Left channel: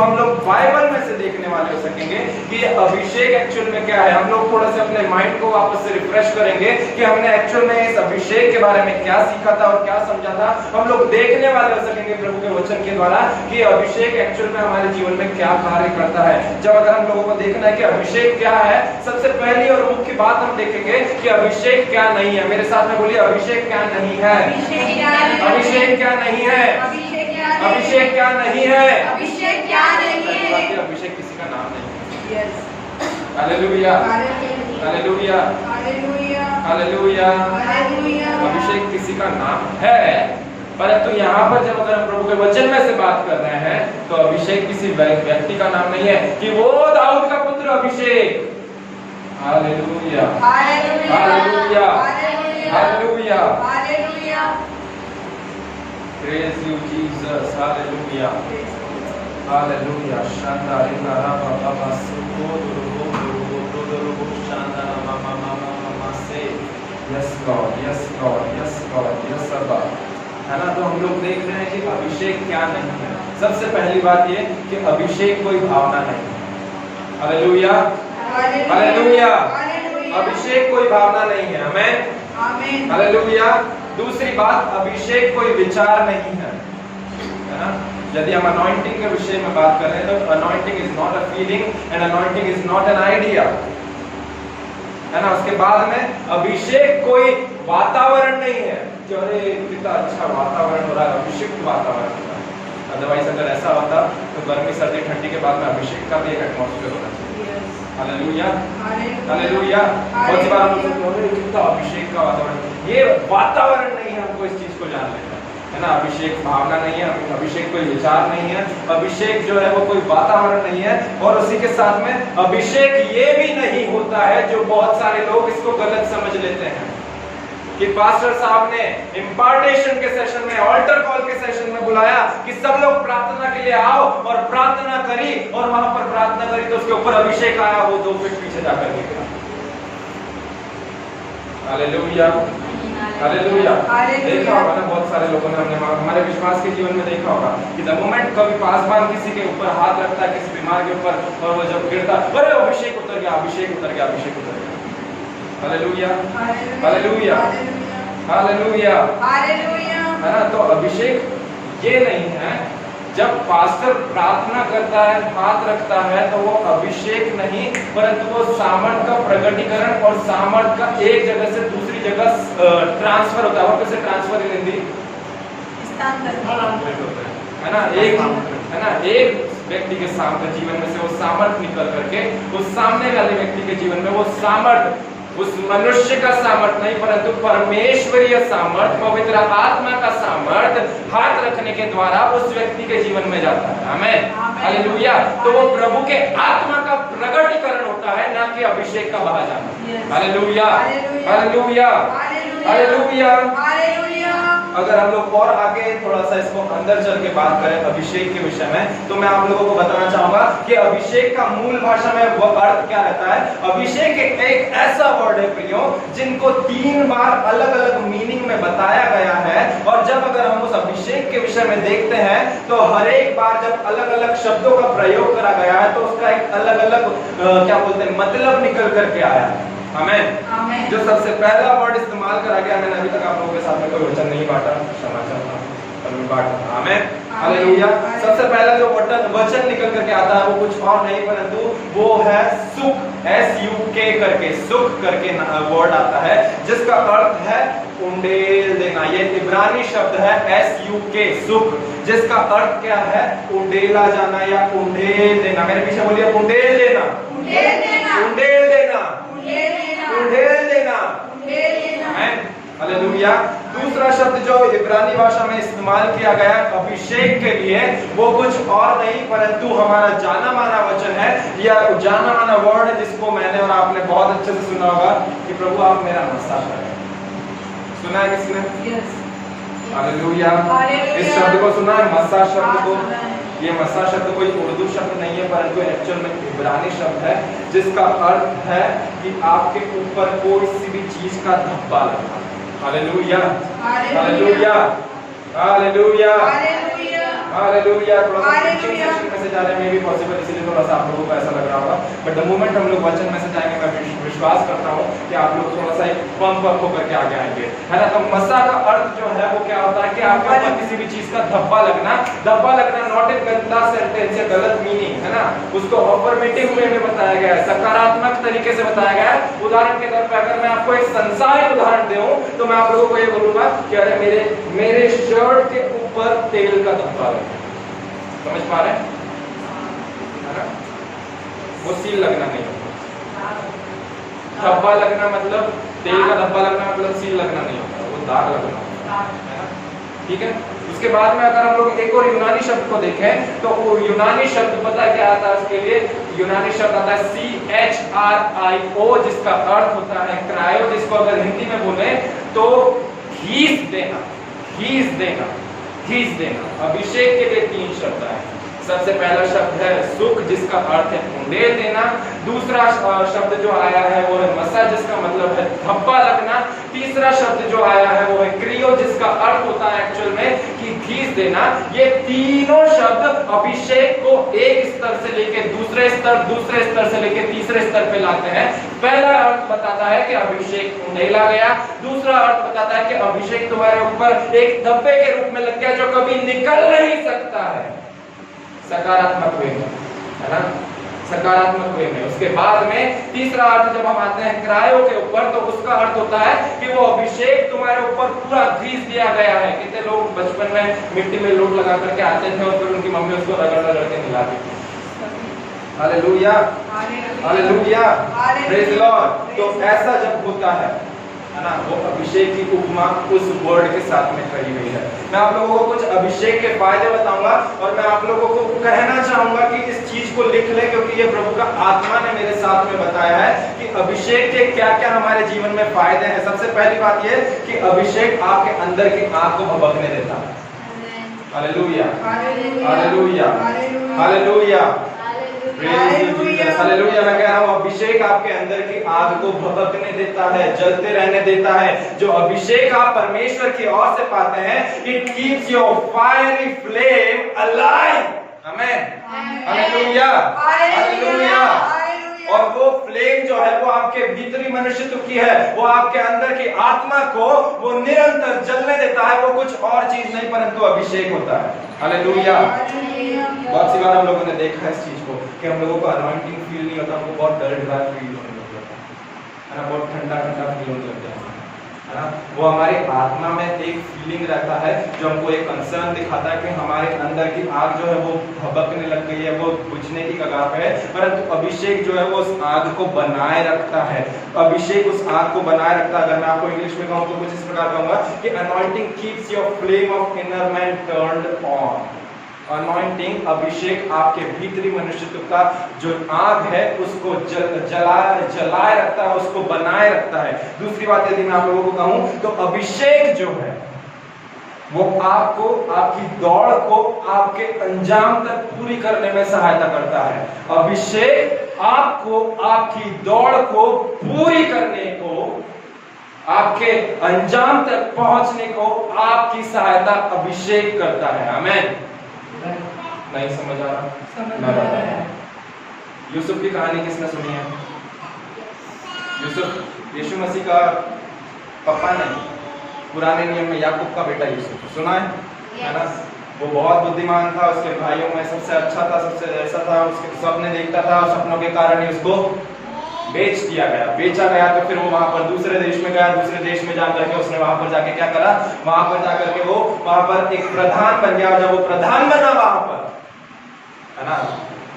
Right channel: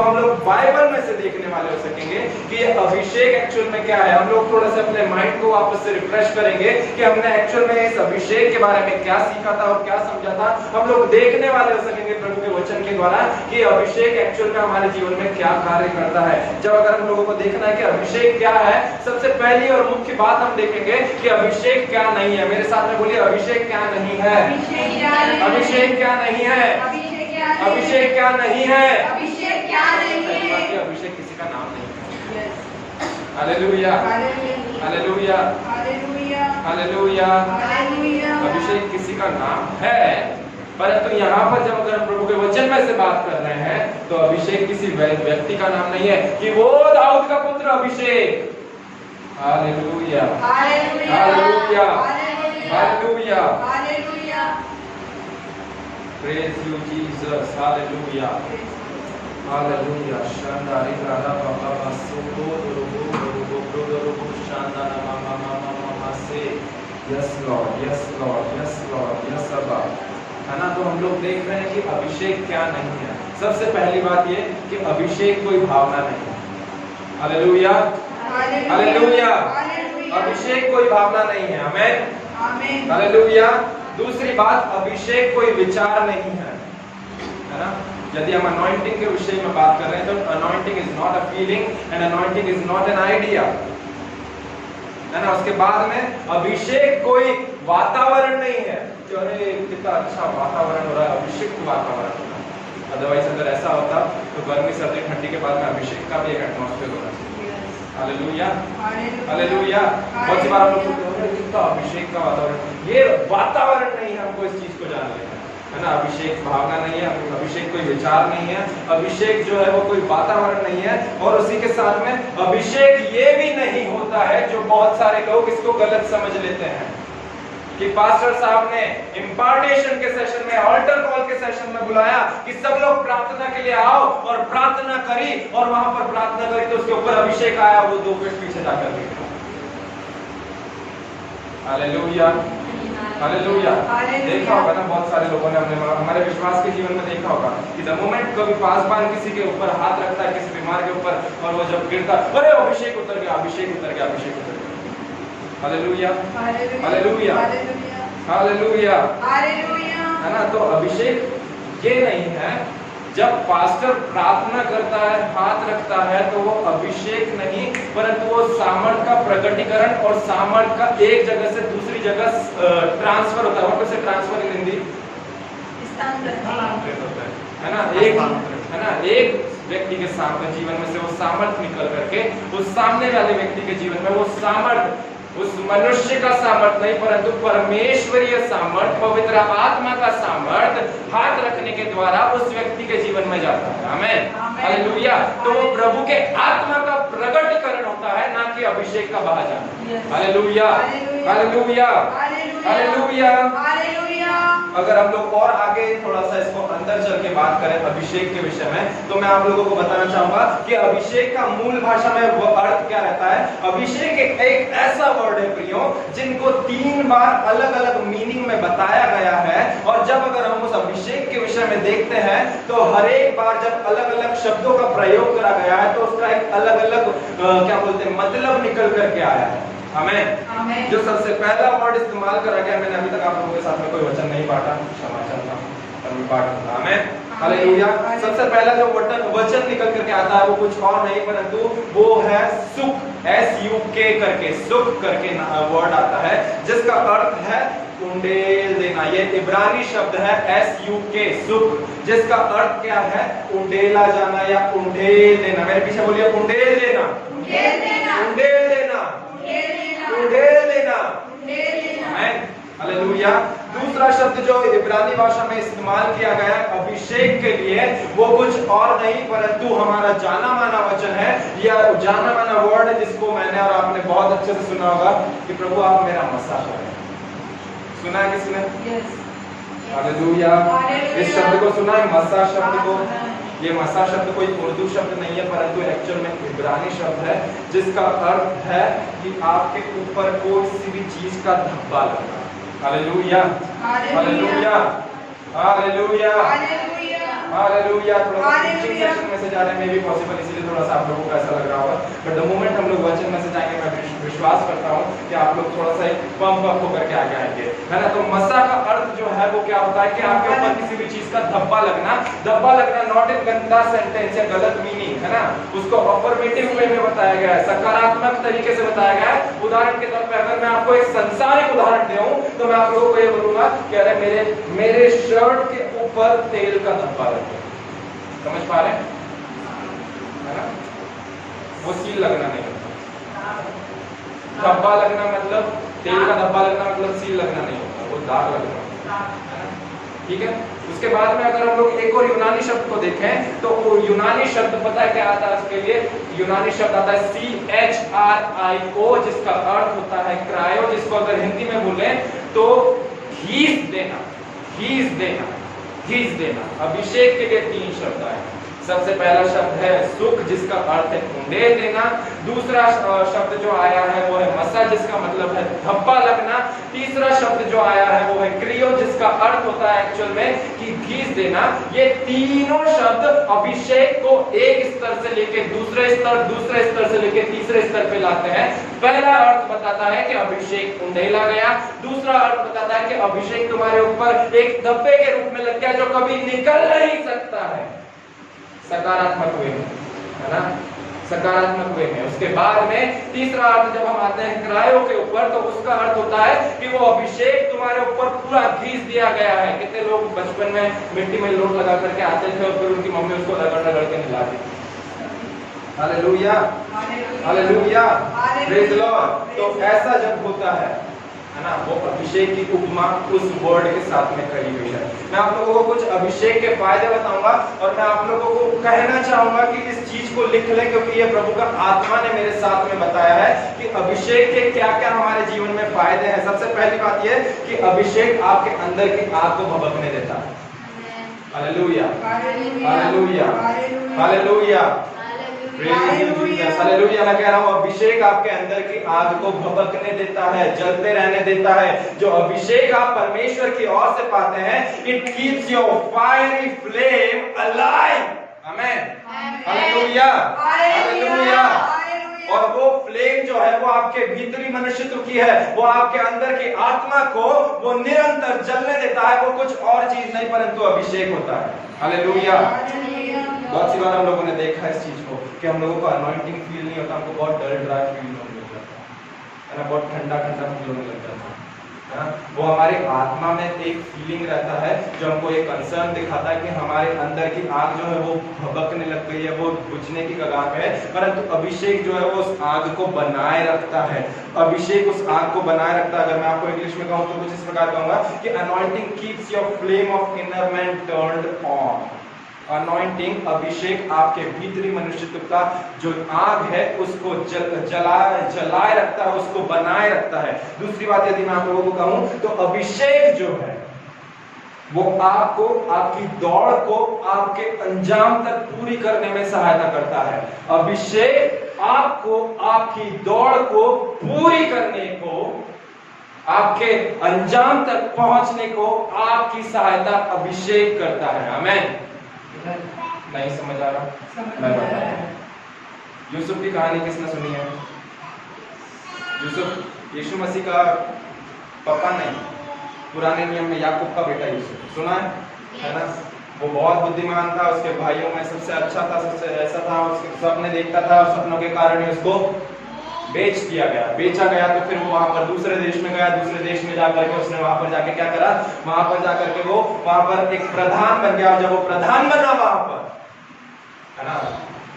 हम लोग बाइबल में से देखने वाले हो सकेंगे कि अभिषेक एक्चुअल में क्या है। हम लोग थोड़ा सा अपने माइंड को वापस से रिफ्रेश करेंगे कि हमने एक्चुअल में इस अभिषेक के बारे में क्या सीखा था और क्या समझा था। हम लोग देखने वाले हो सकेंगे प्रभु के वचन के द्वारा कि अभिषेक एक्चुअल में हमारे जीवन में क्या कार्य करता है। जब अगर हम लोगों को देखना है कि अभिषेक क्या है, सबसे पहली और मुख्य बात हम देखेंगे कि अभिषेक क्या नहीं है। मेरे साथ में बोलिए, अभिषेक क्या नहीं है। अभिषेक क्या नहीं है। अभिषेक क्या नहीं है। अभिषेक क्या नहीं है। अभिषेक किसी का नाम नहीं है। Hallelujah, hallelujah, hallelujah. अभिषेक किसी का नाम है, परंतु यहाँ पर जब अगर हम प्रभु के वचन में से बात कर रहे हैं तो अभिषेक किसी व्यक्ति का नाम नहीं है कि वो दाऊद का पुत्र अभिषेक। Hallelujah, hallelujah, hallelujah. Praise you Jesus, hallelujah, hallelujah. Shanda rina raba baba suko durubo shanda na mama से yes Lord, yes Lord, yes Lord, yes Abba, है ना। तो हम लोग देख रहे हैं कि अभिषेक क्या नहीं है। सबसे पहली बात ये कि अभिषेक कोई भावना नहीं है। Hallelujah, hallelujah. अभिषेक कोई भावना नहीं है। आमेन, हालेलुया। दूसरी बात, अभिषेक कोई विचार नहीं है ना। यदि हम अनॉइंटिंग के विषय में बात कर रहे हैं तो anointing is not a feeling and anointing is not an idea, है ना। उसके बाद में अभिषेक कोई वातावरण नहीं है कि अरे कितना अच्छा वातावरण हो रहा है, अभिषेक वातावरण हो रहा है। अदरवाइज अगर ऐसा होता तो गर्मी सर्दी ठंडी के बाद में अभिषेक का भी एक एटमॉस्फेयर होना चाहिए। Hallelujah, hallelujah. बहुत सी बार हम लोग सोचते हैं कितना अभिषेक का वातावरण, ये वातावरण नहीं है। हमको इस चीज को जान लेना है ना। अभिषेक भावना नहीं है, अभिषेक कोई विचार नहीं है, अभिषेक जो है वो कोई वातावरण नहीं है। और उसी के साथ में अभिषेक ये भी नहीं होता है, जो बहुत सारे लोग इसको गलत समझ लेते हैं कि पास्टर साहब ने इम्पार्टेशन के सेशन में, ऑल्टर कॉल के सेशन में बुलाया कि सब लोग प्रार्थना के लिए आओ, और प्रार्थना करी और वहां पर प्रार्थना करी तो उसके ऊपर अभिषेक आया, वो 2 फीट पीछे जाकर गिरा। Hallelujah, hallelujah. देखा होगा ना बहुत सारे लोगों ने, हमने हमारे विश्वास के जीवन में देखा होगा कि द मोमेंट कभी पासवान किसी के ऊपर हाथ रखता है, किसी बीमार के ऊपर, और वो जब गिरता, अरे अभिषेक उतर गया, अभिषेक उतर गया, अभिषेक उतर गया। हालेलुया, हालेलुया, हालेलुया, है ना। तो अभिषेक ये नहीं है। जब पास्टर प्रार्थना करता है, हाथ रखता है, तो वो अभिषेक नहीं, परंतु वो सामर्थ का प्रकटीकरण और सामर्थ का एक जगह से दूसरी जगह ट्रांसफर होता है। और कैसे ट्रांसफर इन हिंदी? है ना। एक है ना, एक व्यक्ति के सामने जीवन में से वो सामर्थ निकल करके उस सामने वाले व्यक्ति के जीवन में वो सामर्थ, उस मनुष्य का सामर्थ नहीं परंतु परमेश्वरीय सामर्थ, पवित्र आत्मा का सामर्थ हाथ रखने के द्वारा उस व्यक्ति के जीवन में जाता है। आमेन, हालेलुया। तो वो प्रभु के आत्मा का प्रकटीकरण होता है, ना कि अभिषेक का बहा जाना। Hallelujah, hallelujah, hallelujah. अगर हम लोग और आगे थोड़ा सा इसको अंदर चल के बात करें अभिषेक के विषय में, तो मैं आप लोगों को बताना चाहूंगा कि अभिषेक का मूल भाषा में वो अर्थ क्या रहता है। अभिषेक एक ऐसा वर्ड है प्रियो, जिनको 3 बार अलग अलग मीनिंग में बताया गया है। और जब अगर हम उस अभिषेक के विषय में देखते हैं तो हर एक बार जब अलग अलग शब्दों का प्रयोग करा गया है तो उसका एक अलग अलग क्या बोलते हैं मतलब निकल करके आया है। हमें जो सबसे पहला वर्ड इस्तेमाल करा गया, मैंने अभी तक आप लोगों के साथ में कोई वचन नहीं बांटा, क्षमा चाहता हूं। हमें हालेलुया। सबसे पहला जो वचन निकल करके आता है वो कुछ और नहीं परंतु वो है सुख, SUK करके, सुख करके वर्ड आता है, जिसका अर्थ है उंडेल देना। ये इब्रानी शब्द है SUK, सुख, जिसका अर्थ क्या है? उंडेला जाना या उंडेल देना। मेरे पीछे बोलिए, उंडेल देना, उंडेल देना, उंडेल देना, उंडेल देना। हालेलुया। दूसरा शब्द जो इब्रानी भाषा में इस्तेमाल किया गया है अभिषेक के लिए, वो कुछ और नहीं परंतु हमारा जाना माना वचन है, या जाना माना वर्ड है, जिसको मैंने और आपने बहुत अच्छे से सुना होगा कि प्रभु आप मेरा मसाज करें। सुना है किसी ने? हालेलुया। इस शब्द को सुना है, मसा शब्द को। ये मसा शब्द कोई उर्दू शब्द नहीं है परंतु एक्चुअल में इब्रानी शब्द है, जिसका अर्थ है कि आपके ऊपर कोई सी भी चीज का धब्बा लगा। Hallelujah, hallelujah, hallelujah, hallelujah. थोड़ा सा टीचिंग सेशन में से जा रहे हैं, मे भी पॉसिबल, इसलिए थोड़ा सा आप लोगों को ऐसा लग रहा होगा, बट द मोमेंट हम लोग वचन में से जाएंगे, मैं विश्वास करता हूँ कि आप लोग थोड़ा सा एक पंप अप होकर के आगे आएंगे, है ना। तो मसा का अर्थ जो है वो क्या होता है कि आपके ऊपर किसी भी चीज का धब्बा लगना नॉट इन गंदा सेंटेंस या गलत मीनिंग, है ना, उसको अफर्मेटिव वे में बताया गया है, सकारात्मक तरीके से बताया गया है। उदाहरण के तौर पे अगर मैं आपको एक संसारिक उदाहरण दूं तो मैं आप लोगों को ये बोलूंगा कि अरे मेरे शर्ट के ऊपर तेल का धब्बा लगा, समझ पा रहे हैं, है ना, वो सील लगना नहीं होता। धब्बा लगना मतलब, तेल का धब्बा लगना मतलब सील लगना नहीं होता, वो दाग लगना होता है ना, ठीक है। उसके बाद में अगर हम लोग एक और यूनानी शब्द को देखें तो वो यूनानी शब्द पता है क्या आता है उसके लिए, यूनानी शब्द आता है CHRIO, जिसका अर्थ होता है क्रायो, जिसको अगर हिंदी में बोले तो घीस देना, घीस देना, घीस देना। अभिषेक के लिए 3 शब्द आए। सबसे पहला शब्द है सुख, जिसका अर्थ है उंडेल देना। दूसरा शब्द जो आया है वो है मसा, जिसका मतलब है धब्बा लगना। तीसरा शब्द जो आया है वो है क्रियो, जिसका अर्थ होता है एक्चुअल में कि घीस देना। ये तीनों शब्द अभिषेक को एक स्तर से लेके दूसरे स्तर से लेके तीसरे स्तर पे लाते हैं। पहला अर्थ बताता है कि अभिषेक उंडेला गया, दूसरा अर्थ बताता है कि अभिषेक तुम्हारे ऊपर एक धब्बे के रूप में लग गया जो कभी निकल नहीं सकता है, सकारात्मक वे में, है ना, सकारात्मक वे में। उसके बाद में तीसरा अर्थ जब हम आते हैं क्रायो के ऊपर तो उसका अर्थ होता है कि वो अभिषेक तुम्हारे ऊपर पूरा घीस दिया गया है। कितने लोग बचपन में मिट्टी में लोट लगा करके आते थे और फिर उनकी मम्मी उसको रगड़ के मिलाती थी। Hallelujah, hallelujah, praise the Lord. तो ऐसा जब होता है ना, वो अभिषेक की उपमा उस वर्ड के साथ में खड़ी हुई है। मैं आप लोगों को कुछ अभिषेक के फायदे बताऊंगा और मैं आप लोगों को कहना चाहूंगा कि इस चीज को लिख ले, क्योंकि ये प्रभु का आत्मा ने मेरे साथ में बताया है कि अभिषेक के क्या क्या हमारे जीवन में फायदे हैं। सबसे पहली बात ये कि अभिषेक आपके अंदर की आग को भभकने देता है। Hallelujah, hallelujah, hallelujah, hallelujah. मैं कह रहा हूँ अभिषेक आपके अंदर की आग को भभकने देता है, जलते रहने देता है। जो अभिषेक आप परमेश्वर की ओर से पाते हैं, it keeps your fiery flame alive. Amen, hallelujah, hallelujah. और वो फ्लेम जो है वो आपके भीतरी मनुष्यत्व की है, वो आपके अंदर की आत्मा को वो निरंतर जलने देता है। वो कुछ और चीज नहीं परंतु अभिषेक होता है। हालेलुया। बहुत सी बार हम लोगों ने देखा है इस चीज को कि हम लोगों को अनॉइंटिंग फील नहीं होता, हमको बहुत डर ड्राई फील होने लग जाता है ना, बहुत ठंडा ठंडा फील होने लग जाता है ना। वो हमारे आत्मा में एक फीलिंग रहता है जो हमको एक कंसर्न दिखाता है कि हमारे अंदर की आग जो है वो भभकने लग गई है, वो बुझने की कगार पे है। परंतु अभिषेक जो है वो उस आग को बनाए रखता है। अभिषेक उस आग को बनाए रखता है। अगर मैं आपको इंग्लिश में कहूँ तो कुछ इस प्रकार कहूंगा कि anointing keeps your flame of inner man turned on. Anointing, अभिषेक आपके भीतरी मनुष्यत्व का जो आग है उसको जलाए रखता है, उसको बनाए रखता है। दूसरी बात यदि मैं आप लोगों को कहूं तो अभिषेक जो है वो आपको, आपकी दौड़ को आपके अंजाम तक पूरी करने में सहायता करता है। अभिषेक आपको आपकी दौड़ को पूरी करने को, आपके अंजाम तक पहुंचने को आपकी सहायता अभिषेक करता है। आमीन। नहीं समझ आ रहा? यूसुफ की कहानी किसने सुनी है? यूसुफ यीशु मसीह का पापा नहीं, पुराने नियम में याकूब का बेटा यूसुफ, सुना है ना? वो बहुत बुद्धिमान था, उसके भाइयों में सबसे अच्छा था, सबसे ऐसा था, उसके सपने देखता था और सपनों के कारण ही उसको बेच दिया गया। बेचा गया तो फिर वो वहां पर दूसरे देश में गया। दूसरे देश में जाकर के उसने वहां पर जाके क्या करा, वहां पर जाकर के वो वहां पर एक प्रधान बन गया। जब वो प्रधान बना वहां पर, है ना,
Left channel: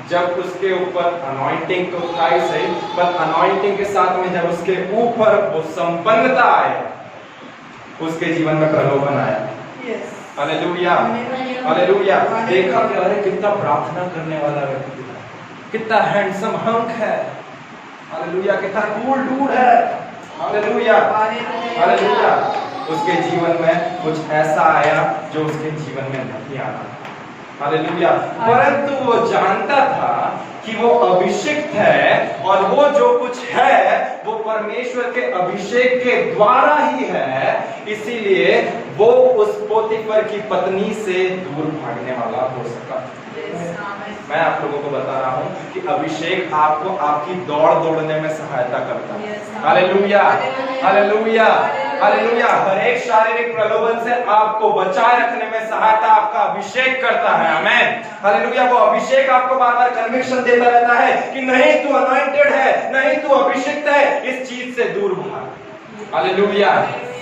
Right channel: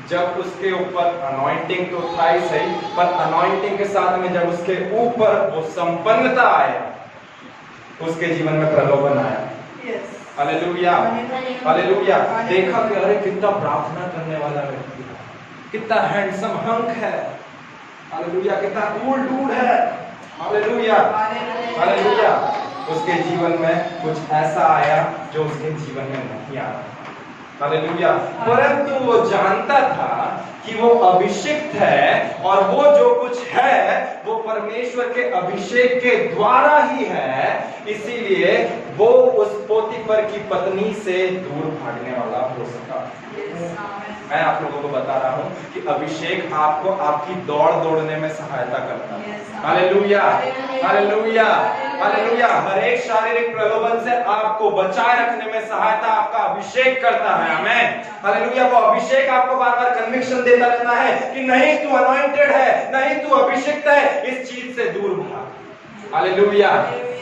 जब उसके ऊपर अनॉइंटिंग तो था ही सही, पर अनॉइंटिंग के साथ में जब उसके ऊपर वो संपन्नता आया, उसके जीवन में प्रलोभन आया। Hallelujah, hallelujah. देखा कि अरे कितना प्रार्थना करने वाला व्यक्ति है, कितना हैंडसम हंक है, हालेलुया, कितना कूल डूड है, हालेलुया, हालेलुया। उसके जीवन में कुछ ऐसा आया जो उसके जीवन में नहीं आना, हालेलुया। परंतु वो जानता था कि वो अभिषिक्त है और वो जो कुछ है वो परमेश्वर के अभिषेक के द्वारा ही है। इसीलिए वो उस पोतीफर की पत्नी से दूर भागने वाला हो सका। मैं आप लोगों को बता रहा हूं कि अभिषेक आपको आपकी दौड़ दौड़ने में सहायता करता है। Hallelujah, hallelujah, hallelujah. हर एक शारीरिक प्रलोभन से आपको बचाए रखने में सहायता आपका अभिषेक करता है। आमेन, हालेलुया। वो अभिषेक आपको बार बार कन्विक्शन देता रहता है कि नहीं तू अनॉइंटेड है, नहीं तू अभिषिक्त है, इस चीज से दूर भाग। Hallelujah,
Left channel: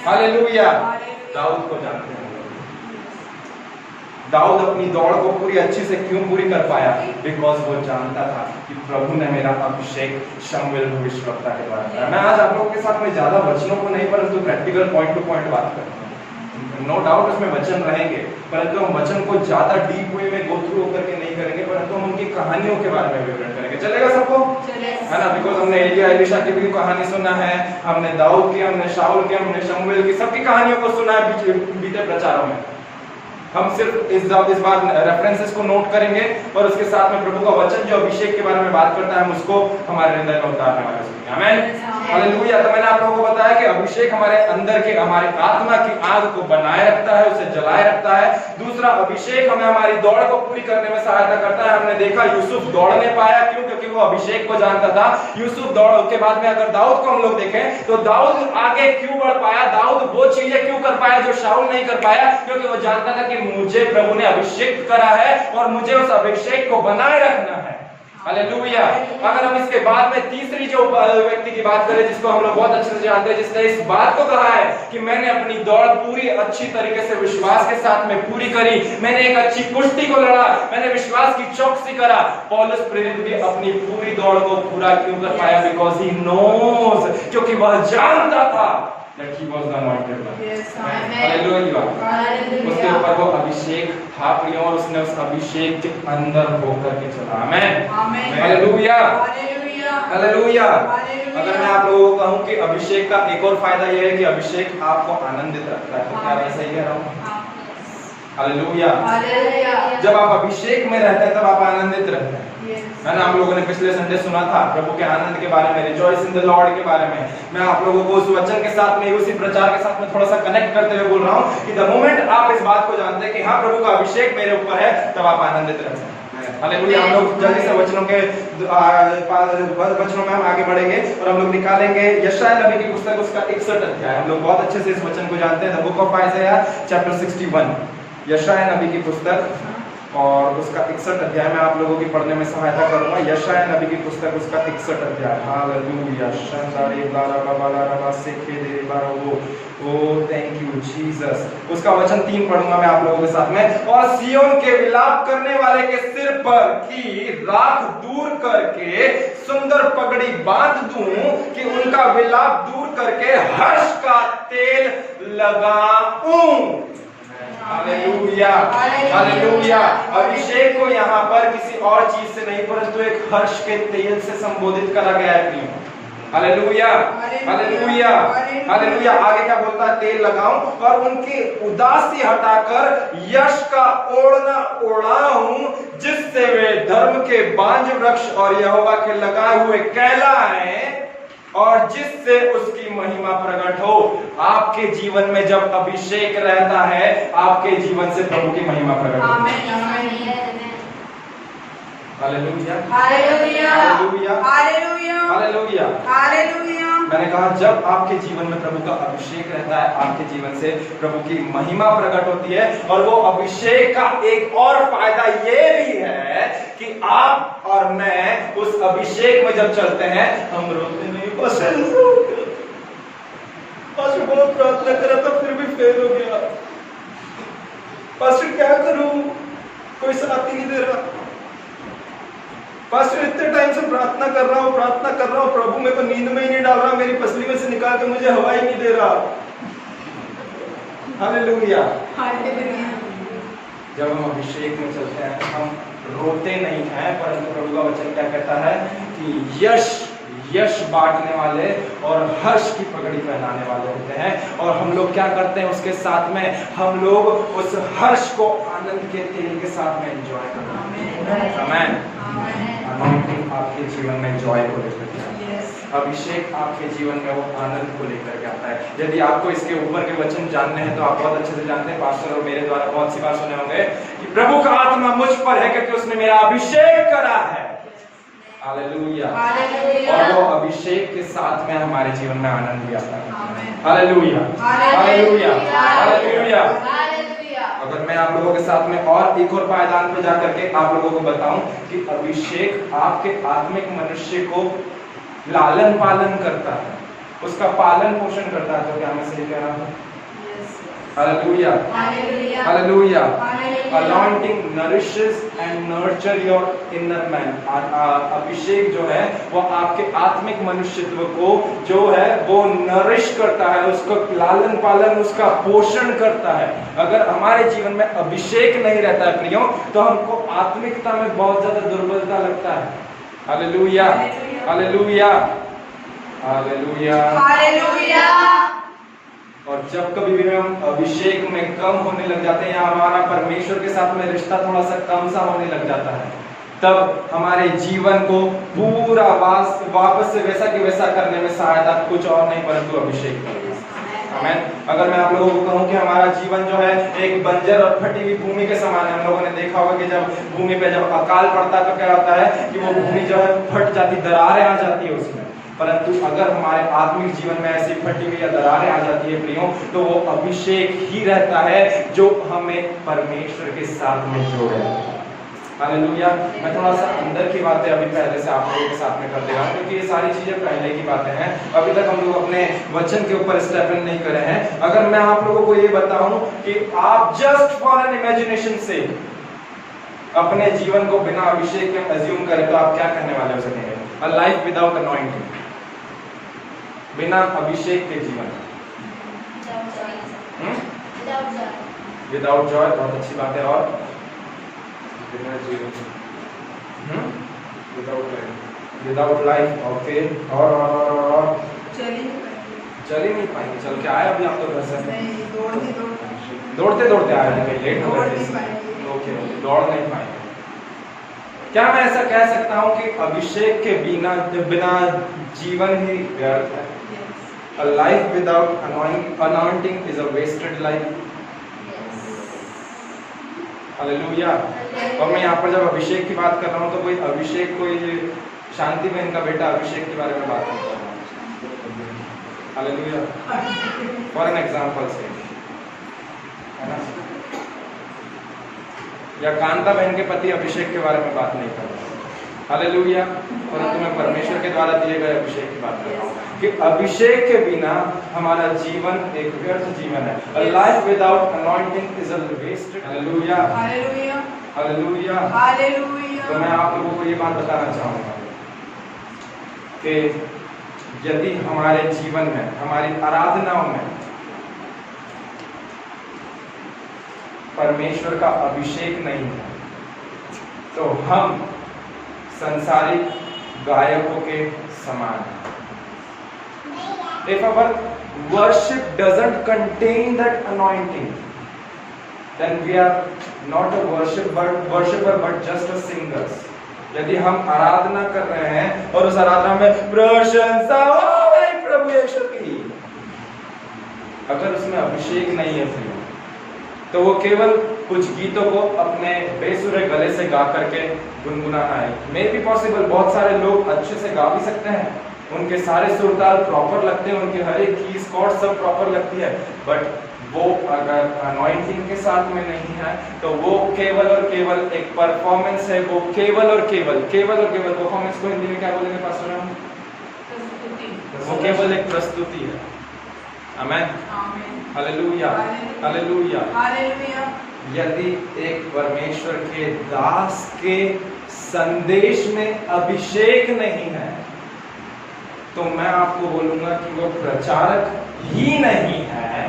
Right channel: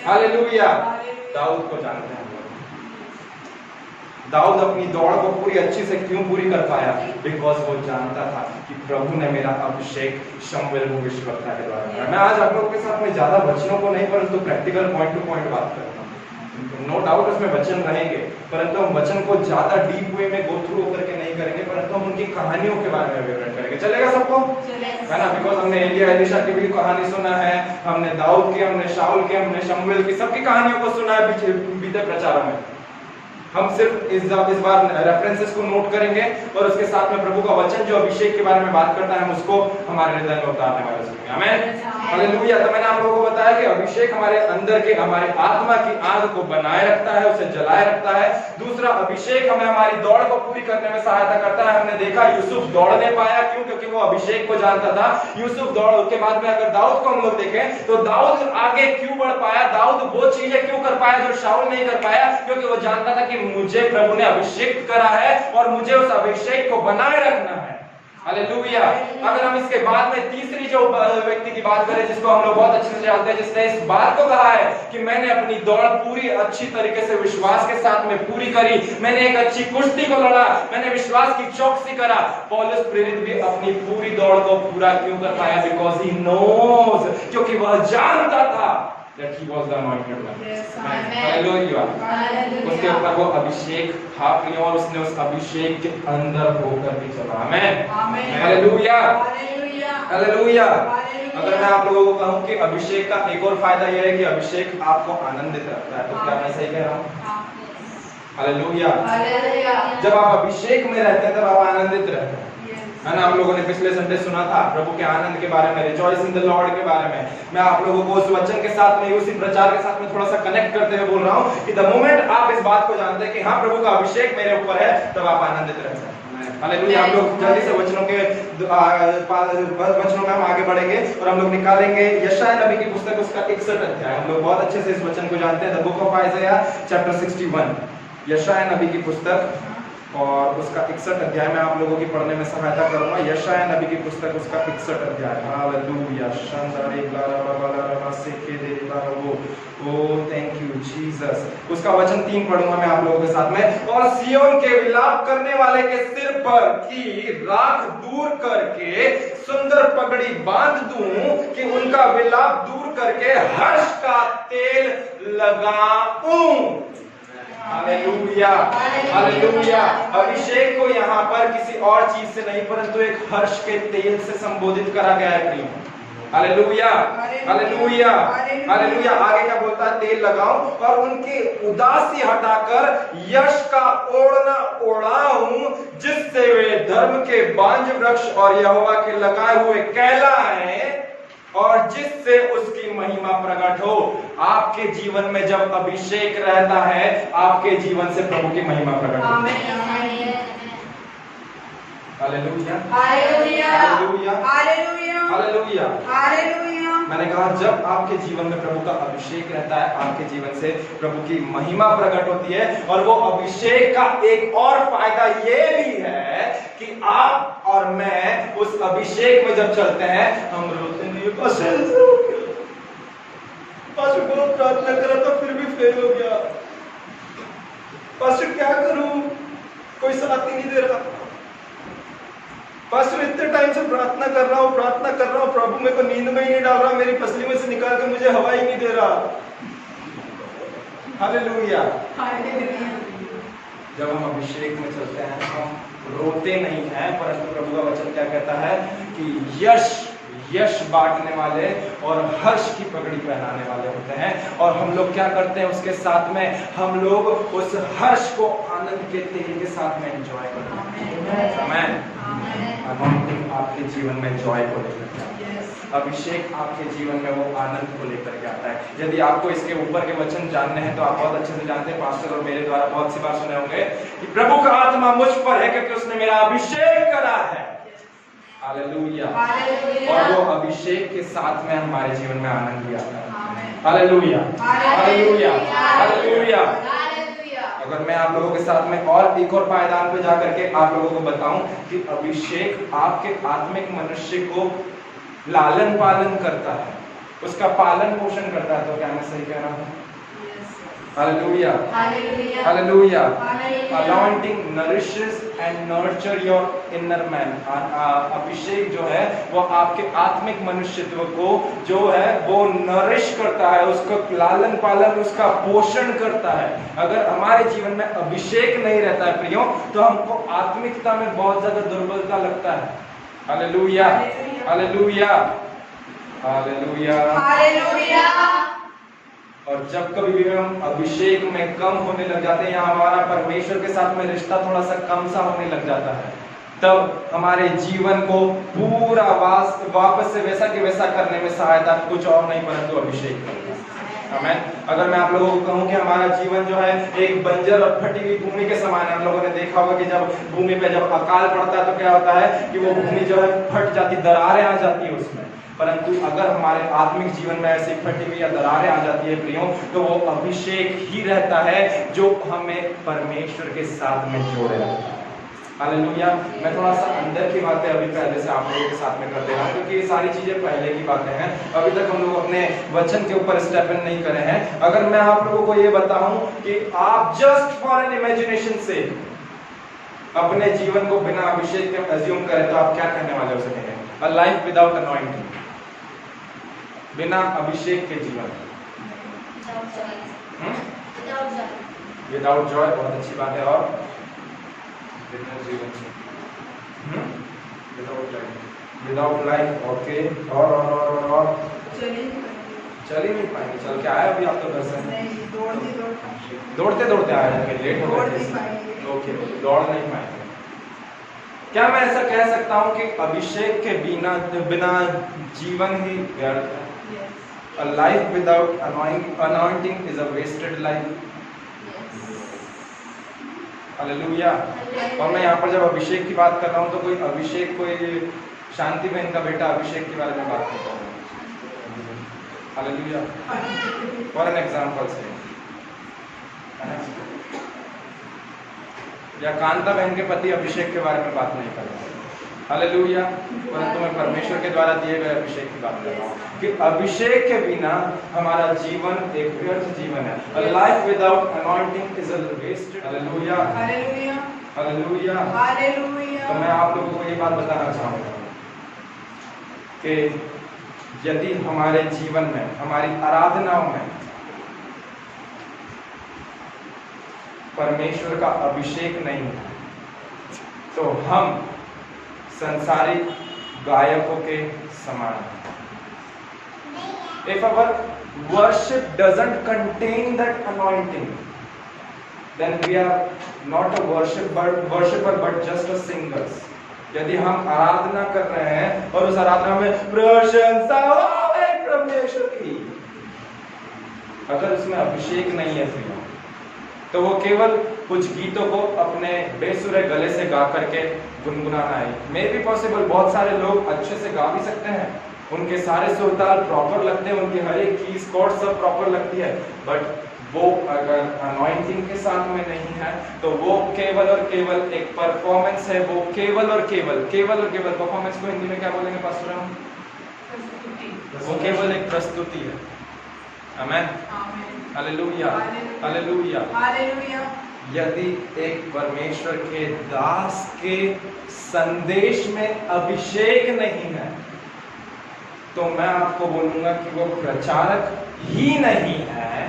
hallelujah. दाऊद को जानते हैं, दाऊद अपनी दौड़ को पूरी अच्छी से क्यों पूरी कर पाया? बिकॉज वो जानता था कि प्रभु ने मेरा अभिषेक शमूएल भविष्यवक्ता के द्वारा किया। मैं आज आप लोगों के साथ में ज्यादा वचनों को नहीं परंतु प्रैक्टिकल पॉइंट टू पॉइंट बात करूंगा। नो डाउट उसमें वचन रहेंगे, परंतु हम वचन को ज्यादा डीप वे में गो थ्रू होकर के नहीं करेंगे, परंतु हम उनकी कहानियों के बारे में विवरण करेंगे। चलेगा सबको? है ना? बिकॉज हमने एलिया एलीशा की भी कहानी सुना है, हमने दाऊद की, हमने शाऊल की, हमने शमूएल की, सबकी कहानियों को सुना है बीते प्रचारों में। हम सिर्फ इस बार रेफरेंसेस को नोट करेंगे और उसके साथ में प्रभु का वचन जो अभिषेक के बारे में बात करता है हम उसको हमारे हृदय में उतारने वाले हैं। आमीन, हालेलुया। तो मैंने आप लोगों को बताया कि अभिषेक हमारे अंदर के, हमारी आत्मा की आग को बनाए रखता है, उसे जलाए रखता है। दूसरा, अभिषेक हमें हमारी दौड़ को पूरी करने में सहायता करता है। हमने देखा यूसुफ दौड़ नहीं पाया, क्यों? क्योंकि वो अभिषेक को जानता था। यूसुफ दौड़ के बाद में अगर दाऊद को हम लोग देखें तो दाऊद आगे क्यों बढ़ पाया? दाऊद वो चीजें क्यों कर पाया जो शाऊल नहीं कर पाया? क्योंकि वो जानता था कि मुझे प्रभु ने अभिषेक करा है और मुझे उस अभिषेक को बनाए रखना है। हालेलुया। अगर हम इसके बाद में तीसरी जो व्यक्ति की बात करें जिसको हम लोग बहुत अच्छे से जानते हैं, जिसने इस बात को कहा है कि मैंने अपनी दौड़ पूरी अच्छी तरीके से विश्वास के साथ में पूरी करी, मैंने एक अच्छी कुश्ती को लड़ा, मैंने विश्वास की चौकसी करा। पौलुस प्रेरित भी अपनी पूरी दौड़ को पूरा क्यों कर पाया? बिकॉज ही नोज, क्योंकि वह जानता था that he was the anointed one. Hallelujah. उसके ऊपर वो अभिषेक था और उसने उस अभिषेक के अंदर होकर के चला। आमीन, हालेलुया, हालेलुया। अगर मैं आप लोगों को कहूं कि अभिषेक का एक और फायदा यह है कि अभिषेक आपको आनंदित रखता है, तो क्या मैं सही कह रहा हूं? हालेलुया। जब आप अभिषेक में रहते हैं तब आप आनंदित रहते हैं, है ना? हम लोगों ने पिछले संडे सुना था प्रभु के आनंद के बारे में, रिजॉइस इन द लॉर्ड के बारे में। मैं आप लोगों को उस वचन के साथ में, उसी प्रचार के साथ में थोड़ा सा कनेक्ट करते हुए बोल रहा हूं कि द मोमेंट आप इस बात को जानते हैं कि हाँ प्रभु का अभिषेक मेरे ऊपर है, तब आप आनंदित रहते हैं। हालेलुया। हम लोग जल्दी से वचनों में हम आगे बढ़ेंगे और हम लोग निकालेंगे यशायाह नबी की पुस्तक, उसका 61 अध्याय। हम लोग बहुत अच्छे से इस वचन को जानते हैं, द बुक ऑफ आइज़ाया चैप्टर 61, यशायाह नबी की पुस्तक और उसका 61 अध्याय में आप लोगों की पढ़ने में सहायता करूंगा। यशायाह नबी की पुस्तक, उसका 61 अध्याय। हालेलुया। शांदारे बारा बाला रबा सेखे दे बारो, ओ थैंक यू जीसस। उसका वचन 3 पढ़ूंगा मैं आप लोगों के साथ में। और सियोन के विलाप करने वाले के सिर पर की राख दूर करके सुंदर पगड़ी बांध दूं कि उनका विलाप दूर करके हर्ष का तेल लगाऊं। Hallelujah, hallelujah. अभिषेक को यहाँ पर किसी और चीज से नहीं परंतु एक हर्ष के तेल से संबोधित करा गया है। Hallelujah, hallelujah, hallelujah. आगे क्या बोलता है? तेल लगाऊं और उनकी उदासी हटाकर यश का ओढ़ना ओढ़ाऊं, जिससे वे धर्म के बांज वृक्ष और यहोवा के लगाए हुए कहलाएं और जिससे उसकी महिमा प्रकट हो। आपके जीवन में जब अभिषेक रहता है, आपके जीवन से प्रभु की महिमा प्रकट होती है। Hallelujah, hallelujah, hallelujah, hallelujah, hallelujah. मैंने कहा जब आपके जीवन में प्रभु का अभिषेक रहता है, आपके जीवन से प्रभु की महिमा प्रकट होती है। और वो अभिषेक का एक और फायदा ये भी है कि आप और मैं उस अभिषेक में जब चलते हैं, हम रोते नहीं, पास्टर बहुत प्रार्थना करा था फिर भी फेल हो गया, पास्टर क्या करूं, कोई साथ ही नहीं दे रहा, पास्टर इतने टाइम से प्रार्थना कर रहा हूँ प्रभु मेरे को नींद में ही नहीं डाल रहा, मेरी पसली में से निकाल के मुझे हवा ही नहीं दे रहा। हालेलुया। जब हम अभिषेक में चलते हैं हम रोते नहीं हैं, परंतु प्रभु का वचन क्या कहता है कि यश बांटने वाले और हर्ष की पगड़ी पहनाने वाले होते हैं। और हम लोग क्या करते हैं उसके साथ में, हम लोग उस हर्ष को आनंद के तेल के साथ में एंजॉय करते हैं। आमीन। आमीन। आपके जीवन में जॉय को लेकर अभिषेक आपके जीवन में वो आनंद को लेकर के आता है। यदि आपको इसके ऊपर के वचन जानने हैं तो आप बहुत अच्छे से जानते हैं, पास्टर और मेरे द्वारा बहुत सी बार सुने होंगे कि प्रभु का आत्मा मुझ पर है क्योंकि उसने मेरा अभिषेक करा है। हालेलुया। और वो अभिषेक के साथ में हमारे जीवन में आनंद भी आता है। Hallelujah, hallelujah, hallelujah. अगर मैं आप लोगों के साथ में और एक और पायदान पे जाकर के आप लोगों को बताऊं कि अभिषेक आपके आत्मिक मनुष्य को लालन पालन करता है, उसका पालन पोषण करता है, तो क्या मैं सही कह रहा हूँ? Hallelujah, hallelujah. Anointing nourishes and nurture your inner man. अभिषेक जो है वो आपके आत्मिक मनुष्यत्व को जो है वो नरिश करता है, उसको लालन पालन, उसका पोषण करता है। अगर हमारे जीवन में अभिषेक नहीं रहता है प्रियो, तो हमको आत्मिकता में बहुत ज्यादा दुर्बलता लगता है। Hallelujah, hallelujah, hallelujah, hallelujah. और जब कभी भी हम अभिषेक में कम होने लग जाते हैं या हमारा परमेश्वर के साथ में रिश्ता थोड़ा सा कम सा होने लग जाता है, तब हमारे जीवन को पूरा वापस से वैसा के वैसा करने में सहायता कुछ और नहीं परंतु अभिषेक करना। आमीन। अगर मैं आप लोगों को कहूं कि हमारा जीवन जो है एक बंजर और फटी हुई भूमि के समान है, हम लोगों ने देखा होगा कि जब भूमि पे जब अकाल पड़ता है तो क्या होता है कि वो भूमि जो है फट जाती, दरारें आ जाती है उसमें। परंतु अगर हमारे आत्मिक जीवन में ऐसी फटी हुई या दरारें आ जाती है प्रियो, तो वो अभिषेक ही रहता है जो हमें परमेश्वर के साथ में जोड़े रहता है। हालेलुया। मैं थोड़ा सा अंदर की बातें अभी पहले से आप लोगों के साथ में कर दे रहा हूं क्योंकि ये सारी चीजें पहले की बातें हैं, अभी तक हम लोग अपने वचन के ऊपर स्टेप इन नहीं करे हैं। अगर मैं आप लोगों को ये बताऊं कि आप जस्ट फॉर एन इमेजिनेशन से अपने जीवन को बिना अभिषेक के अज्यूम करें तो आप क्या कहने वाले हो सकेंगे? अ लाइफ विदाउट अनॉइंटिंग, बिना अभिषेक के जीवन, विदाउट जॉय, बहुत अच्छी बात है। और विदाउट लाइफ, ओके। और चल ही नहीं पाएंगे। चल के आए अभी आप तो घर से दौड़ते दौड़ते आए हैं, लेट हो गए। ओके, दौड़ नहीं पाएंगे। क्या मैं ऐसा कह सकता हूँ कि अभिषेक के बिना जीवन ही व्यर्थ है? A life without anointing is a wasted life. Hallelujah. और मैं यहाँ पर जब अभिषेक की बात कर रहा हूँ तो कोई अभिषेक, कोई शांति बहन का बेटा अभिषेक के बारे में बात करता हूँ। हालेलुया। फॉर एन एग्जाम्पल से, या कांता बहन के पति अभिषेक के बारे में बात नहीं कर रहा हूँ। हालेलुया। परंतु मैं परमेश्वर के द्वारा दिए गए अभिषेक की बात कर रहा हूँ कि अभिषेक के बिना हमारा जीवन एक व्यर्थ जीवन है। A life without anointing is a wasted. Hallelujah, hallelujah, hallelujah, hallelujah. तो मैं आप लोगों को ये बात बताना चाहूँगा कि यदि हमारे जीवन में, हमारी आराधनाओं में परमेश्वर का अभिषेक नहीं है तो हम संसारिक गायकों के समान हैं। If our worship doesn't contain that anointing, then we are not a worshipper but just a singers. यदि हम आराधना कर रहे हैं और उस आराधना में प्रशंसा हो प्रभु यीशु की, अगर उसमें अभिषेक नहीं है तो वो केवल कुछ गीतों को अपने बेसुरे गले से गा करके गुनगुनाना है। मे बी पॉसिबल, बहुत सारे लोग अच्छे से गा भी सकते हैं, उनके सारे सुर ताल प्रॉपर लगते हैं, उनके हर एक कीज कॉर्ड सब प्रॉपर लगती है, बट वो अगर अनॉइंटिंग के साथ में नहीं है तो वो केवल और केवल एक परफॉर्मेंस है। वो केवल और केवल परफॉर्मेंस को हिंदी में क्या बोलेंगे पास्टर हम? वो केवल एक प्रस्तुति है। आमीन, हालेलुया, हालेलुया, हालेलुया। यदि एक परमेश्वर के दास के संदेश में अभिषेक नहीं है तो मैं आपको बोलूंगा कि वो प्रचारक ही नहीं है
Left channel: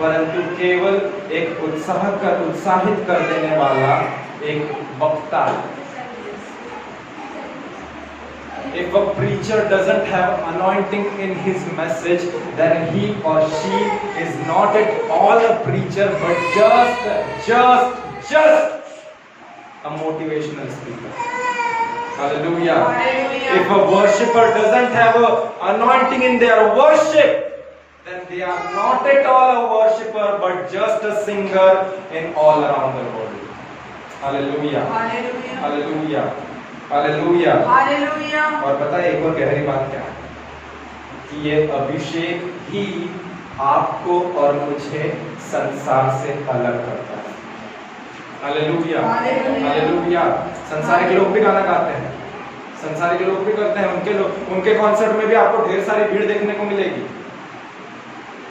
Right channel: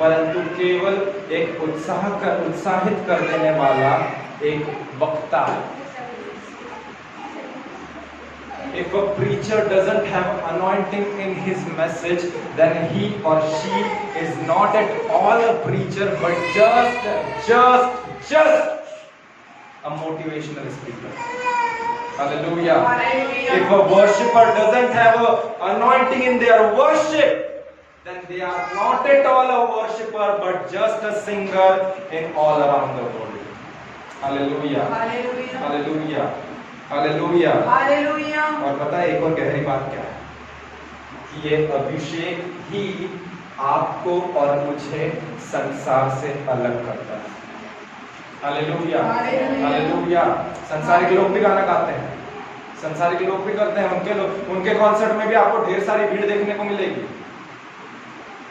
परंतु केवल एक उत्साहित कर देने वाला एक वक्ता है। If a preacher doesn't have anointing in his message, then he or she is not at all a preacher, but just a motivational speaker. Hallelujah. Hallelujah. If a worshipper doesn't have a anointing in their worship, then they are not at all a worshipper, but just a singer in all around the world. Hallelujah. Hallelujah. Hallelujah. Hallelujah. Hallelujah. और पता है एक और गहरी बात क्या है कि ये अभिषेक ही आपको और मुझे संसार से अलग करता है। हालेलुया। हालेलुया। हालेलुया। संसारिक लोग भी गाना गाते हैं, संसारिक लोग भी करते हैं, उनके कॉन्सर्ट में भी आपको ढेर सारी भीड़ देखने को मिलेगी,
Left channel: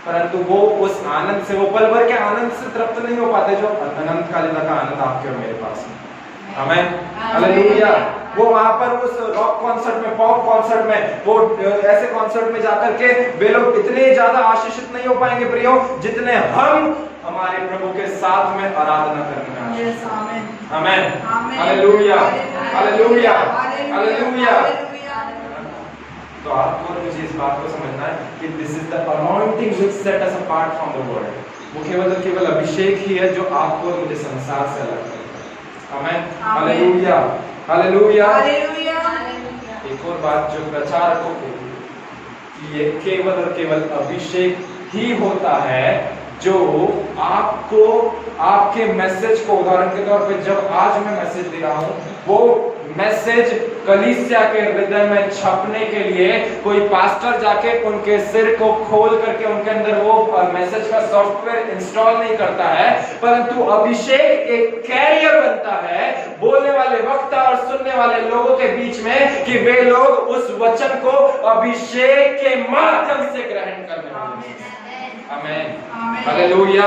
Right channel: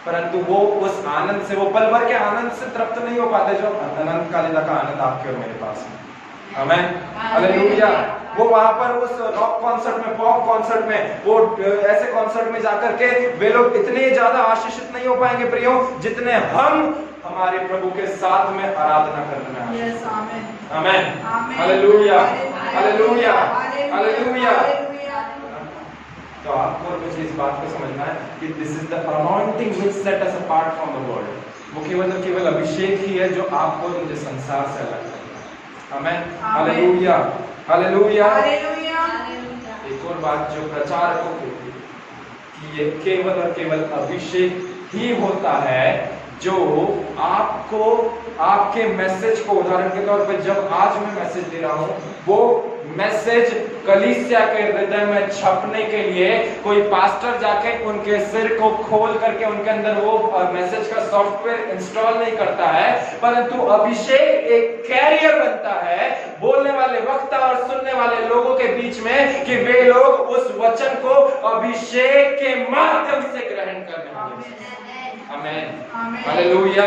परंतु वो उस आनंद से, वो पल भर के आनंद से तृप्त नहीं हो पाते जो अनंत कालिका का आनंद आपके और मेरे पास है। आमेन। हालेलुया। वो वहां पर उस रॉक कॉन्सर्ट में, पॉप कॉन्सर्ट में, वो ऐसे कॉन्सर्ट में जाकर के वे लोग इतने ज्यादा आशीषित नहीं हो पाएंगे प्रियो, जितने हम हमारे प्रभु के साथ में आराधना करने आए। Yes, amen. आमेन। Amen. Hallelujah. Hallelujah. Hallelujah. Hallelujah. Hallelujah. Hallelujah. तो आपको और मुझे इस बात को समझना है कि this is the anointing which set us apart from the world. वो केवल अभिषेक ही है जो आपको और मुझे संसार से अलग करता है। आमेन। हालेलुया। हालेलुया। हालेलुया। एक और बात जो प्रचारकों के लिए कि ये केवल और केवल अभिषेक ही होता है जो आपको आपके मैसेज को, उदाहरण के तौर पे जब आज मैं मैसेज दे रहा हूं, वो मैसेज कलीसिया के हृदय में छपने के लिए कोई पास्टर जाके उनके सिर को खोल करके उनके अंदर वो मैसेज का सॉफ्टवेयर इंस्टॉल नहीं करता है, परंतु अभिषेक एक कैरियर बनता है बोलने वाले वक्ता और सुनने वाले लोगों के बीच में कि वे लोग उस वचन को अभिषेक के माध्यम से ग्रहण कर रहे हैं। आमेन। हालेलुया।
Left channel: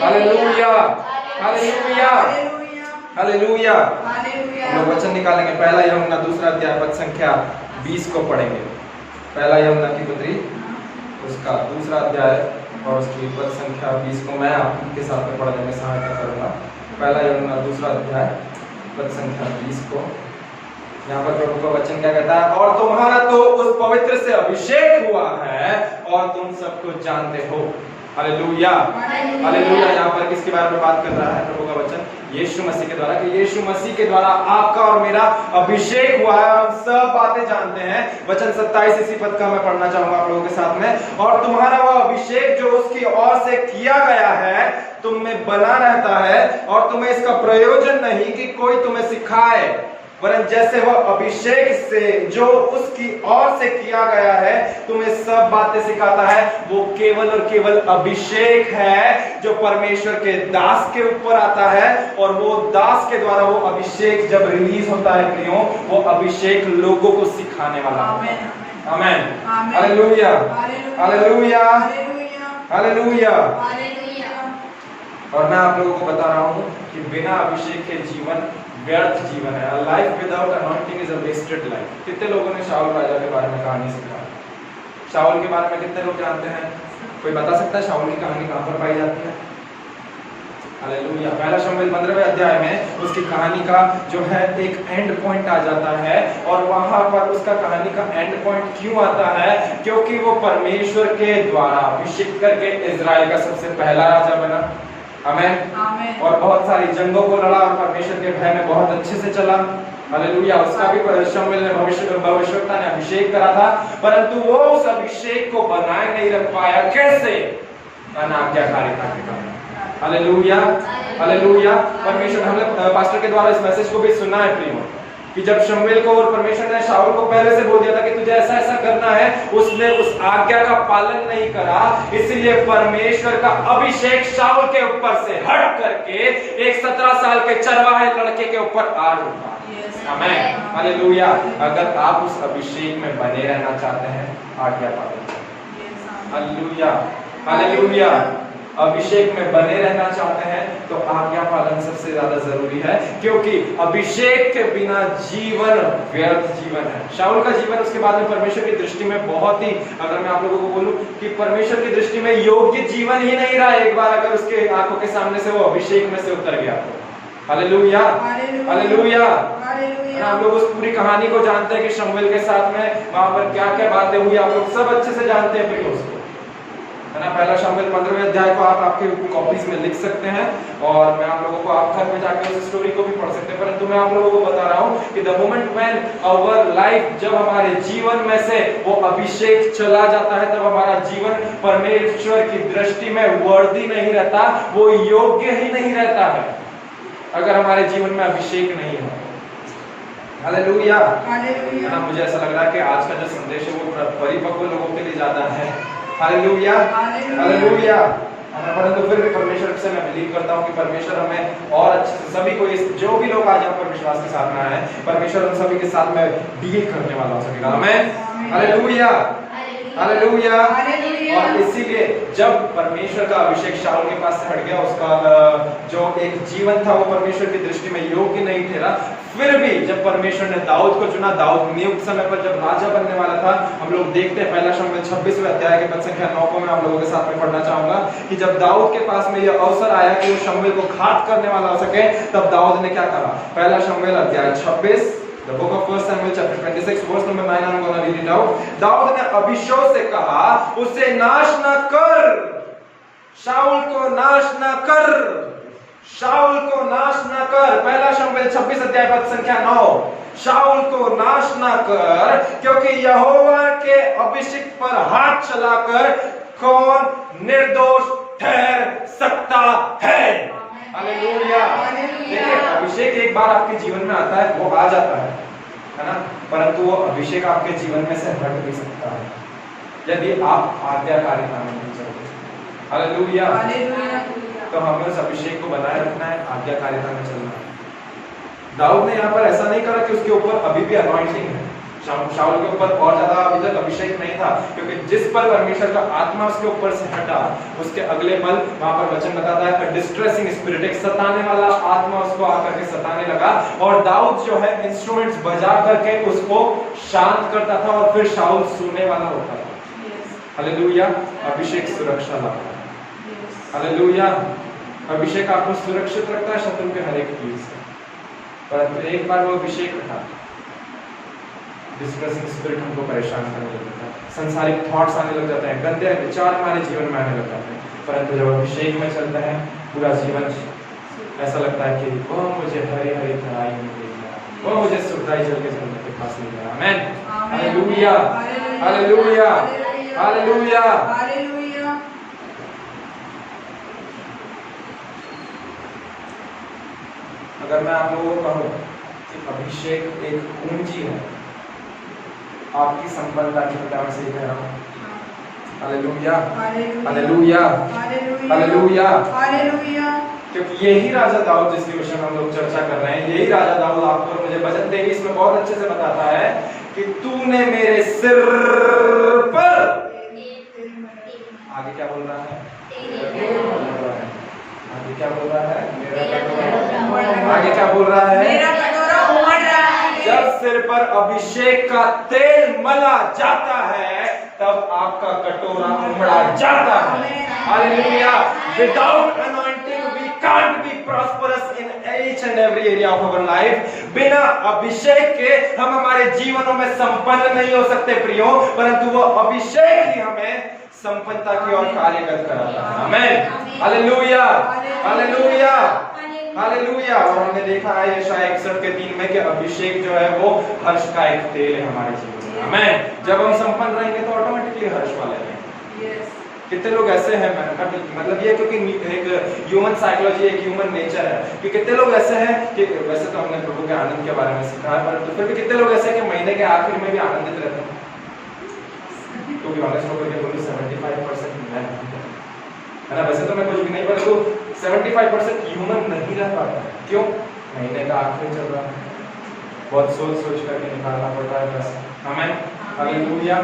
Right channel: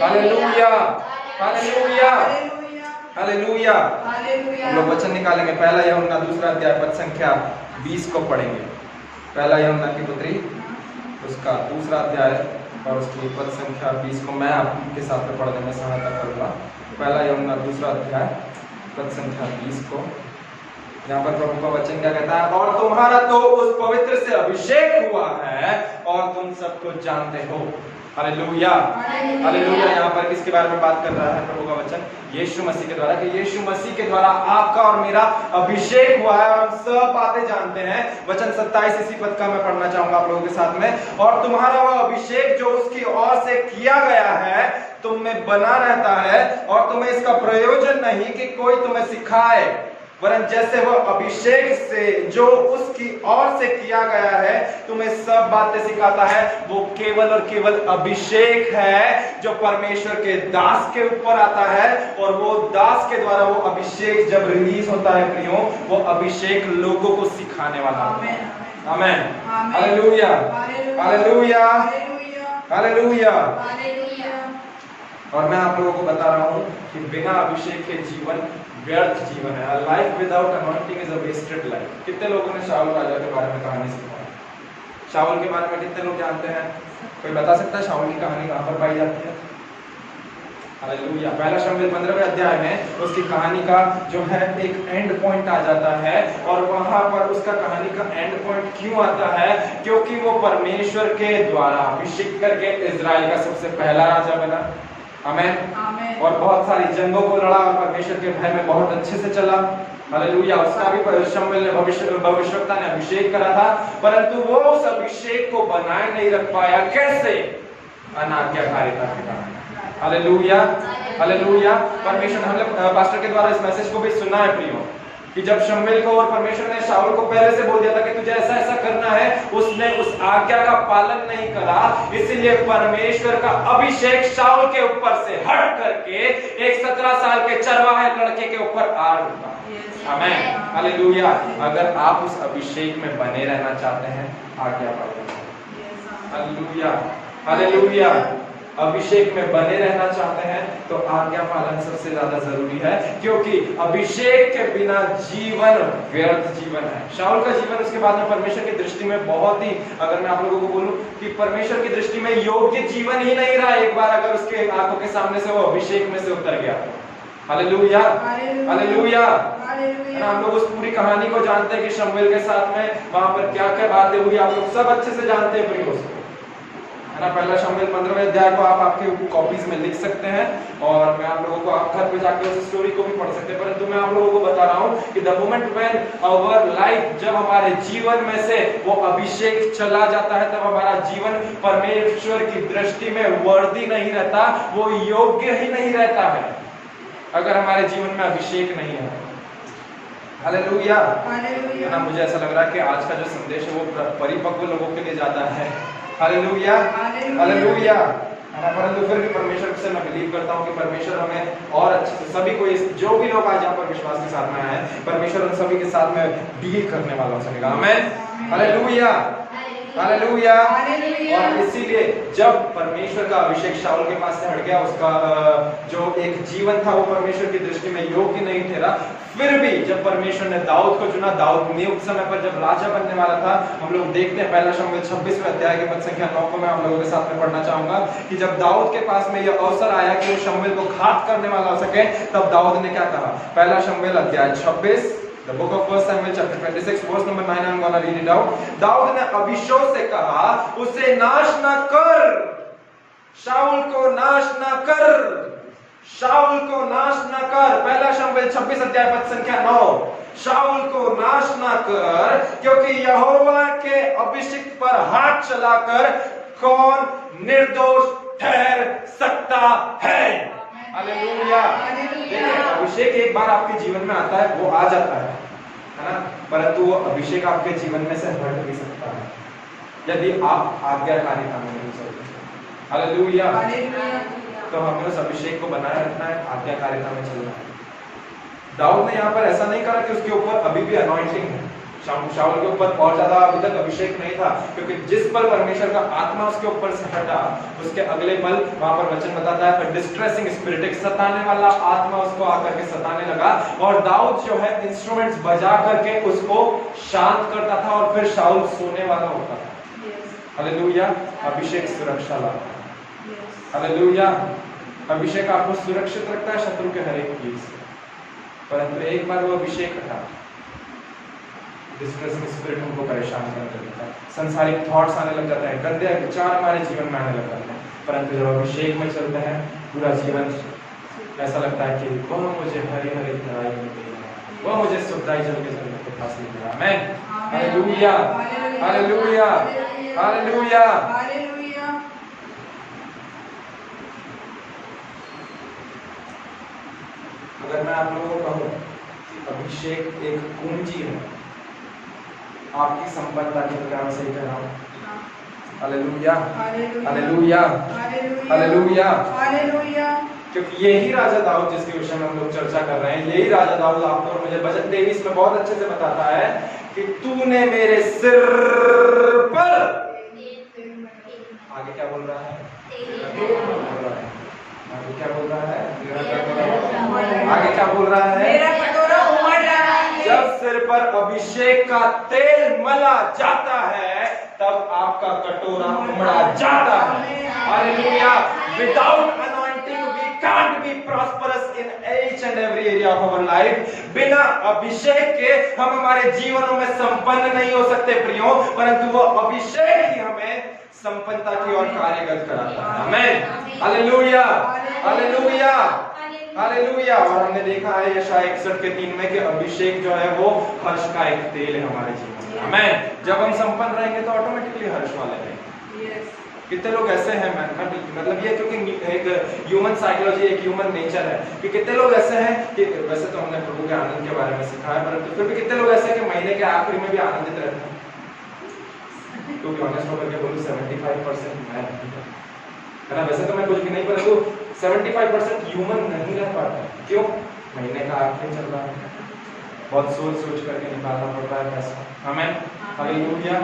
हालेलुया। हालेलुया। हालेलुया। हम लोग वचन निकालेंगे। पहला यूहन्ना दूसरा अध्याय पद संख्या 20 को पढ़ेंगे। पहला यूहन्ना की पत्री उसका दूसरा अध्याय और उसकी पद संख्या 20 को मैं आपके साथ में पढ़ने में सहायता करूंगा। पहला यूहन्ना दूसरा अध्याय पद संख्या 20 को, यहाँ पर प्रभु का वचन क्या कहता है? और तुम्हारा तो उस पवित्र से अभिषेक हुआ है और तुम सब कुछ जानते हो। हालेलुया। हालेलुया। यहाँ पर किसके बारे में बात कर रहा है प्रभु का वचन? यीशु मसीह के द्वारा, कि यीशु मसीह के द्वारा आपका और मेरा अभिषेक हुआ है और हम सब बातें जानते हैं। वचन 27 इसी पद का मैं पढ़ना चाहूंगा आप लोगों के साथ में। और तुम्हारा वह अभिषेक जो उसकी ओर से किया गया है तुम में बना रहता है, और तुम्हें इसका प्रयोजन नहीं कि कोई तुम्हें सिखाए, वरन जैसे वह अभिषेक से जो उसकी ओर से किया गया है तुम्हें सब बातें सिखाता है। वो केवल और केवल अभिषेक है जो परमेश्वर के दास के ऊपर आता है, और वो दास के द्वारा वो अभिषेक जब रिलीज होता है प्रियो, वो अभिषेक लोगों को सिखाने वाला है। आमेन। हालेलुया। हालेलुया। हालेलुया। और मैं आप लोगों को बता रहा हूं कि बिना अभिषेक के जीवन व्यर्थ जीवन है। A life without anointing is a wasted life। कितने लोगों ने शाऊल राजा के बारे में कहानी सुना? शाऊल के बारे में कितने लोग जानते हैं? कोई बता सकता है शाऊल की कहानी कहां पर पाई जाती है? हालेलुया। पहला शमूएल 15वें अध्याय में उसकी कहानी का जो है एक एंड पॉइंट आ जाता है, और वहां पर उसका कहानी का एंड पॉइंट क्यों आता है? क्योंकि वो परमेश्वर के द्वारा अभिषेक करके इजराइल का सबसे पहला राजा बना। आमेन। और बहुत सारी जंगों को लड़ा और परमेश्वर के भय में बहुत अच्छे से चला। हालेलुया। उसका भी शमूएल ने भविष्यवक्ता ने अभिषेक करा था, परंतु वो उस अभिषेक को बनाए नहीं रख पाया। कैसे? अनाज्ञाकारिता के कारण। हालेलुया। हालेलुया। परमेश्वर, हमने पास्टर के द्वारा इस मैसेज को भी सुना है प्रियो, कि जब शमूएल को और परमेश्वर ने शाऊल को पहले से बोल दिया था कि तुझे ऐसा ऐसा करना है, उसने उस आज्ञा का पालन नहीं करा, इसलिए परमेश्वर का अभिषेक शाऊल के ऊपर से हट करके एक 17 साल के चरवाहे लड़के के ऊपर आ रुका। आमेन। हालेलुया। अगर आप उस अभिषेक में बने रहना चाहते हैं, आज्ञा पालन करें। हालेलुया। हालेलुया। अभिषेक में बने रहना चाहते हैं तो आज्ञा पालन सबसे ज्यादा जरूरी है, क्योंकि अभिषेक के बिना जीवन व्यर्थ जीवन है। शाऊल का जीवन उसके बाद में परमेश्वर की दृष्टि में बहुत ही, अगर मैं आप लोगों को बोलूं कि परमेश्वर की दृष्टि में योग्य जीवन ही नहीं रहा, एक बार अगर उसके आंखों के सामने से वो अभिषेक में से उतर गया तो। हालेलुया। हालेलुया। हम लोग उस पूरी कहानी को जानते हैं कि शमूएल के साथ में वहां पर क्या क्या बातें हुई, आप लोग सब अच्छे से जानते हैं प्रियो उसको, है ना। पहला शमूएल 15वें अध्याय को आप आपके कॉपीज में लिख सकते हैं और मैं आप लोगों को आप घर पे जाकर उस स्टोरी को भी पढ़ सकते हैं, परंतु मैं आप लोगों को बता रहा हूँ कि the moment when our life, जब हमारे जीवन में से वो अभिषेक चला जाता है, तब हमारा जीवन परमेश्वर की दृष्टि में वर्दी नहीं रहता, वो योग्य ही नहीं रहता है अगर हमारे जीवन में अभिषेक नहीं है। हालेलुया। हालेलुया। ना मुझे ऐसा लग रहा है कि आज का जो संदेश है वो परिपक्व लोगों के लिए ज्यादा है। Hallelujah hallelujah. परंतु फिर भी परमेश्वर से मैं बिलीव करता हूँ कि परमेश्वर हमें और अच्छे से सभी को, जो भी लोग आज यहाँ पर विश्वास के साथ में आए हैं, परमेश्वर उन सभी के साथ में डील करने वाला हो सकेगा। आमीन। Hallelujah hallelujah. और इसीलिए जब परमेश्वर का अभिषेक शाऊल के पास से हट गया, उसका जो एक जीवन था वो परमेश्वर की दृष्टि में योग्य नहीं ठहरा, फिर भी जब परमेश्वर ने दाऊद को चुना, दाऊद नियुक्त समय पर जब राजा बनने वाला था, हम लोग देखते हैं पहला शमूएल 26वें अध्याय के पद संख्या 9 को मैं आप लोगों के साथ में पढ़ना चाहूंगा कि जब दाऊद के पास में यह अवसर आया कि वो शमूएल को घात करने वाला हो सके, तब दाऊद ने क्या करा। पहला शमूएल अध्याय 26, The book of 1 Samuel chapter 26 verse number 9, I'm going to read it out. Dawood ने अबीशै से कहा, उसे नाश न कर, शाऊल को नाश न कर, शाऊल को नाश न कर। पहला शमूएल 26 अध्याय पद संख्या 9, शाऊल को नाश न कर, क्योंकि यहोवा के अभिषिक्त पर हाथ चलाकर कौन निर्दोष ठहर सकता है। हालेलुया। देखिए, अभिषेक एक बार आपके जीवन में आता है, वो आ जाता है ना, परंतु वो अभिषेक आपके जीवन में से हट भी सकता है यदि आप आज्ञाकारिता में नहीं चलते। हालेलुया। तो हमें उस अभिषेक को बनाए रखना है, आज्ञाकारिता में चलना है। दाऊद ने यहाँ पर ऐसा नहीं करा कि उसके ऊपर अभी भी अनॉइंटिंग है, शाऊल के ऊपर बहुत ज्यादा अभी तक अभिषेक नहीं था, क्योंकि जिस पल परमेश्वर का आत्मा उसके ऊपर से हटा, उसके अगले पल वहां पर वचन बताता है डिस्ट्रेसिंग स्पिरिट, एक सताने वाला आत्मा उसको आकर के सताने लगा, और दाऊद जो है इंस्ट्रूमेंट्स बजा करके उसको शांत करता था और फिर शाऊल सोने वाला होता था। हालेलुया। अभिषेक सुरक्षा लाता है। हालेलुया। अभिषेक आपको सुरक्षित रखता है शत्रु के हर एक चीज से, परंतु एक बार वो अभिषेक हटा, डिस्ट्रेसिंग स्पिरिट हमको परेशान करने लग जाता है, संसारिक थॉट्स आने लग जाते हैं, गंदे विचार हमारे जीवन में आने लग जाते हैं, परंतु जब अभिषेक में चलते हैं पूरा जीवन ऐसा लगता है कि वह मुझे हरी हरी तराई में ले गया, वह मुझे सुखदाई जल के जन्नत के पास ले गया। आमीन। Hallelujah hallelujah hallelujah. अगर मैं आप लोगों को कहूं कि अभिषेक एक कुंजी है आपकी संपन्नता की, मैं से कह रहा हूं। Hallelujah hallelujah hallelujah hallelujah. क्योंकि यही राजा दाऊद जिसके विषय में हम लोग चर्चा कर रहे हैं, यही राजा दाऊद आपको और मुझे भजन 23 में बहुत अच्छे से बताता है कि तूने मेरे सिर पर, आगे क्या बोल रहा है, आगे क्या बोल रहा है, आगे क्या बोल रहा है, मेरा कटोरा उमड़ रहा है। जब सिर पर अभिषेक का तेल मला जाता है तब आपका कटोरा उमड़ा जाता है। Hallelujah. Without anointing we can't be prosperous in each and every area of our life. बिना अभिषेक के हम हमारे जीवनों में संपन्न नहीं हो सकते प्रियो, परंतु वो अभिषेक ही हमें संपन्नता की ओर कार्यगत कराता है। आमीन। Hallelujah hallelujah hallelujah. और हमने देखा है यशायाह 61:3 में कि अभिषेक जो है वो हर्ष का एक तेल है हमारे जीवन में। आमीन। जब हम संपन्न रहेंगे तो ऑटोमेटिकली हर्ष वाले रहेंगे। कितने लोग ऐसे हैं, मतलब ये क्योंकि एक ह्यूमन साइकोलॉजी, एक ह्यूमन नेचर है कि कितने लोग ऐसे हैं कि वैसे तो हमने प्रभु के आनंद के बारे में सीखा है, परंतु फिर भी कितने लोग ऐसे हैं कि महीने के आखिर में भी आनंदित रहते हैं। टू बी ऑनेस्ट होकर के बोलूं 75% है ना, वैसे तो मैं कुछ भी नहीं, परंतु 75% ह्यूमन नहीं रह पाता। क्यों? महीने का आखिर चल रहा है, बहुत सोच करके निकालना पड़ता है पैसा। आमीन। Hallelujah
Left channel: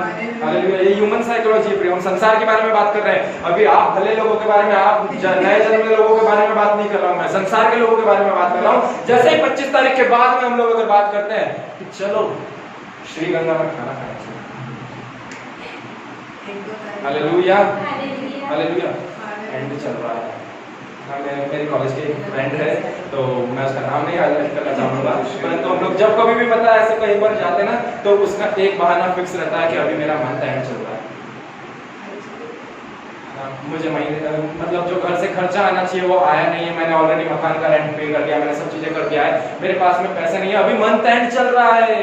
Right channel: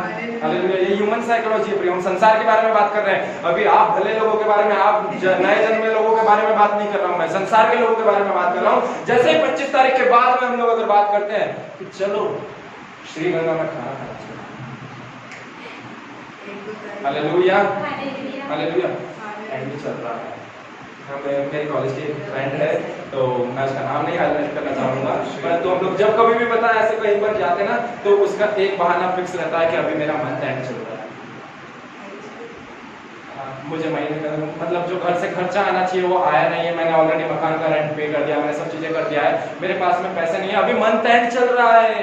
hallelujah. ये ह्यूमन साइकोलॉजी है। हम संसार के बारे में बात कर रहे हैं, अभी आप भले लोगों के बारे में, आप नए जन्मे लोगों के बारे में बात नहीं कर रहा हूं, मैं संसार के लोगों के बारे में बात कर रहा हूं। जैसे ही 25 तारीख के बाद में हम लोग अगर बात करते हैं कि चलो श्री गंगा में खाना खाना चाहिए। Hallelujah hallelujah. एंड चल रहा है, मेरे कॉलेज के एक फ्रेंड है, तो मैं उसका नाम नहीं हाईलाइट करना चाहूंगा, परंतु हम लोग जब कभी भी पता है ऐसे कहीं पर जाते ना, तो उसका एक बहाना फिक्स रहता है कि अभी मेरा मन टाइम चल रहा है। मुझे महीने मतलब जो घर से खर्चा आना चाहिए वो आया नहीं है, मैंने ऑलरेडी मकान का रेंट पे कर दिया, मैंने सब चीजें कर दिया है, मेरे पास में पैसा नहीं है, अभी मंथ एंड चल रहा है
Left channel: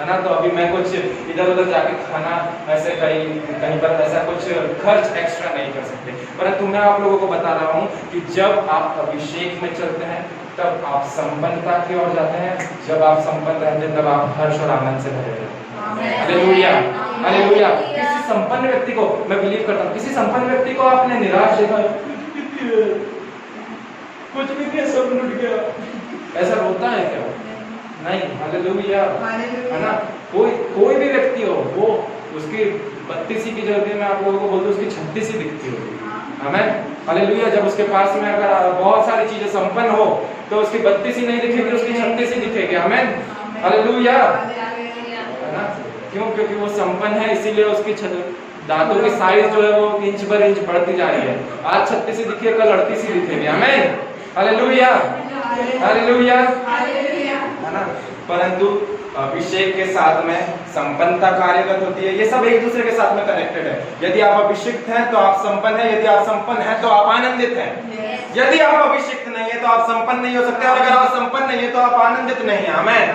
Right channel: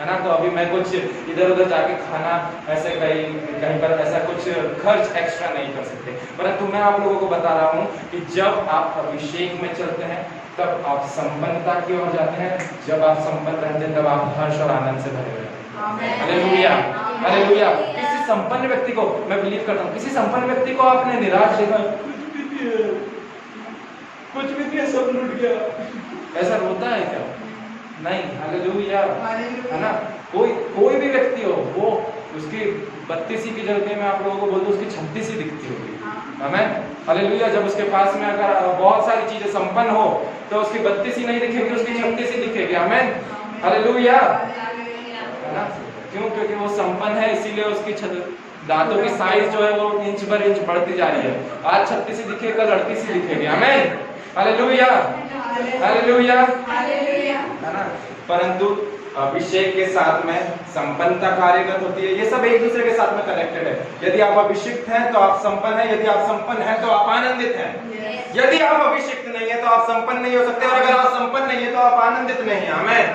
ना, तो अभी मैं कुछ इधर उधर जाके खाना ऐसे कहीं पर ऐसा कुछ खर्च एक्स्ट्रा नहीं कर सकते। परंतु मैं आप लोगों को बता रहा हूँ कि जब आप अभिषेक में चलते हैं तब आप संपन्नता की ओर जाते हैं, जब आप संपन्न रहते हैं तब आप हर्ष और आनंद से भरे रहते हैं। Hallelujah, hallelujah. किसी संपन्न व्यक्ति को मैं बिलीव करता हूँ, किसी संपन्न व्यक्ति को आपने निराश देखा, कुछ भी किया सब लूट गया, ऐसा होता है क्या? नहीं। हालेलुया, है ना। कोई भी व्यक्ति हो, वो उसकी 32 की जगह मैं आप लोगों को बोलूं उसकी 36 दिखती होगी। आमीन, हालेलुया। जब उसके पास में अगर बहुत सारी चीजें संपन्न हो तो उसकी 32 नहीं दिखेगी, उसकी 36 दिखेगी। आमीन, हालेलुया, है ना। क्यों? क्योंकि वो संपन्न है, इसीलिए उसकी दांतों की साइज जो है वो इंच पर इंच बढ़ती जा रही है। आज 36 दिखे, कल 38 दिखेगी। आमीन, हालेलुया, हालेलुया, है ना। परंतु अभिषेक के साथ में संपन्नता कार्यरत होती है। ये सब एक दूसरे के साथ में कनेक्टेड है। यदि आप अभिषिक्त हैं तो आप संपन्न हैं, यदि आप संपन्न हैं तो आप आनंदित हैं। यदि आप अभिषिक्त नहीं है तो आप संपन्न नहीं हो सकते, और अगर आप संपन्न नहीं है तो आप आनंदित नहीं है। आमीन,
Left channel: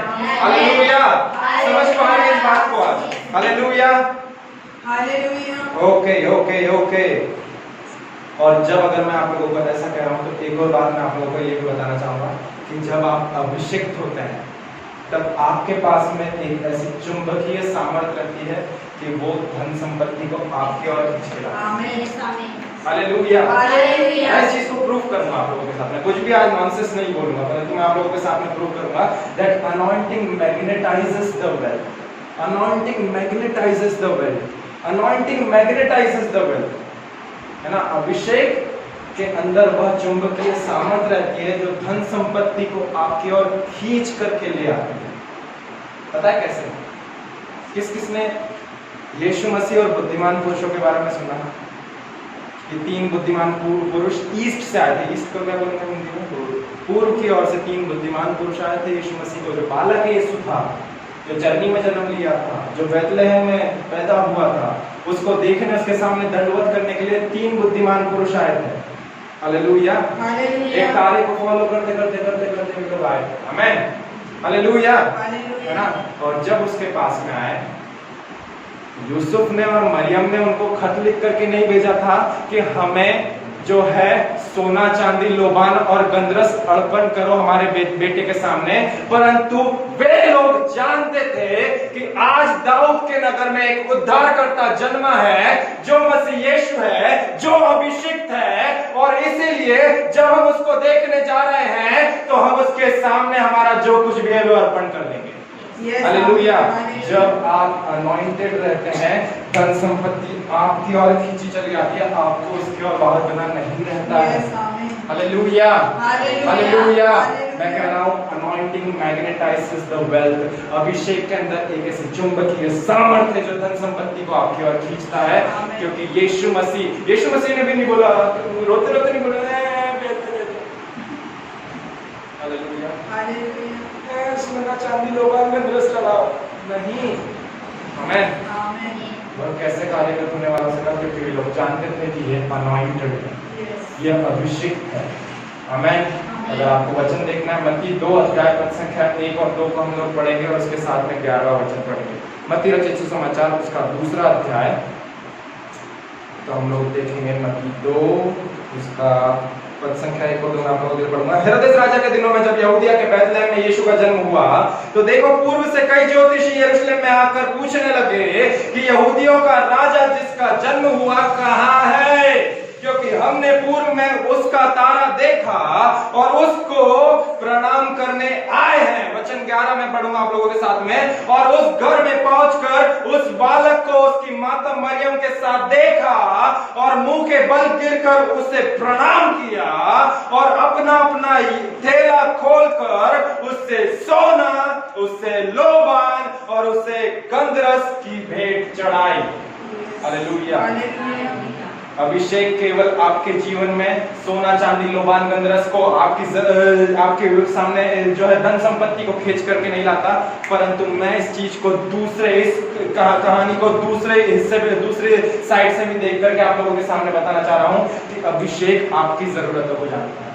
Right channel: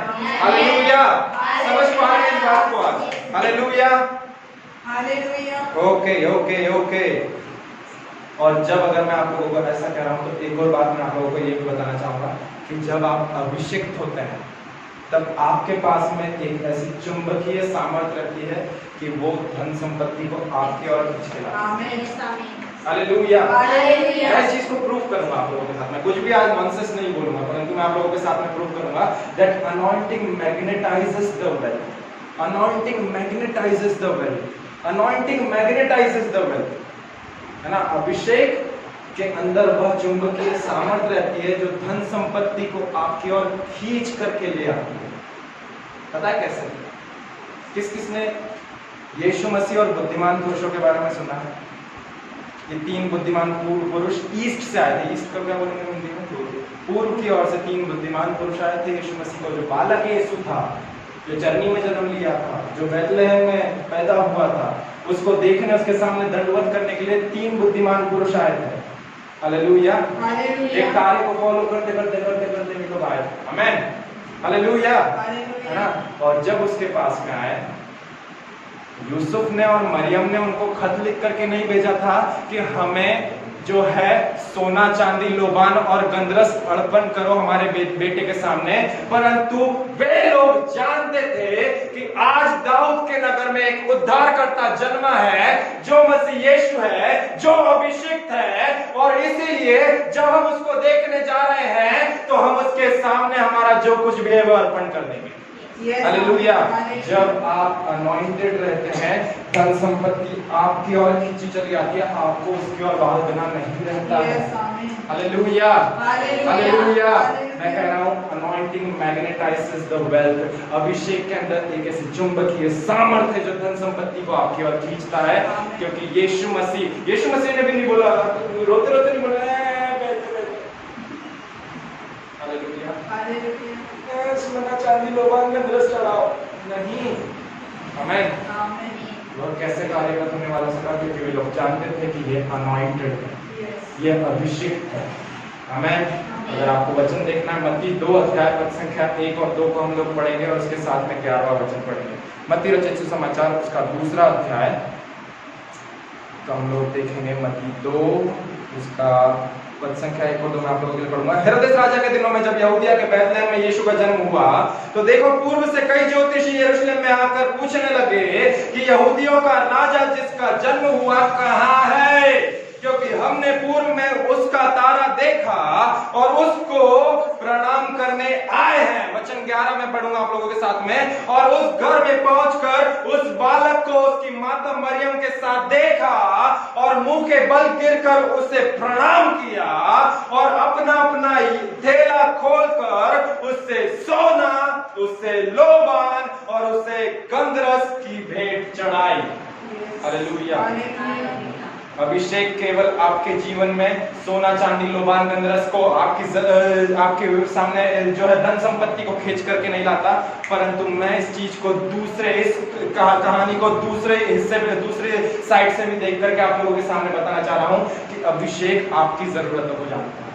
हालेलुया। समझ पा रहे हैं इस बात को आज? Hallelujah, hallelujah. Okay okay okay. और जब अगर मैं आप लोगों को ऐसा कह रहा हूँ तो एक और बात मैं आप लोगों को ये भी बताना चाहूंगा कि जब आप अभिषिक्त होते हैं तब आपके पास में एक ऐसी चुंबकीय सामर्थ्य रहती है कि वो धन संपत्ति को आपकी ओर खींच के लाती है। आमीन, हालेलुया। मैं इस चीज को प्रूव करूंगा आप लोगों के साथ में, कुछ भी आज नॉनसेंस नहीं बोलूंगा, परंतु मैं आप लोगों के साथ में प्रूव करूंगा that anointing magnetises the wealth. Anointing magnetises the wealth. Anointing magnetises the wealth, है ना। अभिषेक के अंदर वह चुंबकीय सामर्थ्य रहती है जो धन संपत्ति को आपकी ओर खींच करके ले आती है। पता है कैसे? किस किसने यीशु मसीह और बुद्धिमान पुरुषों के बारे में सुना है? ये 3 बुद्धिमान पुरुष ईस्ट से आए थे। ईस्ट तो क्या बोलते हैं हिंदी में? पूर्व की ओर से 3 बुद्धिमान पुरुष आए थे यीशु मसीह को। जो बालक यीशु था, जो जर्नी में जन्म लिया था, जो बैतलहम में पैदा हुआ था, उसको देखने, उसके सामने दंडवत करने के लिए 3 बुद्धिमान पुरुष आए थे। हालेलुया, एक तारे को फॉलो करते करते करते करते लोग आए। आमीन, हालेलुया, है ना। और जब उसके पास में आए, यूसुफ ने और मरियम ने उनको खत लिख करके नहीं भेजा था कि हमें जो है सोना चांदी लोबान और गंधरस अर्पण करो हमारे बेटे के सामने, परंतु वे लोग जानते थे कि आज दाऊद के नगर में एक उद्धारकर्ता जन्मा है जो मसीह यीशु है, जो अभिषिक्त है, और इसीलिए जब हम उसको देखने जा रहे हैं तो हम उसके सामने हमारा जो कुछ भी है वो अर्पण कर देंगे। हालेलुया। जब आप अनॉइंटेड रहते हैं, धन संपत्ति आपकी ओर खींची चली आती है, आपको उसकी ओर बाहर बना नहीं रहता है। Hallelujah, hallelujah. मैं कह रहा हूँ अनॉइंटिंग मैग्नेटाइजेस द वेल्थ। अभिषेक के अंदर एक ऐसी चुंबकीय सामर्थ्य है जो धन संपत्ति को आपकी ओर खींचता है, क्योंकि यीशु मसीह ने भी नहीं बोला, रोते रोते नहीं बोला हालेलुया, हालेलुया, सोना चांदी लोबान में दृष्ट चढ़ाओ, नहीं। आमीन, आमीन। और कैसे कार्यरत होने वाला से कहा, क्योंकि लोग जानते थे कि ये अनॉइंटेड है, ये अभिषेक है। आमीन। अगर आपको वचन देखना है, मत्ती 2 अध्याय पद संख्या 1 और 2 को हम लोग पढ़ेंगे और उसके साथ में 11वां वचन पढ़ेंगे। मत्ती रचित सुसमाचार उसका 2रा अध्याय, तो हम लोग देखेंगे मत्ती 2 उसका पद संख्या 1 और 2 आप लोगों के लिए पढ़ूंगा। हेरोदेस राजा के दिनों में जब यहूदिया के बैतलहम में यीशु का जन्म हुआ, तो देखो पूर्व से कई ज्योतिषी यरूशलेम में आकर पूछने लगे कि यहूदियों का राजा जिसका जन्म हुआ कहाँ है, क्योंकि हमने पूर्व में उसका तारा देखा और उसको प्रणाम करने आए हैं। वचन 11 में पढ़ूंगा आप लोगों के साथ में। और उस घर में पहुंचकर उस बालक को उसकी माता मरियम के साथ देखा और मुंह के बल गिरकर उसे प्रणाम किया और अपना अपना थैला खोलकर उससे सोना, उससे लोबान और उसे गंधरस की भेंट चढ़ाई। हालेलुया। अभिषेक केवल आपके जीवन में सोना चांदी लोबान गंधरस को आपके सामने जो है धन संपत्ति को खींच करके नहीं लाता, परंतु मैं इस चीज को इस कहानी को दूसरे हिस्से पे दूसरे साइड से भी देख करके आप लोगों के सामने बताना चाह रहा हूँ कि अभिषेक आपकी जरूरतों को जानता है।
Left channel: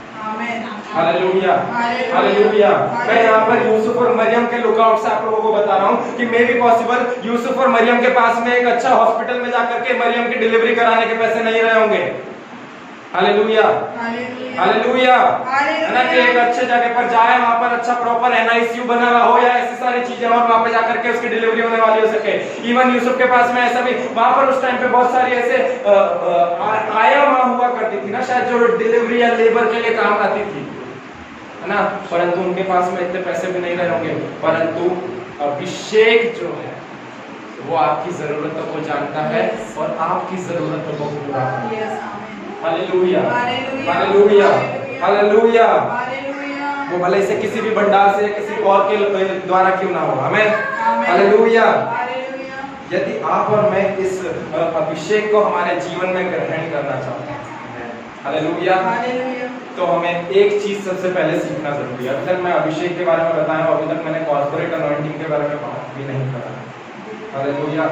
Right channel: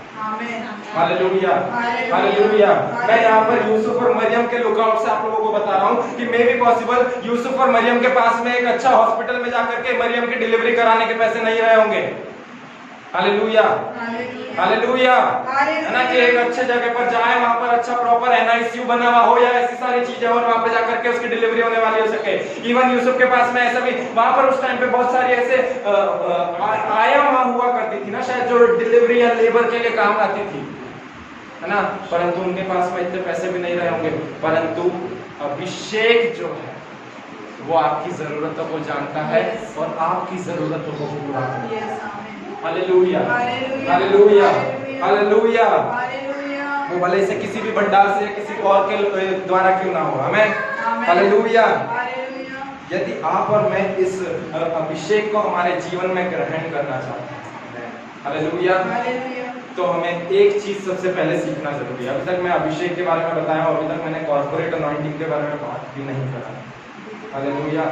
Hallelujah, hallelujah. मैं यहाँ पर यूसुफ और मरियम के लुकआउट से आप लोगों को बता रहा हूँ कि मे बी पॉसिबल यूसुफ और मरियम के पास में एक अच्छा हॉस्पिटल में जाकर के मरियम की डिलीवरी कराने के पैसे नहीं रहे होंगे। हालेलुया, हालेलुया, है ना, कि एक अच्छे जगह पर जाए, वहां पर अच्छा प्रॉपर NICU बना हुआ हो या ऐसी सारी चीजें और वहां पर जाकर के उसकी डिलीवरी होने वाली हो सके। इवन यूसुफ के पास में ऐसा भी वहां पर उस टाइम पे बहुत सारी ऐसे आया वहां हुआ करती थी ना, शायद जो डिलीवरी या लेबर के लिए काम आती थी, है ना, परंतु उनके पास में इतने पैसे भी नहीं रहे होंगे। परंतु अभिषेक जो है वो आपकी जरूरतों को जानता है और आपकी जरूरतों को पूरा करता है। Hallelujah, hallelujah, hallelujah. वो भले से किसी भी भंडार से किसी और के द्वारा क्यों ना हो। हमें हालेलुया। यदि आप और मैं इस अभिषेक को हमारे जीवन में ग्रहण करना चाहते हैं, हालेलुया, तो हमें एक चीज सबसे पहले सीखना जरूरी है। अभी तक मैं अभिषेक के बारे में बताया, अभी तक मैंने कॉर्पोरेट अनॉइंटिंग के बारे में बात भी नहीं करा। हालेलुया,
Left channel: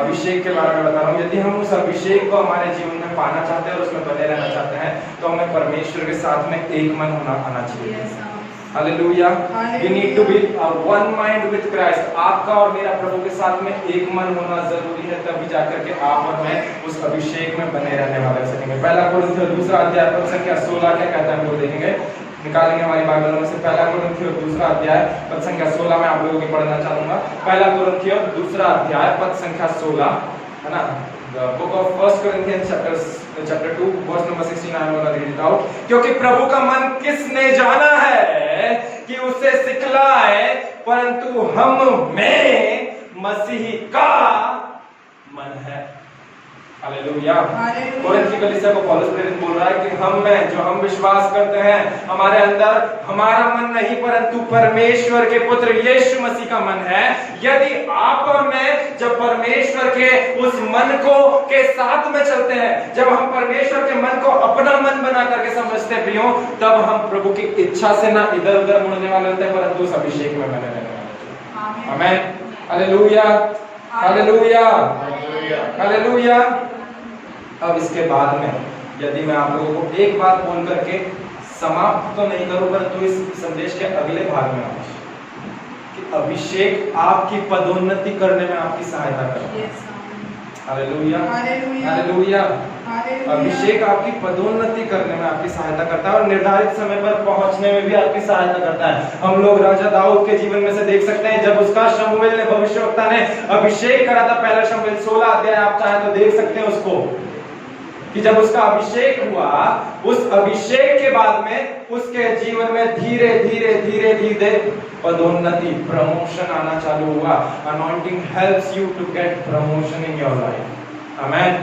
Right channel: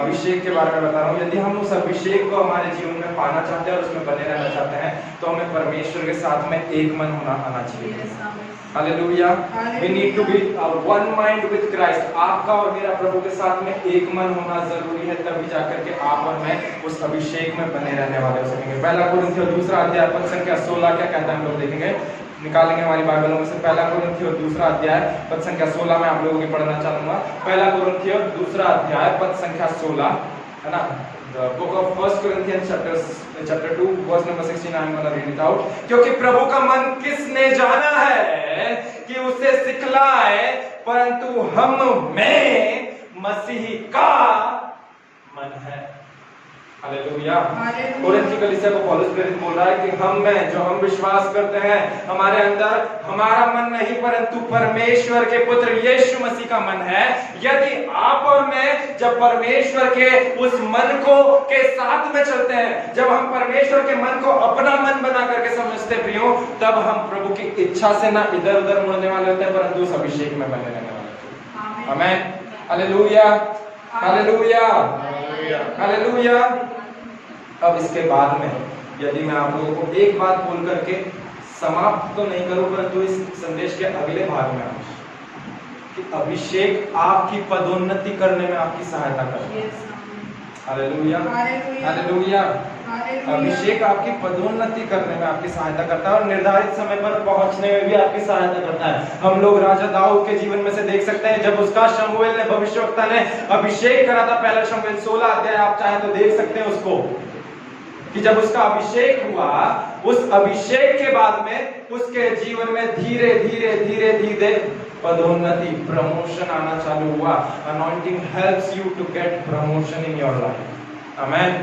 अभिषेक के बारे में बता रहा हूँ। यदि हम उस अभिषेक को हमारे जीवन में पाना चाहते हैं और उसमें बने रहना चाहते हैं, तो हमें परमेश्वर के साथ में एक मन होना आना चाहिए। Hallelujah, we need to be one mind with Christ। आपका और मेरा प्रभु के साथ में एक मन होना जरूरी है, तभी जाकर के आप और मैं उस अभिषेक में बने रहने वाले सकेंगे। पहला कोरिन्थियों 2 अध्याय पद संख्या 16 क्या कहता है हम लोग देखेंगे, निकालेंगे हमारी बाइबलों में से। पहला कोरिन्थियों 2 अध्याय पद संख्या 16 में आप लोगों को पढ़ना चाहूंगा। पहला कोरिन्थियों 2 अध्याय पद संख्या 16, है ना, the book of 1 Corinthians chapter 2 verse number 16, I'm going to read it out। क्योंकि प्रभु का मन किसने जाना है कि उसे सिखलाए, परंतु हम में मसीह का मन है। हालेलुया। कोरिन्थ की कलीसिया को पौलुस प्रेरित बोल रहा है कि हम में जो हम विश्वास करते हैं, हमारे अंदर हमारा मन नहीं परंतु परमेश्वर के पुत्र यीशु मसीह का मन है। यदि आप और मैं जब परमेश्वर के उस मन को के साथ में चलते हैं, जब हम परमेश्वर के मन को अपना मन बना करके समझते भी हो, तब हम प्रभु की इच्छा से ना इधर उधर मुड़ने वाले होते हैं, परंतु उस अभिषेक में बने रहने वाले होते हैं। आमीन, हालेलुया, हालेलुया, हालेलुया। अब इसके बाद में यदि मैं आप लोगों को एक बात बोल करके समाप्त तो नहीं करूं, परंतु इस संदेश के अगले भाग में आऊं कि अभिषेक आपकी पदोन्नति करने में आपकी सहायता करता है। Hallelujah, hallelujah. अभिषेक आपकी पदोन्नति करने में आपकी सहायता करता है और निर्धारित समय पर पहुंचने में भी आपकी सहायता करता है। हम लोग राजा दाऊद के जीवन में से देख सकते हैं, जब उसका शमूएल ने भविष्यवक्ता ने अभिषेक करा था, पहला शमूएल 16 अध्याय आप चाहे तो देख सकते हैं उसको, कि जब उसका अभिषेक हुआ, उस अभिषेक के बाद में उसके जीवन में धीरे धीरे धीरे धीरे पदोन्नति, प्रमोशन आना चालू हुआ। Anointing helps you to get promotion in your life. Amen,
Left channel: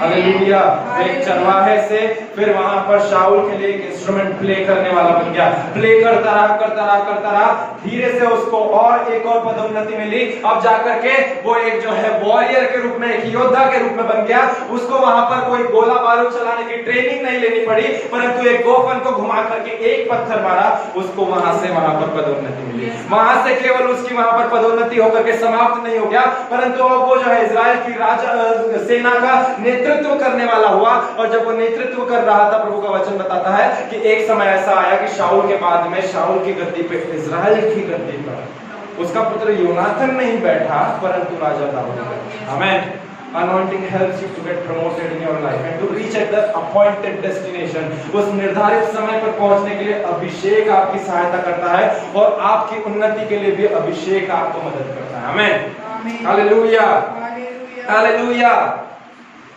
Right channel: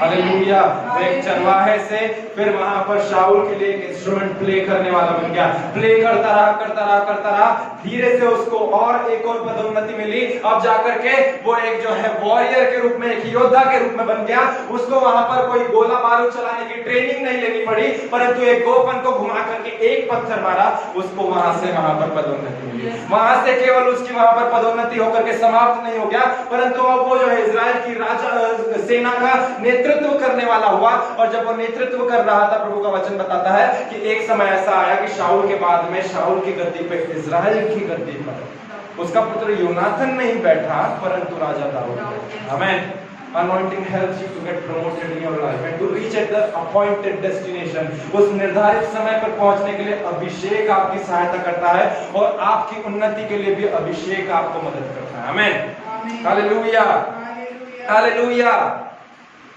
hallelujah. एक चरवाहे से फिर वहां पर शाऊल के लिए एक इंस्ट्रूमेंट प्ले करने वाला बन गया। प्ले करता रहा, धीरे से उसको और एक और पदोन्नति मिली। अब जाकर के वो एक जो है वॉरियर के रूप में, एक योद्धा के रूप में बन गया। उसको वहां पर कोई गोला बारूद चलाने की ट्रेनिंग नहीं लेनी पड़ी, परंतु एक गोफन को घुमा करके एक पत्थर मारा, उसको वहां से वहां पर पदोन्नति मिली। वहां से केवल उसकी वहां पर पदोन्नति होकर के समाप्त नहीं हो गया, परंतु अब वो जो है इजराइल की राजा सेना का नेतृत्व करने वाला हुआ। और जब वो नेतृत्व कर रहा था, प्रभु का वचन बताता है कि एक समय ऐसा आया कि शाऊल के बाद में शाऊल की गद्दी पे, इजराइल की गद्दी पर उसका पुत्र योनाथन नहीं बैठा, परंतु राजा दाऊद बैठा। आमीन। Anointing helps you to get promoted in your life and to reach at the appointed destination। उस निर्धारित समय पर पहुंचने के लिए अभिषेक आपकी सहायता करता है और आपकी उन्नति के लिए भी अभिषेक आपको मदद करता है। आमीन, hallelujah, hallelujah,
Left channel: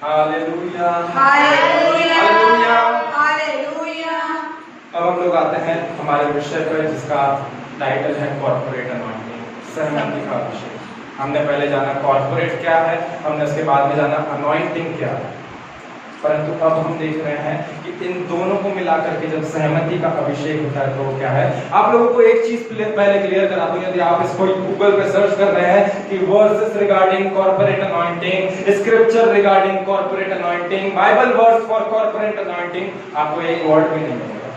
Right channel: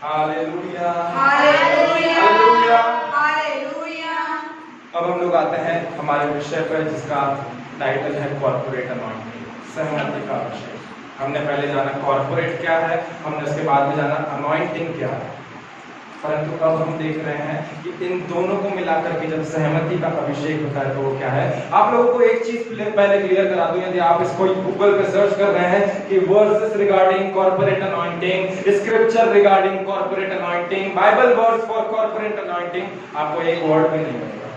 hallelujah, hallelujah, hallelujah. अब हम लोग आते हैं हमारे विषय पर, जिसका टाइटल है कॉर्पोरेट अनॉइंटिंग, सहमति का अभिषेक। हमने पहले जाना कॉर्पोरेट क्या है, हमने उसके बाद में जाना अनॉइंटिंग क्या है। परंतु अब हम देख रहे हैं कि इन दोनों को मिलाकर के जब सहमति का अभिषेक होता है तो वो क्या है। आप लोगों को एक चीज पहले क्लियर करा दूं, यदि आप इसको गूगल पे सर्च कर रहे हैं कि verses regarding corporate anointing, scripture regarding corporate anointing, Bible verse for corporate anointing, आपको एक वर्ड भी नहीं मिलेगा।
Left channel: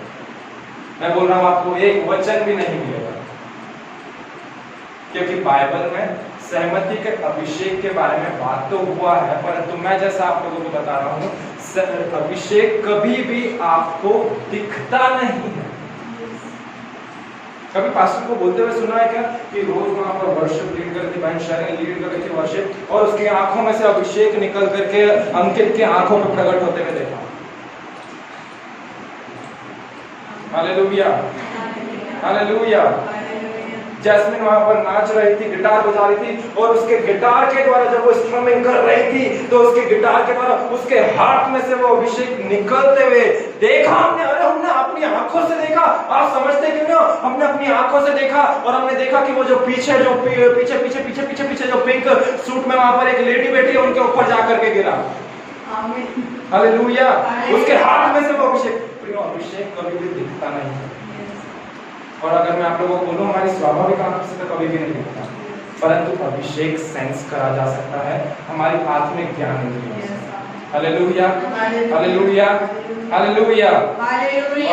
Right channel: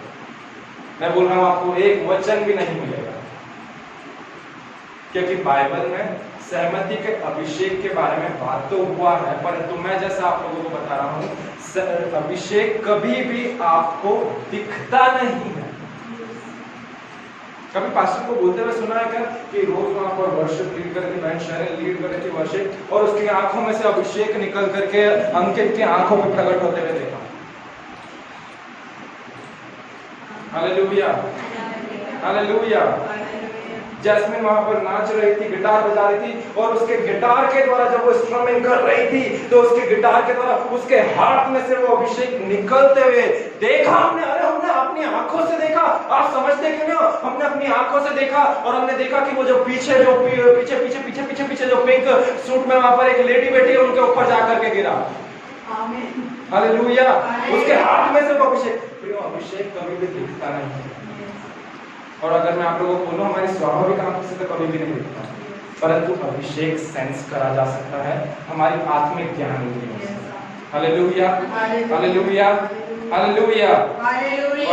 मैं बोल रहा हूं आपको एक वचन भी नहीं मिलेगा, क्योंकि बाइबल में सहमति के अभिषेक के बारे में बात तो हुआ है, परंतु मैं जैसा आप लोगों को बता रहा हूं, अभिषेक कभी भी आपको दिखता नहीं है। कभी पास्टर को बोलते हुए सुना है क्या कि रोज वहां पर वर्शिप लीड करके, बैंड शेयरिंग लीड कर रही थी वर्शिप, और उसकी आंखों में से अभिषेक निकल करके अंकित के आंखों पे प्रकट होते हुए देखा। Hallelujah, hallelujah. जैस्मिन वहां पर नाच रही थी, गिटार बजा रही थी, और उसके गिटार के द्वारा जब वो स्ट्रमिंग कर रही थी तो उसके गिटार के द्वारा उसके हाथ में से वो अभिषेक निकलते हुए देखा हमने। अरे हमने अपनी आंखों से देखा। आप समझते क्यों नहीं हो? हमने अपनी आंखों से देखा, और हमने देखा कि वो जो पीछे जो पिंक सूट में वहां पर एक लेडी बैठी है, उनके ऊपर जाकर के गिरा। हालेलुया। उसके हाथ में से वो अभिषेक कभी भी दिखता नहीं है। और अगर मैं आप लोगों को बोलूं, हमारी स्वाभाविक आंखों से तो कभी भी नहीं दिखता, परंतु अभिषेक सेंस करा जा सकता है हमारी आत्मिक ज्ञान इंद्रियों से। Hallelujah, hallelujah, hallelujah.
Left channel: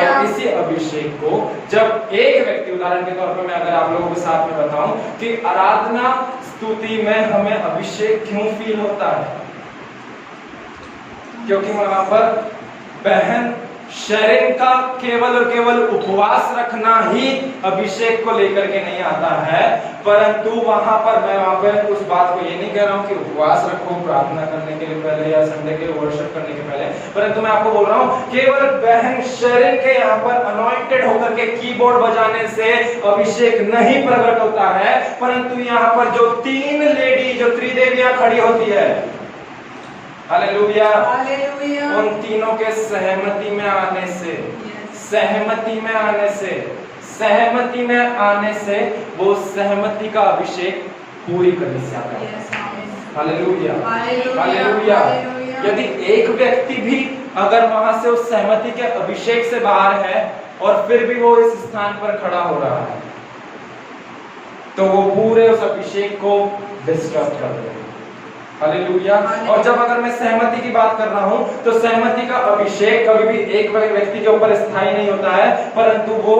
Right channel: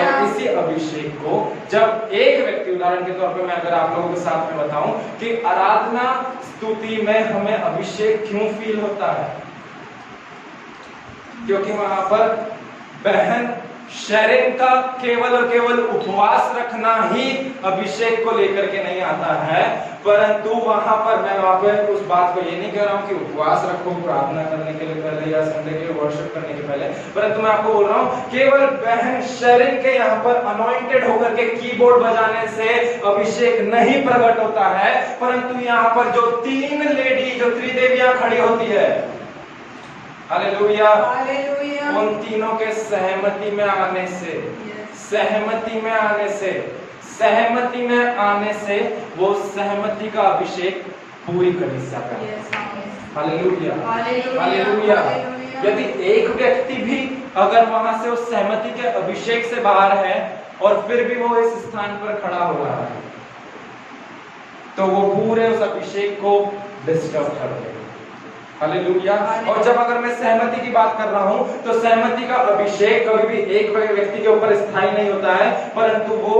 और इसी अभिषेक को जब एक व्यक्ति, उदाहरण के तौर पे मैं अगर आप लोगों के साथ में बताऊं कि आराधना स्तुति में हमें अभिषेक क्यों फील होता है, क्योंकि वहां पर बहन शेरिंग का केवल और केवल उपवास रखना ही अभिषेक को लेकर के नहीं आता है, परंतु वहां पर मैं वहां पे उस बात को ये नहीं कह रहा हूं कि उपवास रखो प्रार्थना करने के लिए पहले या संडे के लिए वर्शिप करने के पहले, परंतु मैं आपको बोल रहा हूं केवल बहन शेरिंग के यहाँ पर अनॉइंटेड होकर के कीबोर्ड बजाने से अभिषेक नहीं प्रकट होता है, परंतु यहाँ पर जो तीन लेडी, जो त्रिदेवियां खड़ी होती है, हालेलुया, उन तीनों के सहमति में आने से, सहमति में आने से वो सहमति का अभिषेक पूरी कलीसिया का होता है। Hallelujah, hallelujah. यदि एक व्यक्ति भी अगर वहां से उस सहमति के अभिषेक से बाहर है और फिर भी वो इस स्थान पर खड़ा हो रहा है, तो वो पूरे उस अभिषेक को डिस्टर्ब कर देगा। हालेलुया। और जब अगर मैं सहमति की बात कर रहा हूं, तो सहमति का अभिषेक कभी भी एक व्यक्ति के ऊपर स्थायी नहीं होता है, परंतु वो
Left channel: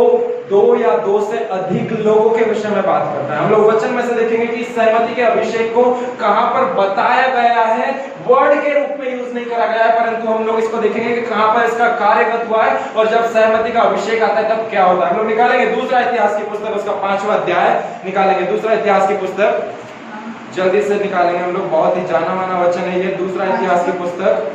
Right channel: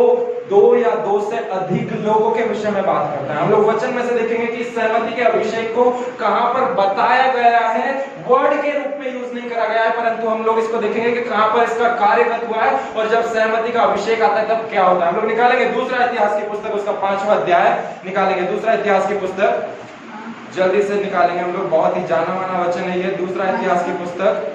दो या दो से अधिक लोगों के विषय में बात करता है। हम लोग वचन में से देखेंगे कि सहमति के अभिषेक को कहां पर बताया गया है, वर्ड के रूप में यूज नहीं करा गया है, परंतु हम लोग इसको देखेंगे कि कहां पर इसका कार्यगत हुआ है, और जब सहमति का अभिषेक आता है तब क्या होता है। हम लोग निकालेंगे दूसरा इतिहास की पुस्तक, उसका 5वां अध्याय निकालेंगे। दूसरा इतिहास की पुस्तक जल्दी से निकालेंगे हम लोग, बहुत ही जाना माना वचन है ये। दूसरा इतिहास की पुस्तक,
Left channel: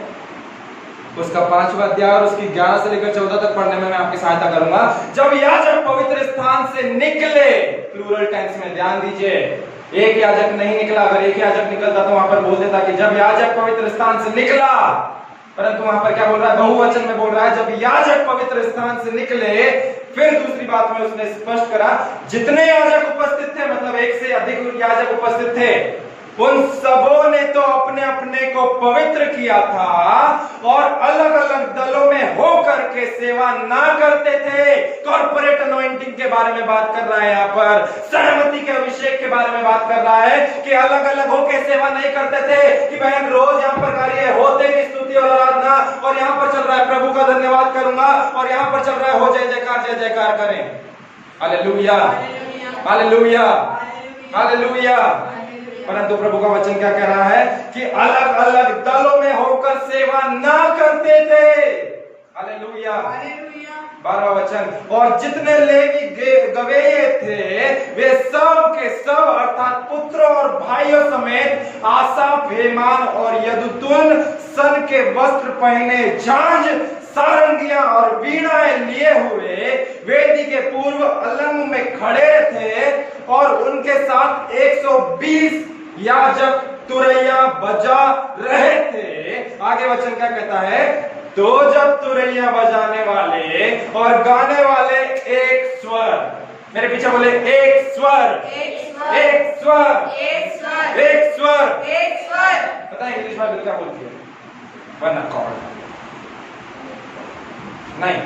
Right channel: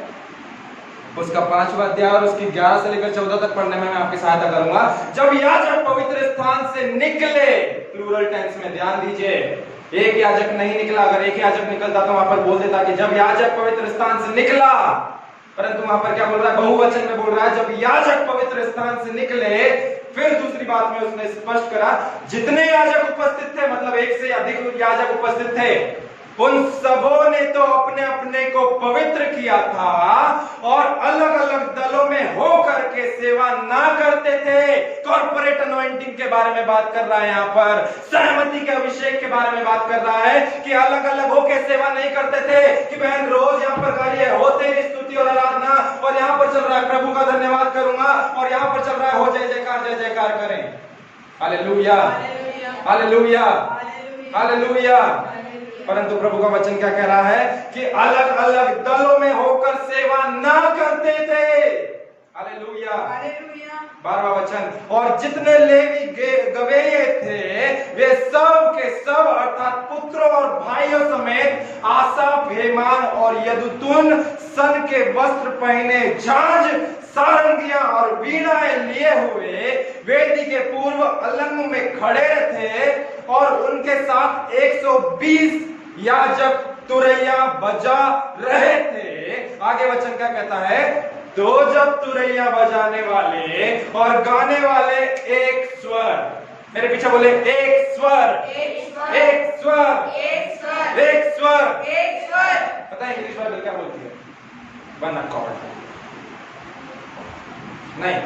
उसका 5वां अध्याय और उसकी 11 से लेकर 14 तक पढ़ने में मैं आपकी सहायता करूंगा। जब याजक पवित्र स्थान से निकले, प्लूरल टेंस में ध्यान दीजिए, एक याजक नहीं निकला। अगर एक याजक निकलता तो वहां पर बोल देता कि जब याजक पवित्र स्थान से निकला, परंतु वहां पर क्या बोल रहा है, बहुवचन में बोल रहा है जब याजक पवित्र स्थान से निकले। फिर दूसरी बात में उसने स्पष्ट करा, जितने याजक उपस्थित थे, मतलब एक से अधिक याजक उपस्थित थे, उन सबों ने तो अपने अपने को पवित्र किया था और अलग अलग दलों में हो करके सेवा ना करते थे। कॉर्पोरेट अनॉइंटिंग के बारे में बात कर रहा है, यहाँ पर सहमति के अभिषेक के बारे में बात कर रहा है कि अलग अलग होकर सेवा नहीं करते थे कि बहन रोज यहाँ पर कार्य होते भी स्तुति और आराधना, और यहाँ पर चल रहा है प्रभु का धन्यवाद करूंगा, और यहाँ पर चल रहा है हो जय जयकार करें। Hallelujah, hallelujah, hallelujah. परंतु प्रभु का वचन क्या कह रहा है कि अलग अलग दलों में होकर सेवा ना करते थे। हालेलुया, 12वां वचन, और जितने लेवी गवेये थे वे सब के सब अर्थात पुत्रों और भाइयों समेत आसाफ, हेमान और यदुतुन सन के वस्त्र पहने, झांझ, सारंगियां और वीणाएं लिए हुए वेदी के पूर्व अलंग में खड़े थे, और उनके साथ 120 याजक तुरैया बजा रहे थे। आगे वचन क्या कहता है, तो जब तुरैया बजाने वाले और गाने वाले एक स्वर, मेरे पीछे बोले एक स्वर, एक स्वर, एक स्वर, एक स्वर, एक स्वर। पता है इंग्लिश में क्या बोलती है, वन अकॉर्ड। नहीं,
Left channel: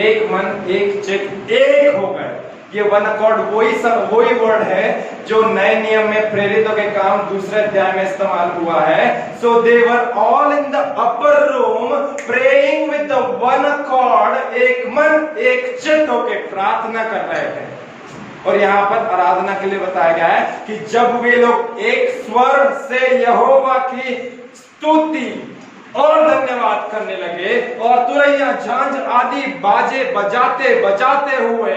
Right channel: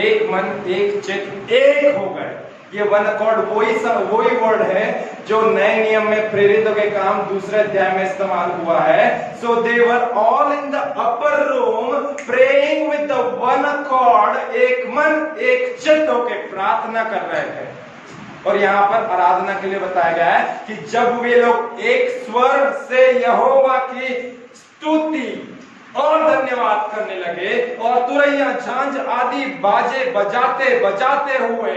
एक मन एक चित्त एक हो गए। ये वन अकॉर्ड वही वर्ड है जो नए नियम में प्रेरितों के काम दूसरे अध्याय में इस्तेमाल हुआ है। So they were all in the upper room praying with the one accord, एक मन एक चित्त होकर प्रार्थना कर रहे थे। और यहाँ पर आराधना के लिए बताया गया है कि जब वे लोग एक स्वर से यहोवा की स्तुति और धन्यवाद करने लगे और तुरैया झांझ आदि बाजे बजाते बजाते हुए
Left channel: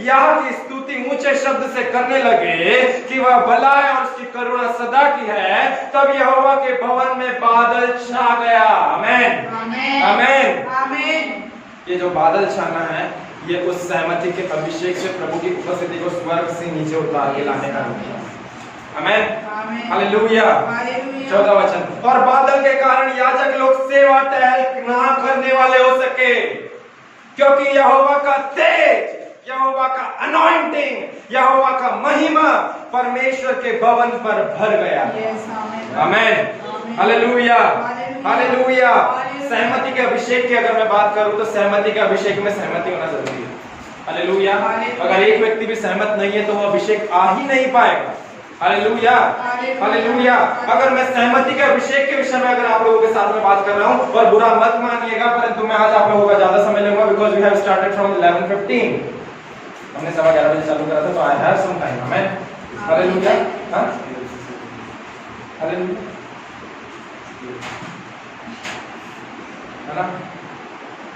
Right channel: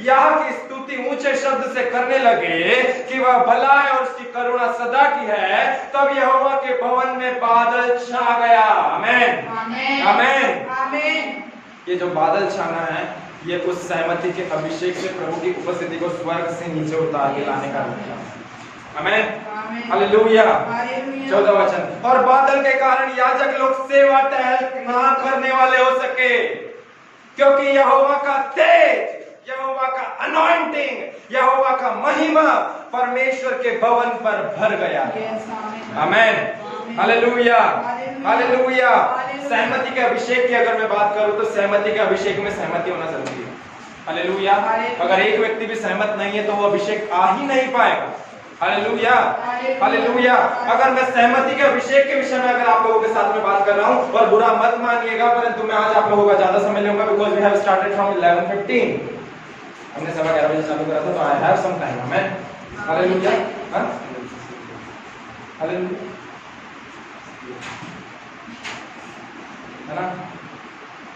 यहाँ की स्तुति ऊंचे शब्द से करने लगे कि वह भला है और उसकी करुणा सदा की है, तब यहोवा के भवन में बादल छा गया। आमीन आमीन आमीन। ये जो बादल छाना है ये उस सहमति के अभिषेक से प्रभु की उपस्थिति को स्वर्ग से नीचे उतार के लाने का रूप है। आमीन हालेलुया। 14 वचन, और बादल के कारण याजक लोग सेवा टहल ना करने वाले हो सके, क्योंकि यहोवा का तेज, यहोवा का अनॉइंटिंग, यहोवा का महिमा परमेश्वर के भवन पर भर गया। आमीन हालेलुया हालेलुया। सहमति के अभिषेक की अगर मैं बात करूं तो सहमति के अभिषेक में सहमति होना जरूरी है। हालेलुया। अगर एक व्यक्ति भी सहमत नहीं है तो वो अभिषेक आ ही नहीं पाएगा। Hallelujah hallelujah. अगर मैं सहमति के अभिषेक के विषय में अगर आप लोगों के साथ में बात कर रहा हूं, और बुरा मत मानिएगा, परंतु मैं आज आप लोगों का ज्यादा समय लूंगा because we have started from 11:15। हमने 11:15 बजे चालू करा था, तो I have some time. Amen hallelujah. हां हालेलुया है ना।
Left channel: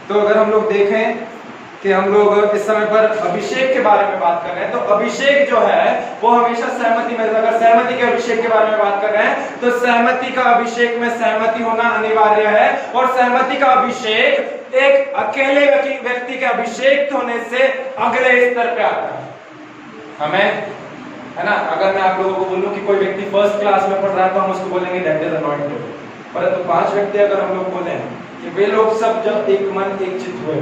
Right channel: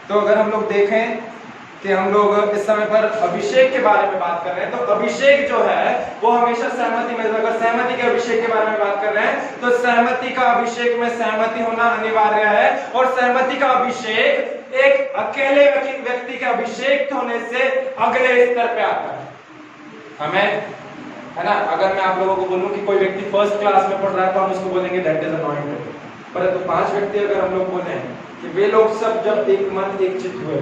तो अगर हम लोग देखें कि हम लोग इस समय पर अभिषेक के बारे में बात कर रहे हैं, तो अभिषेक जो है वो हमेशा सहमति में, अगर सहमति के अभिषेक के बारे में बात कर रहे हैं तो सहमति का अभिषेक में सहमति होना अनिवार्य है। और सहमति का अभिषेक एक अकेले व्यक्ति के अभिषेक होने से अगले स्तर पे आता है। हमें है ना, अगर मैं आप लोगों को बोलूं कि कोई व्यक्ति फर्स्ट क्लास में पढ़ रहा है तो हम उसको बोलेंगे दैट इज अनॉइंटेड। परंतु 5 व्यक्ति अगर हम लोग बोले कि वे लोग सब जब एक मन एक चित्त हुए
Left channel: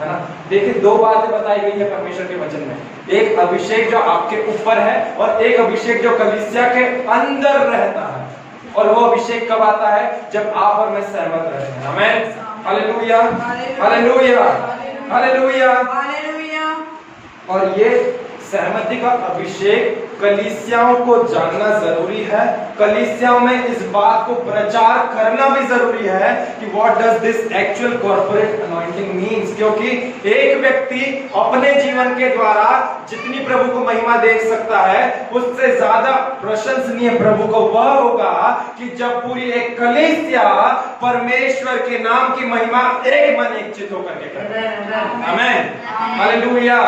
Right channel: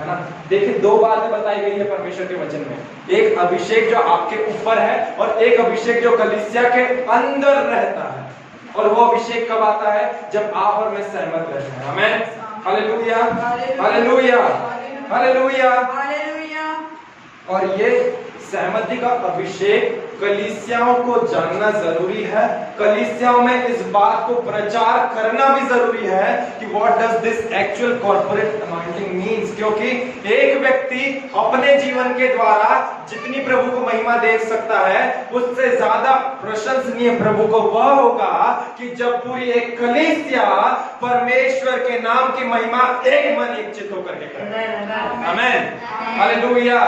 है ना। देखिए 2 बातें बताई गई है परमेश्वर के वचन में, एक अभिषेक जो आपके ऊपर है और एक अभिषेक जो कलीसिया के अंदर रहता है। और वो अभिषेक कब आता है? जब आप और मैं सहमत रहते हैं। आमीन हालेलुया हालेलुया हालेलुया। और ये सहमति का अभिषेक कलीसियाओं को जानना जरूरी है। कलीसियाओं में इस बात को प्रचार करना भी जरूरी है कि what does this actual corporate anointing means, क्योंकि एक व्यक्ति अपने जीवन के द्वारा जितनी प्रभु को महिमा दे सकता है उससे ज्यादा प्रशंसनीय प्रभु को वह होगा कि जब पूरी एक कलीसिया परमेश्वर के नाम की महिमा एक मन एक चित्त होकर के करे। आमीन हालेलुया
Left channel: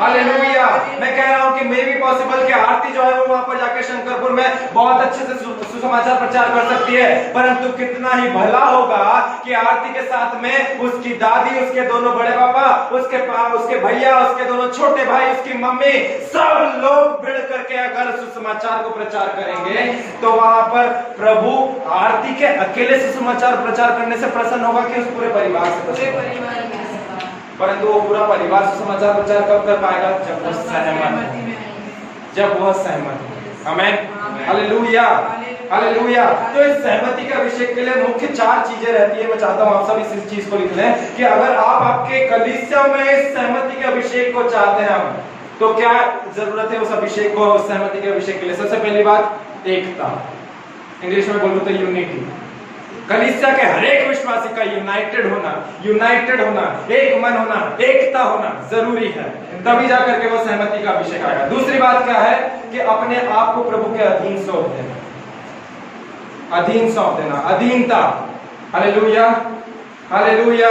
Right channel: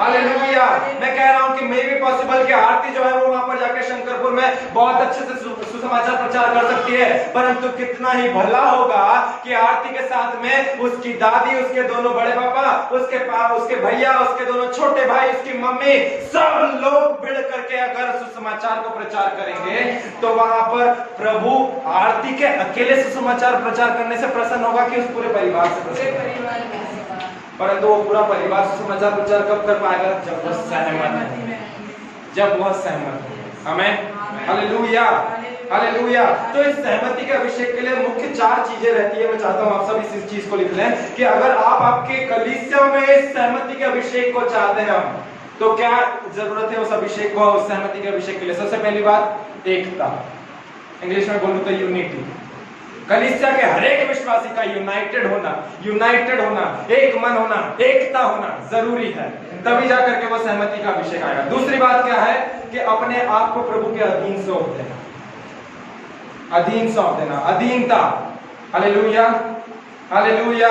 हालेलुया। मैं कह रहा हूं कि मे बी पॉसिबल कि आरती जो है वो वहां पर जाकर शंकरपुर में बहुत अच्छे से सुसमाचार प्रचार कर सकती है, परंतु कितना ही भला होगा कि आरती के साथ में उसकी दादी, उसके दोनों बड़े पापा, उसके भैया, उसके दोनों छोटे भाई, उसकी मम्मी, सब लोग भिड़ करके अगर सुसमाचार को प्रचार करेंगे तो वहां पर प्रभु आरती के अकेले सुसमाचार प्रचार करने से प्रसन्न होगा कि उस पूरे परिवार से प्रसन्न। परंतु वो पूरा परिवार सुसमाचार प्रचार कब कर पाएगा? जब वो सहमत, जब वह सहमत। आमीन हालेलुया हालेलुया। तो इस सहमति के अभिषेक के लिए मुख्य 4 चीजें रहती है। मैं चाहता हूं आप सब इस चीज को लिख लें कि अगर आप आपके कलीसिया में इस सहमति के अभिषेक को चाहते हैं तो क्या जरूरत है उस अभिषेक को, उस सहमति के अभिषेक के लिए? सबसे पहली बात एकता, इंग्लिश में बोलूं तो यूनिटी। कलीसिया के हर एक विश्वासी का यूनाइटेड होना, एक मन होना, एकता होना जरूरी है, तभी जाकर के वो सहमति का अभिषेक आएगा। दूसरी बात क्या है कि अपने आप को प्रभु के अधीन सौंप देना, अधीनता। Hallelujah hallelujah.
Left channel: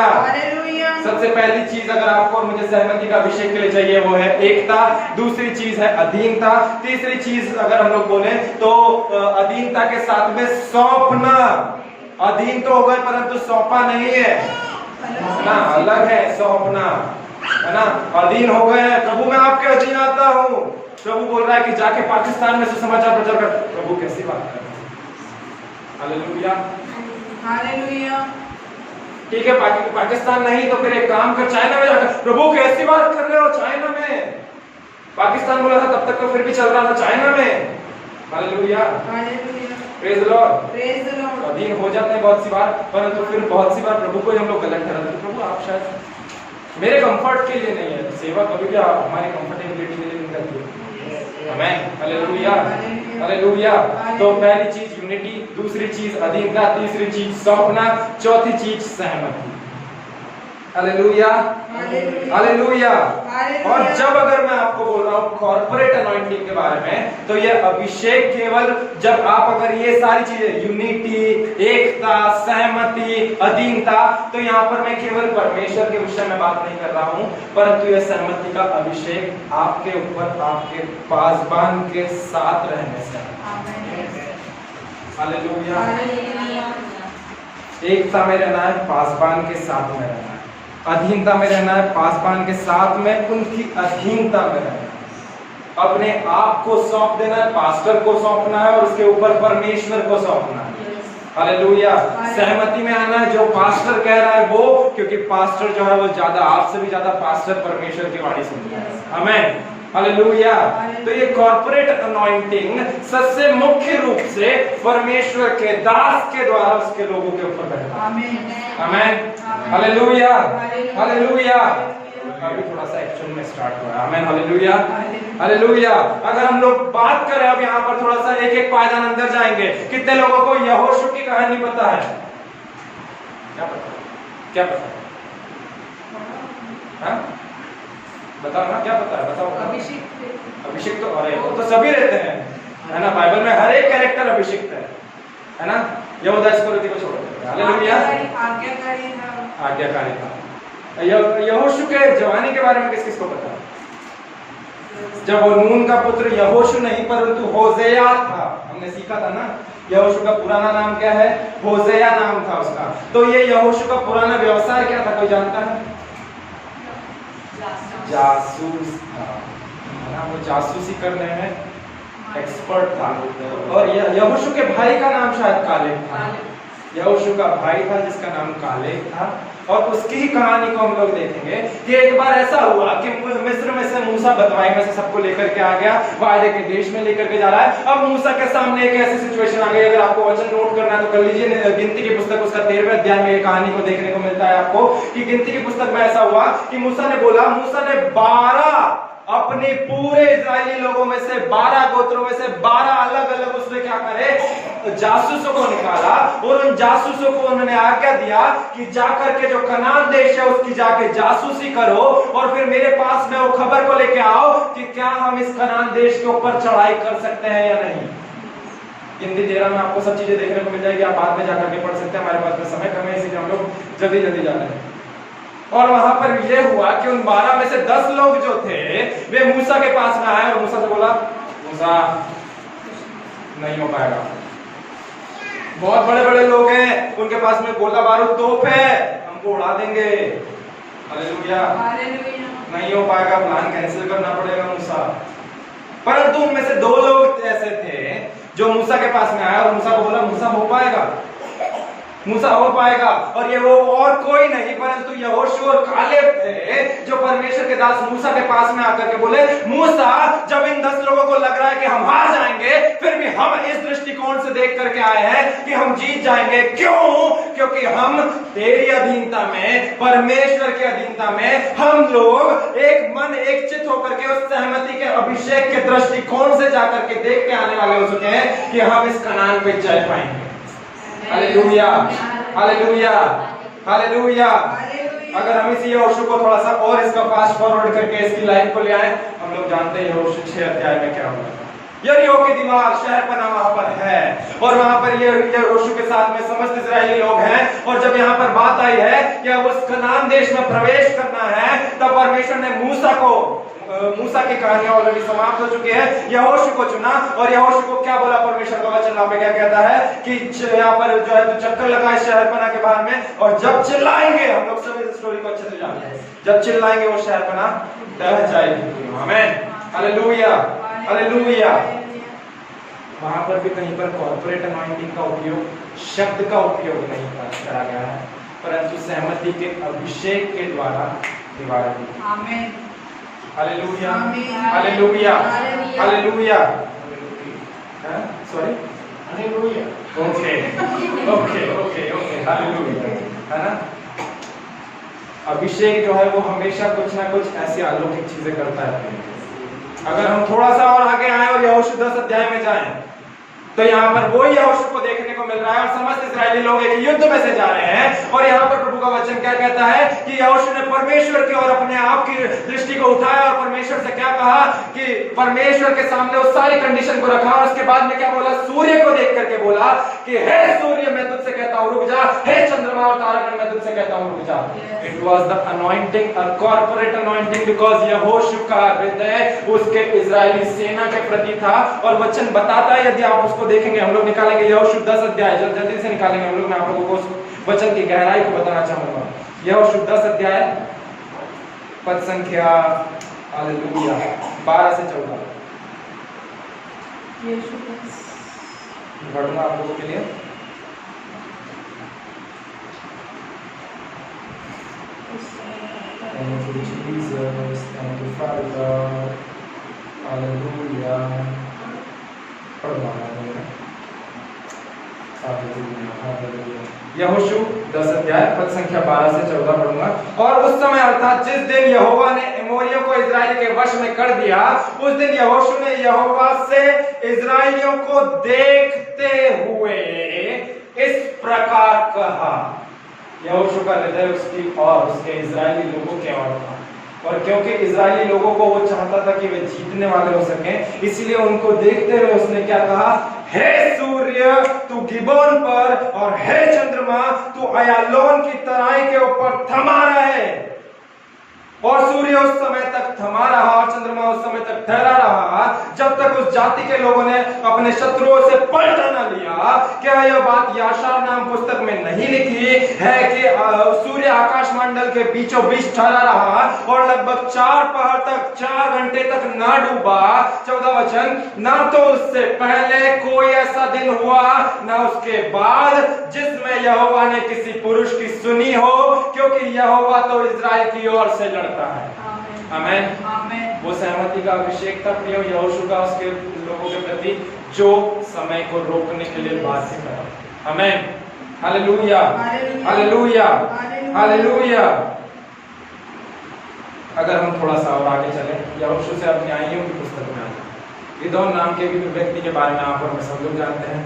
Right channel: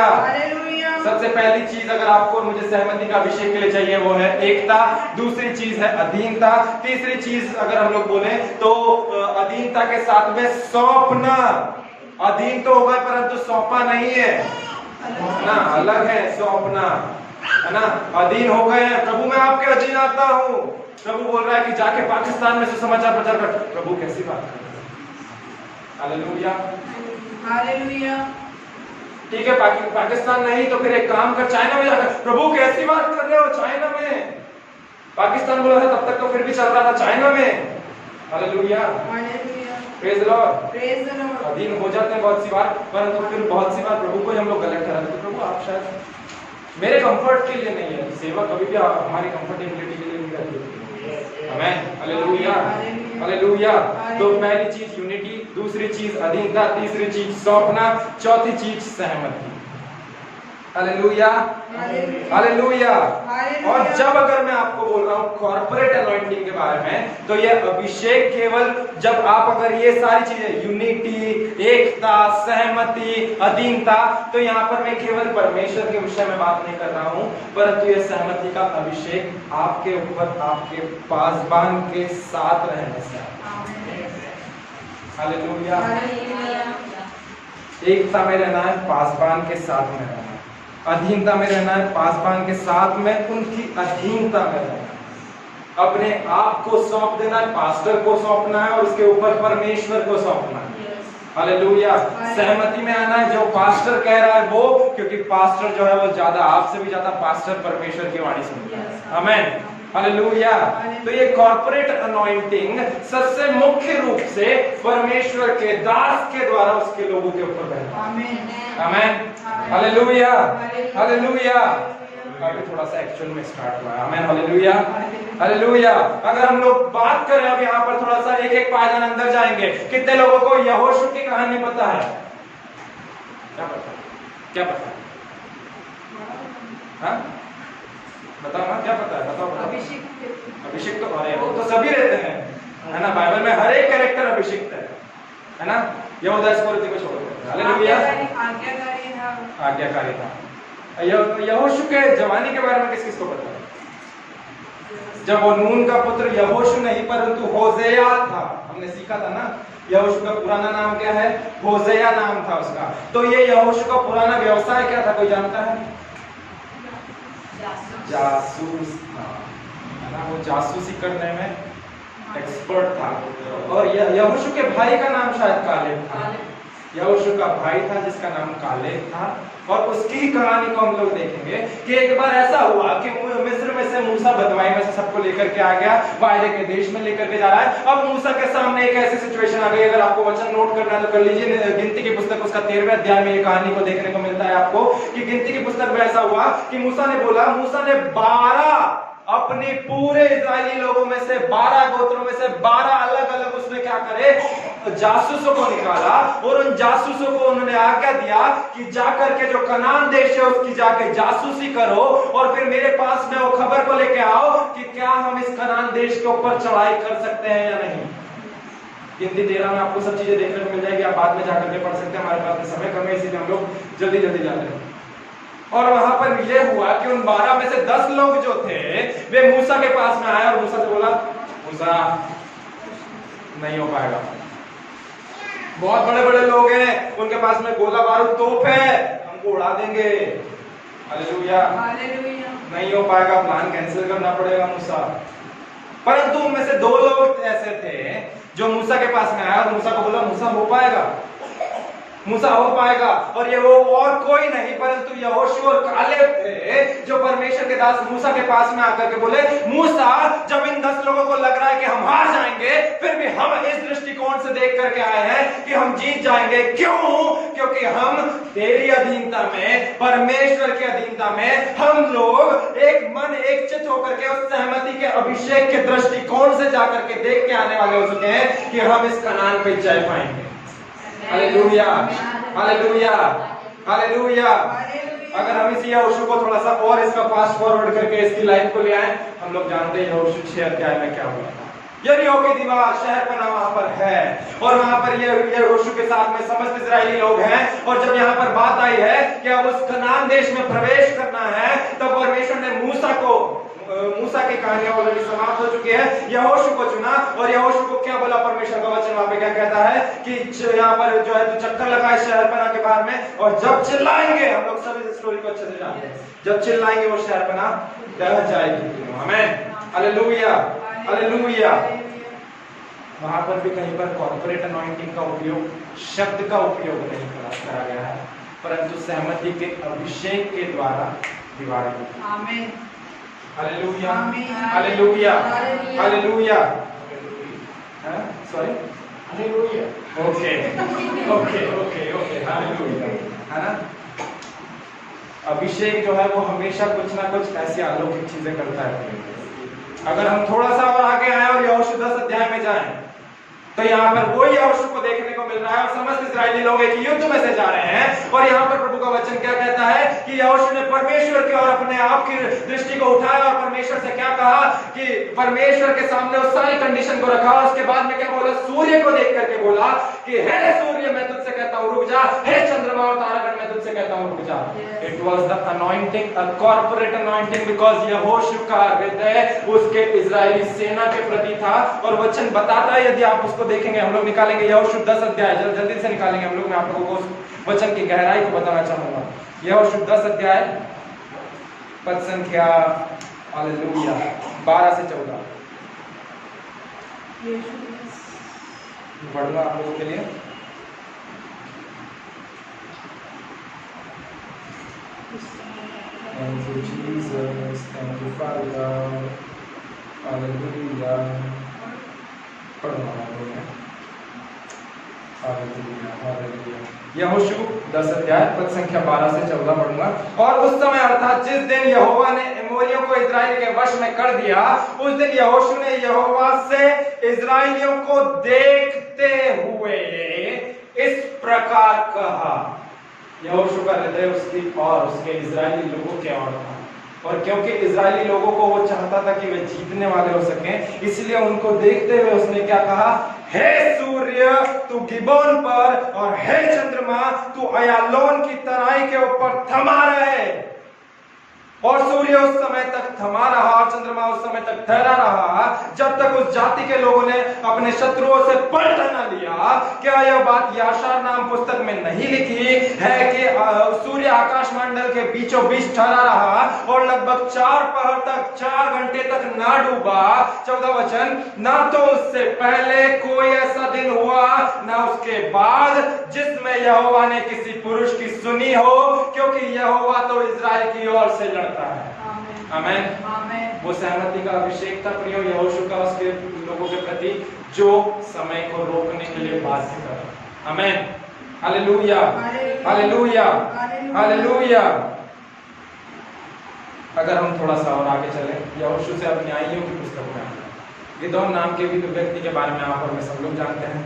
सबसे पहली चीज अगर आपको और मुझे सहमति का अभिषेक के लिए चाहिए वो है एकता, दूसरी चीज है अधीनता, तीसरी चीज अगर हम लोग बोले तो अधीनता के साथ में सौंपना। अधीन तो हो गए परंतु सौंपा नहीं है ना, अलग है सौंपना, है ना। अधीन हो गए हैं, प्रभु मैं आपके अधीन आता हूँ। प्रभु बोल रहा है कि जाके पाकिस्तान में सुसमाचार प्रचार कर। प्रभु कैसी बात कर, हालेलुया हालेलुया। ठीक है पाकिस्तान नहीं तो फिर एक काम कर चाइना में जाकर। प्रभु कैसी बात कर रहे हो, चाइना में? पाकिस्तान बोला था तब तक तो फिर भी चल रहा था चाइना में। Hallelujah praise the Lord. Praise the Lord. अधीन हो जाते हैं बहुत सी बार, परंतु फिर बहुत सी बार प्रभु को ही हम लोग गलत ठहराते हैं। प्रभु आप शायद मेरे कंफर्ट के लिए नहीं है, सेवा कभी भी हमारी कंफर्टेबिलिटी के लिए नहीं करती है। आमेन, हालेलुया, हालेलुया। तो पहली चीज यूनिटी, दूसरी चीज अधीनता, तीसरी चीज सौंपना, चौथी चीज सहमति। Hallelujah, hallelujah. और जब अगर मैं आपको बोल रहा हूँ कॉर्पोरेट अनॉइंटिंग के बारे में, तो ये अभिषेक केवल जब आप अगर ये सारी चीजें यूनिटी, एकता, सहमति, अधीनता, तो यहाँ पर मैं केवल परमेश्वर के विषय में बात नहीं कर रहा हूँ, परंतु यह सहमति का अभिषेक आपके ऊपर आपके पासबान के साथ रहने से। हालेलुया। एकता में रहना है, पासबान के साथ में रहना है। अधीनता में रहना है, पासबान के साथ में उनकी अधीनता में रहना है। अपने आप को सौंप देना है, पास्टर को सौंपना है और उसके ऊपर परमेश्वर को सौंपना है। हालेलुया। सहमति में आना है, जो पास्टर कह रहा है वो, क्योंकि पास्टर जो है वो ज्यादा, आपसे भी ज्यादा पास्टर परमेश्वर की वाणी सुनता है। आमेन, हालेलुया। तो ये कॉर्पोरेट अनॉइंटिंग सबसे मुख्य रूप से परमेश्वर के दास के द्वारा उसके लोगों के ऊपर बैठता है। आमेन, हालेलुया, हालेलुया। अभी थोड़ा सा एक्चुअल में स्टार्ट हुआ है। आमेन, हालेलुया, हालेलुया। अगर हम लोग बात करें अब यहाँ पर थोड़ा सा एक एक पायदान अंदर जाएंगे। कितने लोगों को यहोशू की कहानी पता है? क्या पता है? क्या पता है? हाँ? बताओ ना, क्या पता है? बताओ। अभिषेक तो अरे वो तो सभी रहते हैं, है ना? बाइबल में हर एक कैरेक्टर अभिषेक है ना? यहूदा इस्करियोती को छोड़ देते हैं। हालेलुया, आज्ञाकारिता। यहोशू के जवानी के बारे में किस किस को पता है? जब वो नून का पुत्र यहोशू नहीं परंतु होशेया था, हमने सीखा था ना, यहोशू का पुराना नाम क्या है? होशेया नाम था उसका। तो ये यहोशू का पुराना व्यवसाय क्या था, कोई जानता है? जासूस था, है ना? वो जासूसी करने में एक्सपर्ट था। और यहोशू के भाई का नाम शायद कालेब था। यहोशू का भाई था जिसका नाम कालेब था। और उसकी कहानी को हम लोग देखेंगे कि एक बार ऐसा हुआ कि मिस्र में से मूसा बदवाई में से सबको लेकर के आ गया, वायदे के देश में लेकर के जा रहा है। अब मूसा के सामने एक ऐसी सिचुएशन आ गई, अगर आपको वचन नोट करना है तो कर लीजिए। गिनती की पुस्तक उसका 13वें अध्याय में ये कहानी को देखने को मिलता है आपको कि गिनती की पुस्तक में ऐसा हुआ कि मूसा ने 12 अपने पूरे इजरायली लोगों में से 12 गोत्रों में से 12 अलग अलग उसमें क्या करे, जासूसों को निकाला और उन जासूसों को उन्होंने आज्ञा दिया कि जाकर के जो कनान देश है उसकी जाके जासूसी करो और फिर मेरे पास में वो खबर को लेके आओ कि क्या हम इस कनान देश के ऊपर चढ़ाई कर सकते हैं या नहीं। गिनती 13 में आपको सब चीजें देखने को मिल जाएगी, आप बाद में जाकर के पढ़ सकते हैं, हमारे पास में समय कम है इसलिए हम लोग जल्दी जल्दी जा रहे हैं। और वहां पर यह हुआ कि उन 12 में से 10 लोग जो थे वे मूसा के पास में आए और मूसा से बोला, मूसा नहीं हो पाएगा, बहुत बड़े बड़े लोग हैं, उनके पास में गोला बारूद तोप है, हमको उड़ा देंगे। हालेलुया, नहीं हो पाएगा, प्लान कैंसिल करना पड़ेगा मूसा। परंतु उनमें से 2 लोग ऐसे थे जो मूसा के पास में आया और मूसा को बोला, मूसा हो पाएगा, मूसा हो पाएगा। और ये वो और कोई नहीं परंतु यहोशू और कालेब थे जो परमेश्वर के दास मूसा के पास में आकर के बोले, मूसा जब इन 10 लोगों को लग रहा है कि हम हार जाएंगे, फिर भी हम इस दृष्टिकोण से देख करके आए हैं कि हम जीत जाएंगे। क्यों? क्योंकि हम तेरी अधीनता में, परमेश्वर की अधीनता में हम लोग एक मन एक चित्त होकर के उस सहमति के अभिषेक के दृष्टिकोण से जाकर के देख के आने वाले हो चुके हैं कि हम इस कनान पे जय पाएंगे। Hallelujah, hallelujah, hallelujah. अगर हम इसी यहोशू को थोड़ा सा और इसका फास्ट फॉरवर्ड करके इसकी लाइफ को ले आए, हम लोग जानते हैं यहोशू 6 अध्याय में क्या हुआ। यरीहो की दीवार, शहरपनाह वहां पर है और वहां पर यहोशू के साथ में समस्त इजरायली लोग हैं। और जब यहाँ पर बात आई है कि अब उस कनान देश में प्रवेश करना है, तब परमेश्वर ने मूसा की कहानियां ऑलरेडी समाप्त हो चुकी है, यहोशू को चुना। और यहोशू को क्या बोला परमेश्वर का वचन, वहां पे क्या कहता है कि यहाँ पर जो है तू चक्कर लगा है शहरपनाह के बाहर में, और जब चिल्लाएंगे, हम लोग सभी स्टोरी को अच्छे से जानते हैं, जब चिल्लाएंगे वो शहरपनाह दह जाएगी। आमीन, हालेलुया, हालेलुया। वहां पर भी कहीं पर कॉर्पोरेट अनॉइंटिंग का उपयोग, शब्द का उपयोग नहीं करा गया है, परंतु सहमति के अभिषेक के द्वारा दीवार की। आमीन, hallelujah, hallelujah, hallelujah. Sorry, okay okay okay okay hallelujah, है ना। अभिषेक जो है वो हमेशा कुछ ना कुछ ऐसी अलौकिक चीजें करता है। अगर हम थोड़ा सा और आगे आए और यहोशू 10 अध्याय में जाएं तो यहाँ पर वही यहोशू को देखने को मिल रहा है और समस्त इस्राएली लोग एक युद्ध में से जा रहे हैं। और यहाँ पर प्रभु का वचन क्या कहता है कि यहोशू ने परमेश्वर की और अपने आप की दृष्टि को उठाया और परमेश्वर से क्या कहा कि परमेश्वर के सामने उस सारी कंडीशन को रखा और उसके बाद में क्या बोला, सूर्य को देख करके बोला कि हे सूर्य मैं तुझसे कहता हूँ रुक जा, हे चंद्रमा और तारागण मैं तुझसे कहता हूँ रुक जा। It was the anointing, a corporate anointing, because यहोशू का हृदय उसके इजरायली सेना के प्रति था। और वचन बताता है, यदि आप उसको देखेंगे, हम लोग निकालेंगे यहोशू 10 अध्याय, जल्दी से निकालेंगे हम लोग। मैं आप लोगों को उस वचन की गहराई को बताना चाहूंगा। यहोशू 10 अध्याय पद संख्या हालेलुया 12 से 14 पढ़ूंगा आप लोगों के लिए। Thank you Jesus, thank you Father, hallelujah. पढ़ूंगा मैं यहोशू 10 अध्याय पद संख्या 12 से 14 पढ़ूंगा। और उस समय अर्थात जिस दिन यहोवा ने एमोरियों को इजराइल के वश में कर दिया, उस दिन यहोशू ने यहोवा से इजराइलियों को देखते हुए इस प्रकार कहा। यहोशू का हृदय उसकी और उसके इजरायली लोगों के और था, और क्योंकि इजरायली लोगों को वो चाहता था कि वे जीतने वाले हो सकें, इसलिए उनको देखते हुए उसने क्या कहा, हे सूर्य तू गिबोन पर और हे चंद्रमा तू अयालोन की तराई के ऊपर थमा रहे। और सूर्य उस समय तक थमा रहा और चंद्रमा उस समय तक ठहरा रहा जब तक उस जाति के लोगों ने अपने शत्रुओं से पलट न लिया। क्या यह बात याशार नाम पुस्तक में नहीं लिखी है कि सूर्य आकाश मंडल के बीचों बीच ठहरा रहा और लगभग 4 पहर तक 4 घंटे तक ना डूबा। 14 वचन, ना तो उससे पहले कोई ऐसा दिन हुआ ना उसके बाद जिसमें यहोवा ने किसी पुरुष की सुनी हो, क्योंकि यहोवा तो इजराइल की ओर से लड़ता है। आमीन। वो सहमति का अभिषेक था प्रियो यहोशू का उसके लोगों के प्रति, जो समय को रोकने के लिए बाध्य करा। आमीन, हालेलुया, हालेलुया, हालेलुया। अगर हम थोड़ा सा और आगे चले, यहोशू से अब न्यायियों की पुस्तक में आते हैं। गिदोन नाम के भी व्यक्ति के बारे में आप और मैं सब लोग जानते हैं।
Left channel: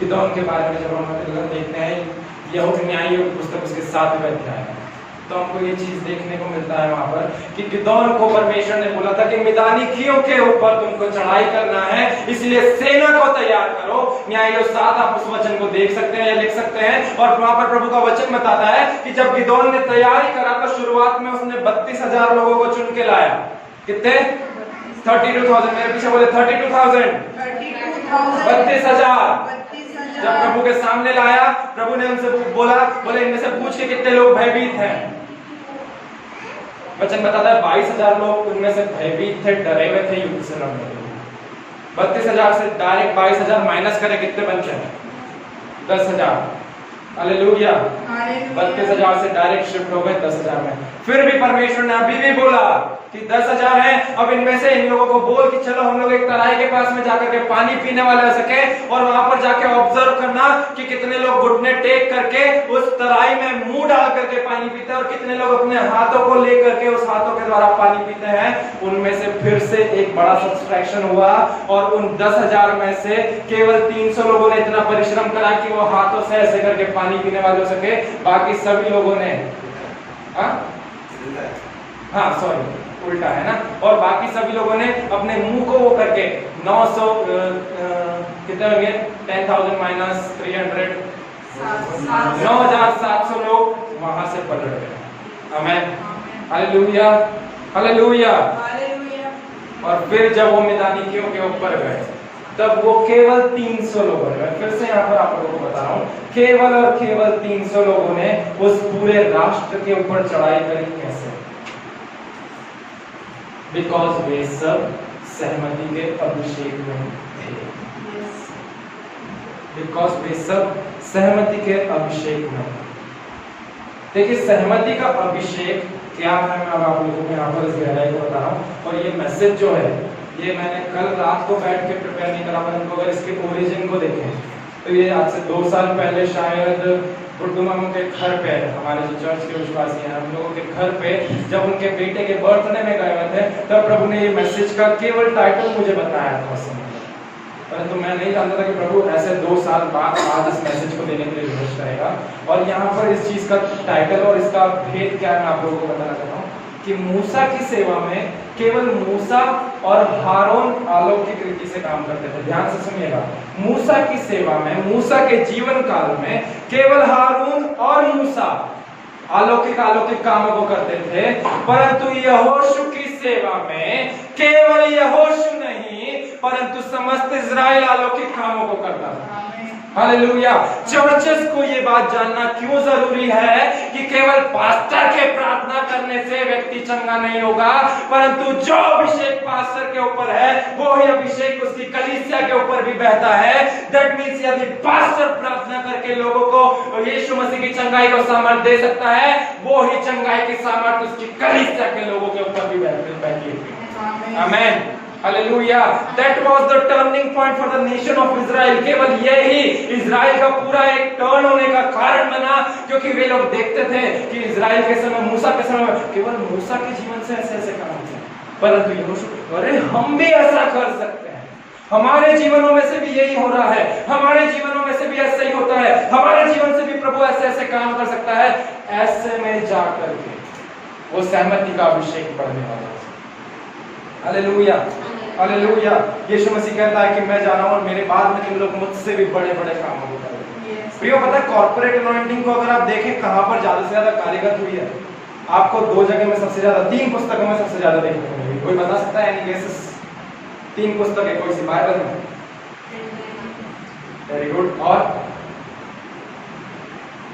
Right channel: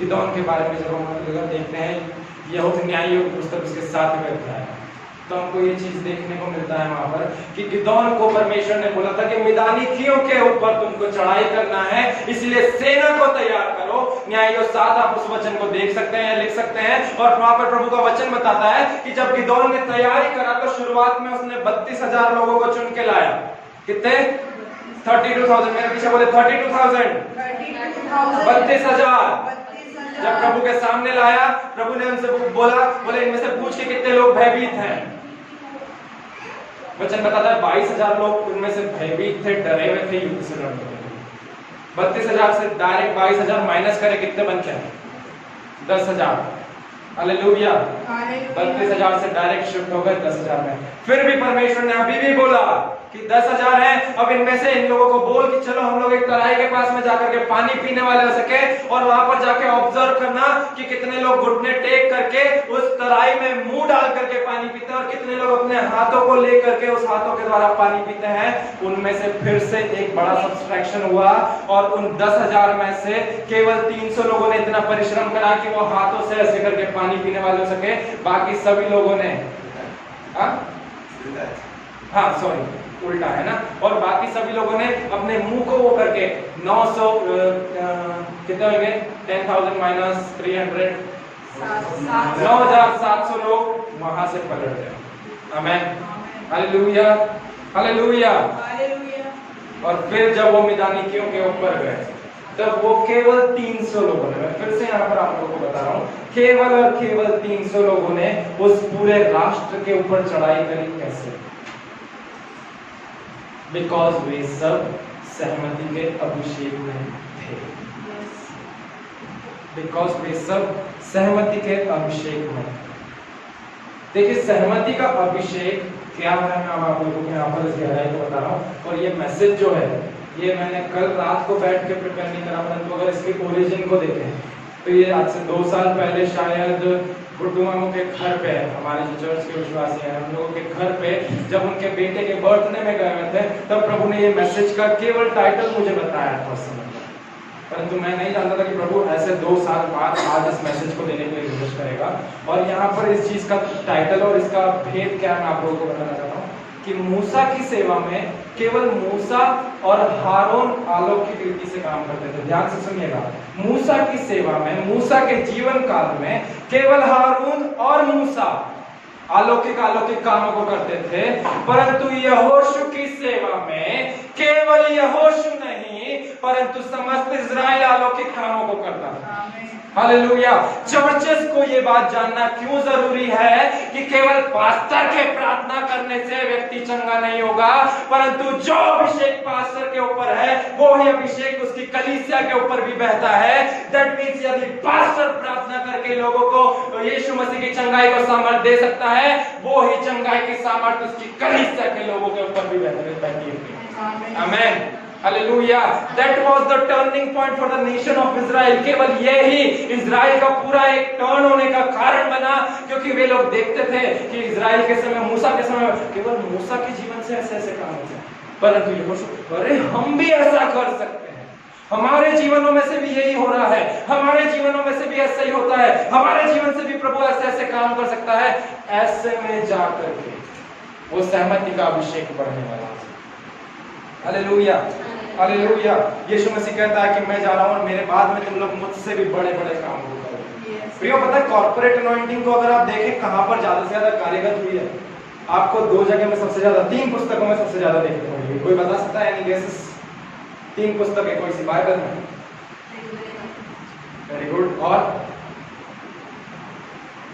गिदोन के बारे में जब हम देखते हैं यहोशू न्यायियों की पुस्तक उसके 7वें अध्याय, तो हमको ये चीज देखने को मिलता है वहां पर कि गिदोन को परमेश्वर ने बोला था कि मिदानियों के ऊपर तुमको चढ़ाई करना है, इसलिए सेना को तैयार करो। न्यायियों 7 आप उस वचन को देख सकते हैं या लिख सकते हैं। और वहां पर प्रभु का वचन बताता है कि जब गिदोन ने तैयारी करा तो शुरुआत में उसने 32,000 लोगों को चुन के लाया। कितने? 32,000। मेरे पीछे बोले 32,000, 32,000। जब प्रभु के सामने लाया, प्रभु ने उनसे बोला, बोले इनमें से पूछ के कितने लोग भयभीत हैं। वचन बताता है 22,000 लोग उनमें से भयभीत थे, डरे हुए थे युद्ध से लड़ने के लिए। 32,000 से डायरेक्ट 22,000 माइनस करें कितने बनते हैं? 10,000। हालेलुया। 32,000 से डायरेक्ट शिफ्ट हो गए 10,000 में। फिर भी परमेश्वर ने अभी भी बोला कि 10,000 हैं, अब इनमें से इन लोगों को बोल कि चलो हम लोग एक तराई के पास में जाकर के पानी पीने वाले हो सके, और वहां पर जाके ऑब्जर्व करना कि कितने लोग घुटने टेक करके उस तराई में मुंह डाल करके पानी पीते हैं और कितने लोग अपने हाथों को ले करके उस हाथों के द्वारा पानी पीते हैं। उनमें से फिर से एक बड़ा सब्सट्रैक्शन हुआ और उन 10,000 में से केवल 300 लोगों ने इतना परिश्रम करा कि वो हाथों से ऐसे करके पानी पीने वाले हो सके। बाकी सभी लोगों ने सॉरी उल्टा है ना। और बाकी सभी लोगों ने अपने मुंह को वो करके 900 कितने हो गए? 10,000 माइनस 300 9,700 लोग वहां से पलट गए। आमीन, हालेलुया, हालेलुया। और फिर जब वो मिदानियों के ऊपर गए तब वो केवल 300 लोगों ने, फिर से यहाँ पर आप लोगों को बता रहा हूँ, केवल और केवल 300 लोगों ने उस पूरे राष्ट्र के ऊपर चढ़ाई करी। कैसे? बिकॉज वे सब सहमति के अभिषेक में थे। बिकॉज वे सब सहमति के अभिषेक में। देखिए सहमति का अभिषेक क्या है, मैं अब आप लोगों को यहाँ पर इस गहराई को बता रहा हूँ। और ये मैसेज जो है ये मैंने कल रात को बैठ के प्रिपेयर नहीं करा, परंतु अगर इसके ओरिजिन को देखें तो ये आज से 2 साल पहले शायद गुड्डू मामू के घर पे, हमारे जो चर्च के विश्वासी हैं हम लोगों के घर पे, जब उनके बेटे के बर्थडे में गए हुए थे, तब प्रभु ने ये मैसेज का केवल टाइटल मुझे बताया था उस समय। परंतु मैं नहीं जानता था कि प्रभु ऐसे 2 साल बाद आज इस मैसेज को देने के लिए विशेष करेगा। और यहाँ पर इस चीज का टाइटल और इसका भेद क्या है मैं आप लोगों को बताना चाहता हूँ कि मूसा की सेवा में केवल मूसा और हारून अलौकिक रीति से काम करते थे। ध्यान से सुनिएगा, मूसा की सेवा में, मूसा के जीवन काल में केवल हारून और मूसा अलौकिक कामों को करते थे, परंतु यहोशू की सेवा में केवल यहोशू नहीं परंतु समस्त इजराइल अलौकिक कामों को करता था। हालेलुया। चर्चेस को ये बात जानना क्यों जरूरी है कि केवल पास्टर के प्रार्थना करने से व्यक्ति चंगा नहीं होगा, परंतु जो अभिषेक पास्टर के ऊपर है वो ही अभिषेक उसकी कलीसिया के ऊपर भी बहता है। दैट मींस यदि पास्टर प्रार्थना करके लोगों को यीशु मसीह की चंगाई को सामर्थ दे सकता है, वो ही चंगाई की सामर्थ उसकी कलीसिया के लोगों के ऊपर भी बहती है। आमीन। Hallelujah. That was the turning point for the nation of Israel। केवल यही इजराइल का पूरा एक टर्न होने का कारण बना, क्योंकि वे लोग देखते थे कि इजराइल के समय, मूसा के समय केवल मूसा के जीवन से ऐसे काम होते हैं, परंतु यहोशू, अरे हम भी ऐसा कर सकते हैं, हमारे जीवनों में से भी यही हो रहा है, हमारे जीवनों में से भी ऐसा ही होता है, हमारे जीवन से भी प्रभु ऐसे ऐसे काम कर सकता है। ऐसे में जाकर के वो सहमति का अभिषेक बढ़ने वाला है। Hallelujah, hallelujah. यीशु मसीह कहता है कि मैं जा रहा हूं और मेरे बाद में तुम लोग मुझसे भी बड़े बड़े काम करोगे। प्रियो, पता है कॉर्पोरेट अनॉइंटिंग को अगर आप देखें कहां पर ज्यादा से ज्यादा कार्यगत हुई है, आपको 2 जगह में सबसे ज्यादा, 3 पुस्तकों में सबसे ज्यादा देखने को मिली। कोई बता सकता है एनी गेसेस? 3 पुस्तकें कोई सी बाइबल में? Very good. और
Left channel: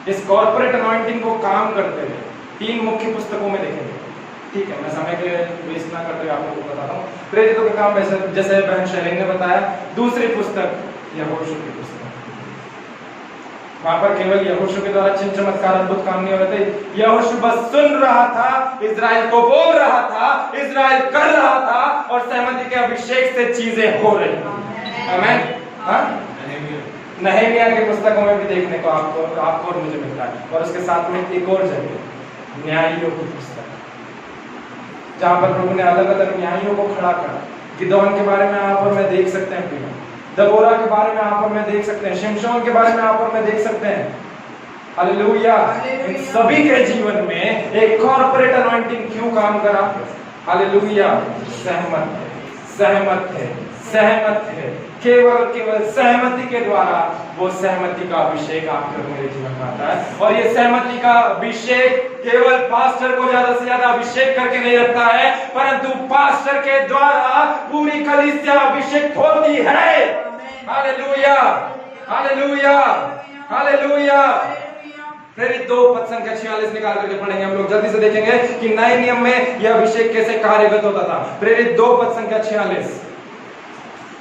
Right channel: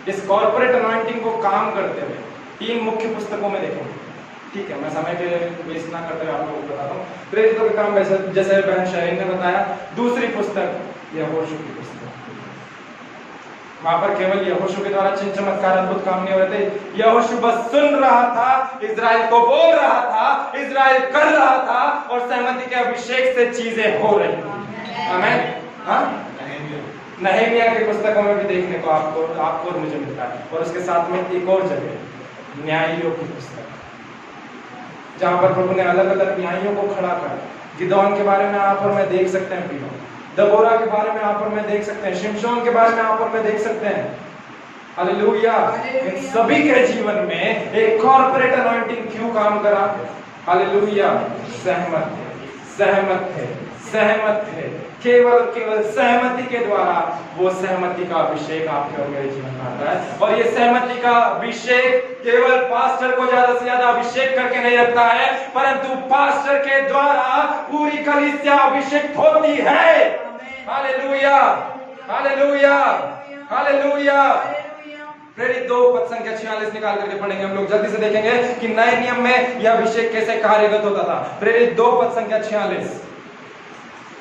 इस कॉर्पोरेट अनॉइंटिंग को काम करते हुए 3 मुख्य पुस्तकों में देखेंगे। ठीक है, मैं समय के वेस्ट ना करते आप लोगों को बताता हूँ। प्रेरितों के काम जैसे बहन शहरी ने बताया, दूसरी पुस्तक यहोशू की पुस्तक, वहां पर केवल यहोशू के द्वारा चिन्ह चमत्कार अद्भुत काम नहीं हो रहे थे। यहोशू बस सुन रहा था, इजराइल को बोल रहा था, इजराइल कर रहा था और सहमति के अभिषेक से चीजें हो रही। आमीन। हाँ, नहमीया की पुस्तकों में भी देखने को आपको और मुझे मिलता है। और उसके साथ में एक और जगह न्यायियों की पुस्तक, जहां पर प्रभु ने अलग अलग न्यायियों को खड़ा कर, गिदोन के बारे में आप और मैं देख सकते हैं, दबोरा के बारे में आप और मैं देख सकते हैं, शिमशोन के बारे में आप और मैं देख सकते हैं। हालेलुया। सभी के जीवन में एक कॉर्पोरेट अनॉइंटिंग क्यों काम करा? हालेलुया। सहमत है, सहमत है, सहमत है। केवल सहमति के द्वारा वो सहमति का अभिषेक आपके और मेरे जीवन में आता है। और ये सहमति का अभिषेक केवल पास्टर को ज्यादा से ज्यादा अभिषेक करके नहीं रखता है, परंतु पास्टर के द्वारा पूरी कलीसिया अभिषेक होती है। Hallelujah, hallelujah, hallelujah. प्रेरित 2 पद संख्या 46 निकाल करके पढ़ेंगे हम लोग, जल्दी से देखेंगे कि नए नियम में यह अभिषेक कैसे कार्यगत होता था। प्रेरित 2 पद संख्या 46,